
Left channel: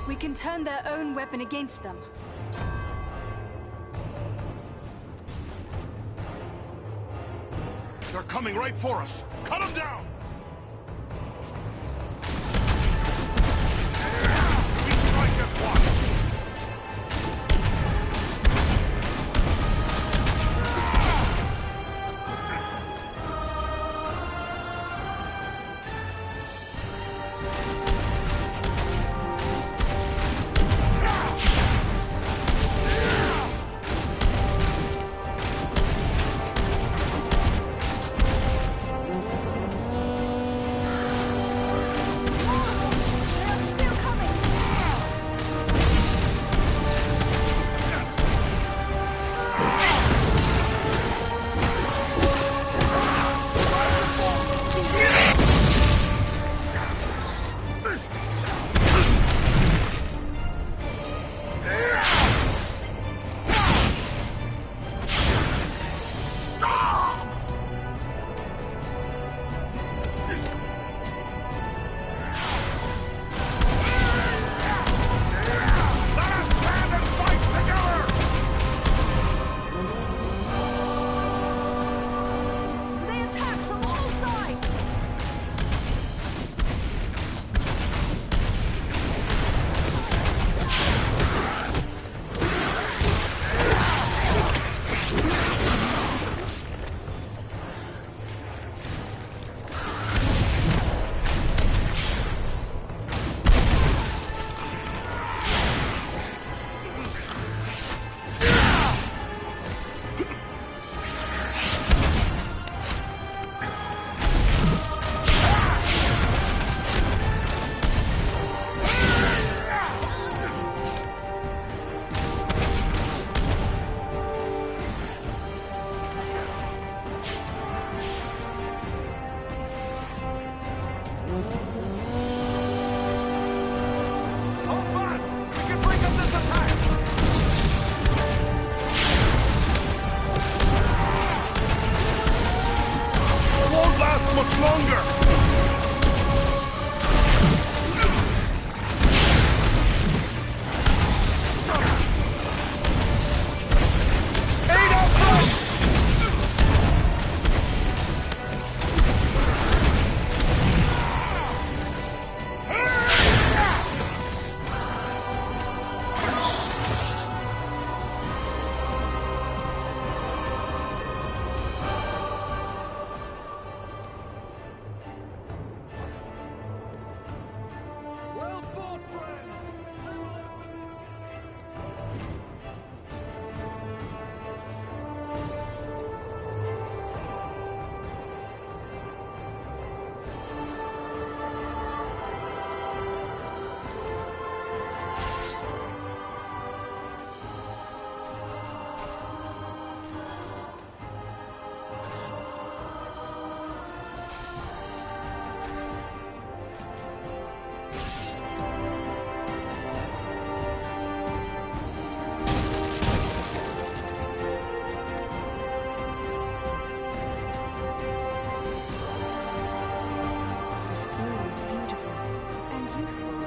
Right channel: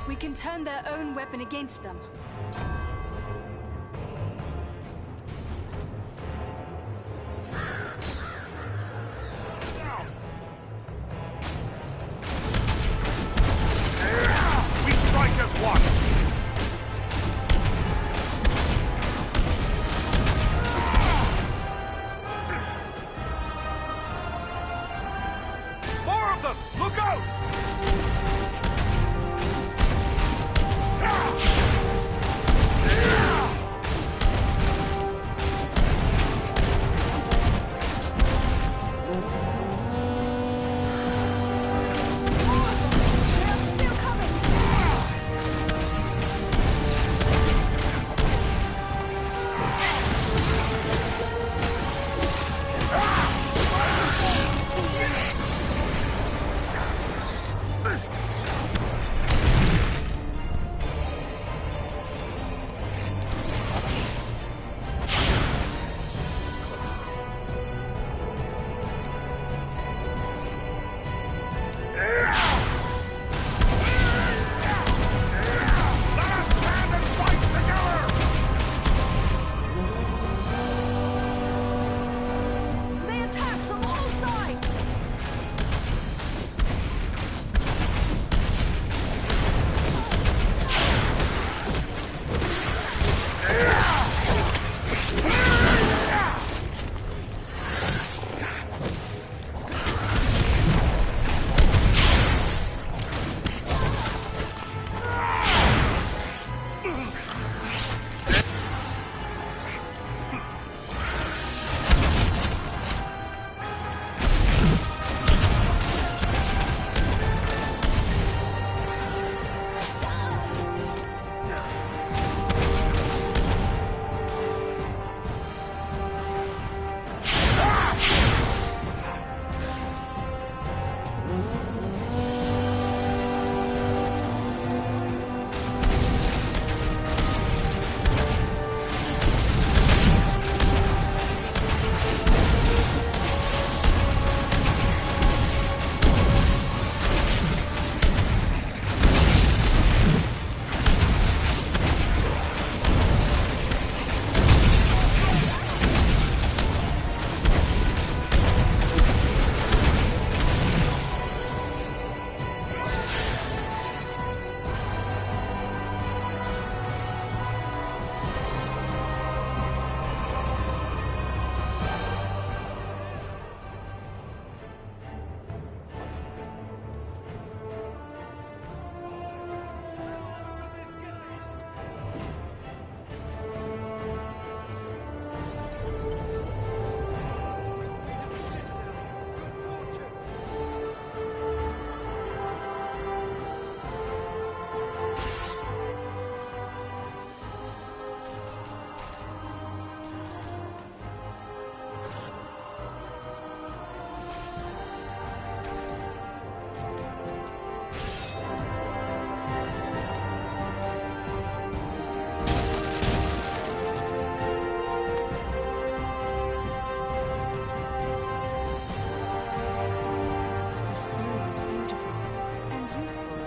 We can turn their own weapon against them. They're coming right for us. Cut them down! We strike as one!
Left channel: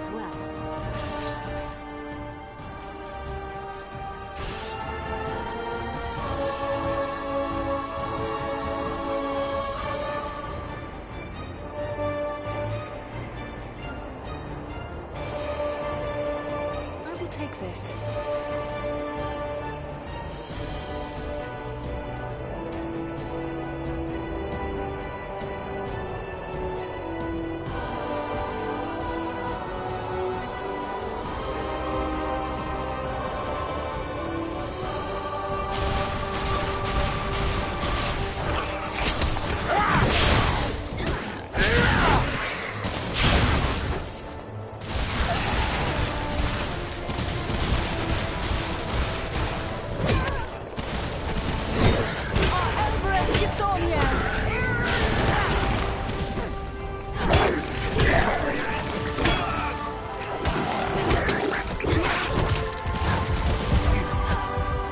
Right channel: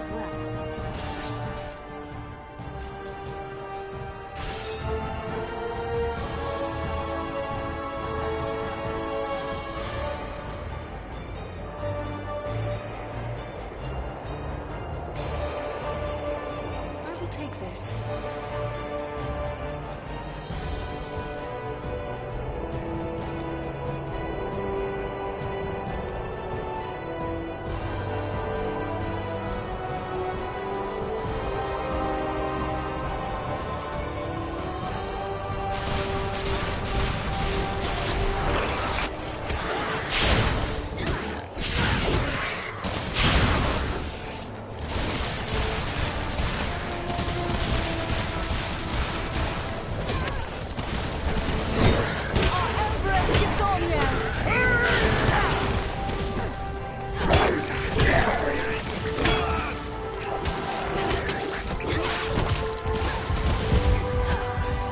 as well. I will take this.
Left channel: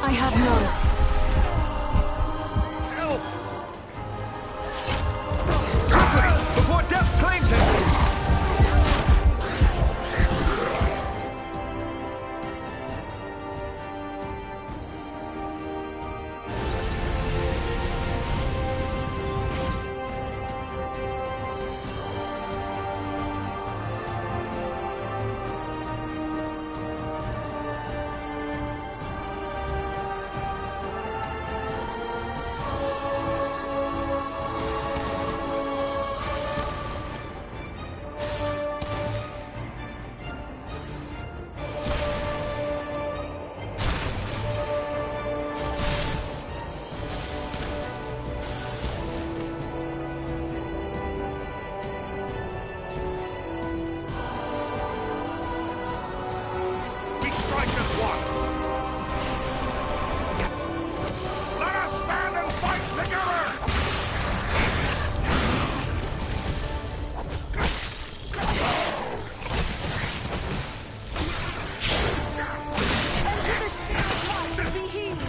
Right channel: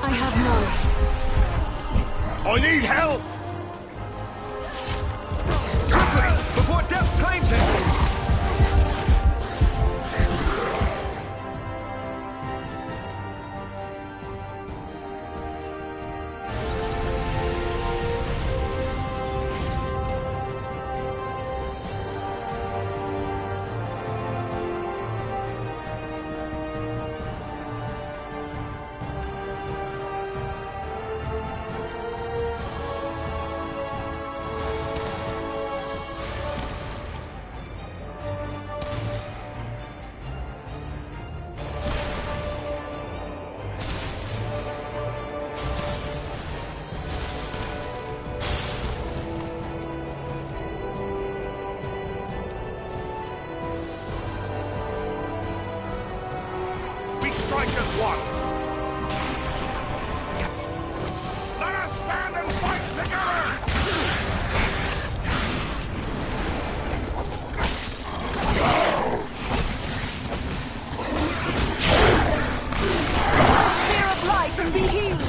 I have none. I need help! Somebody, before death claims it! Strike as one! Let us stand and fight together! Spear of light and be healed!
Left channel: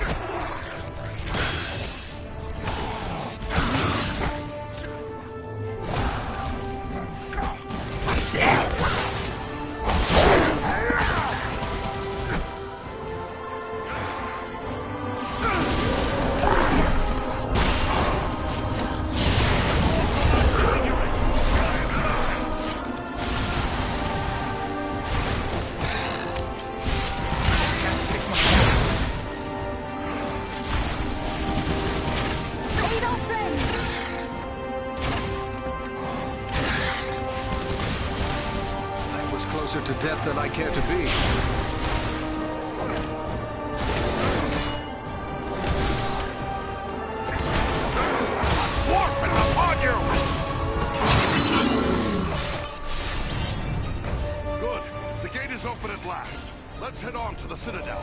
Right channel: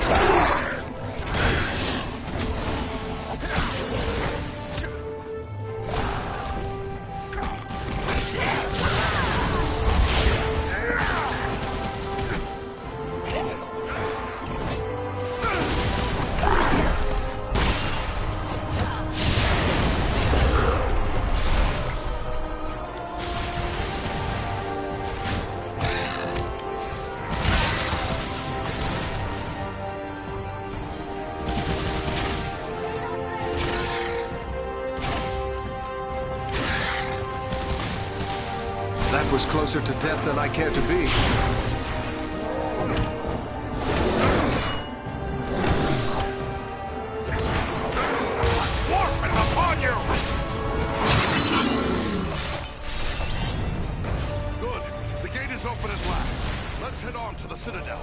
That was closer to death than I care to be. Dwarf is upon you! Good. The gate is open at last. Let's head on to the Citadel.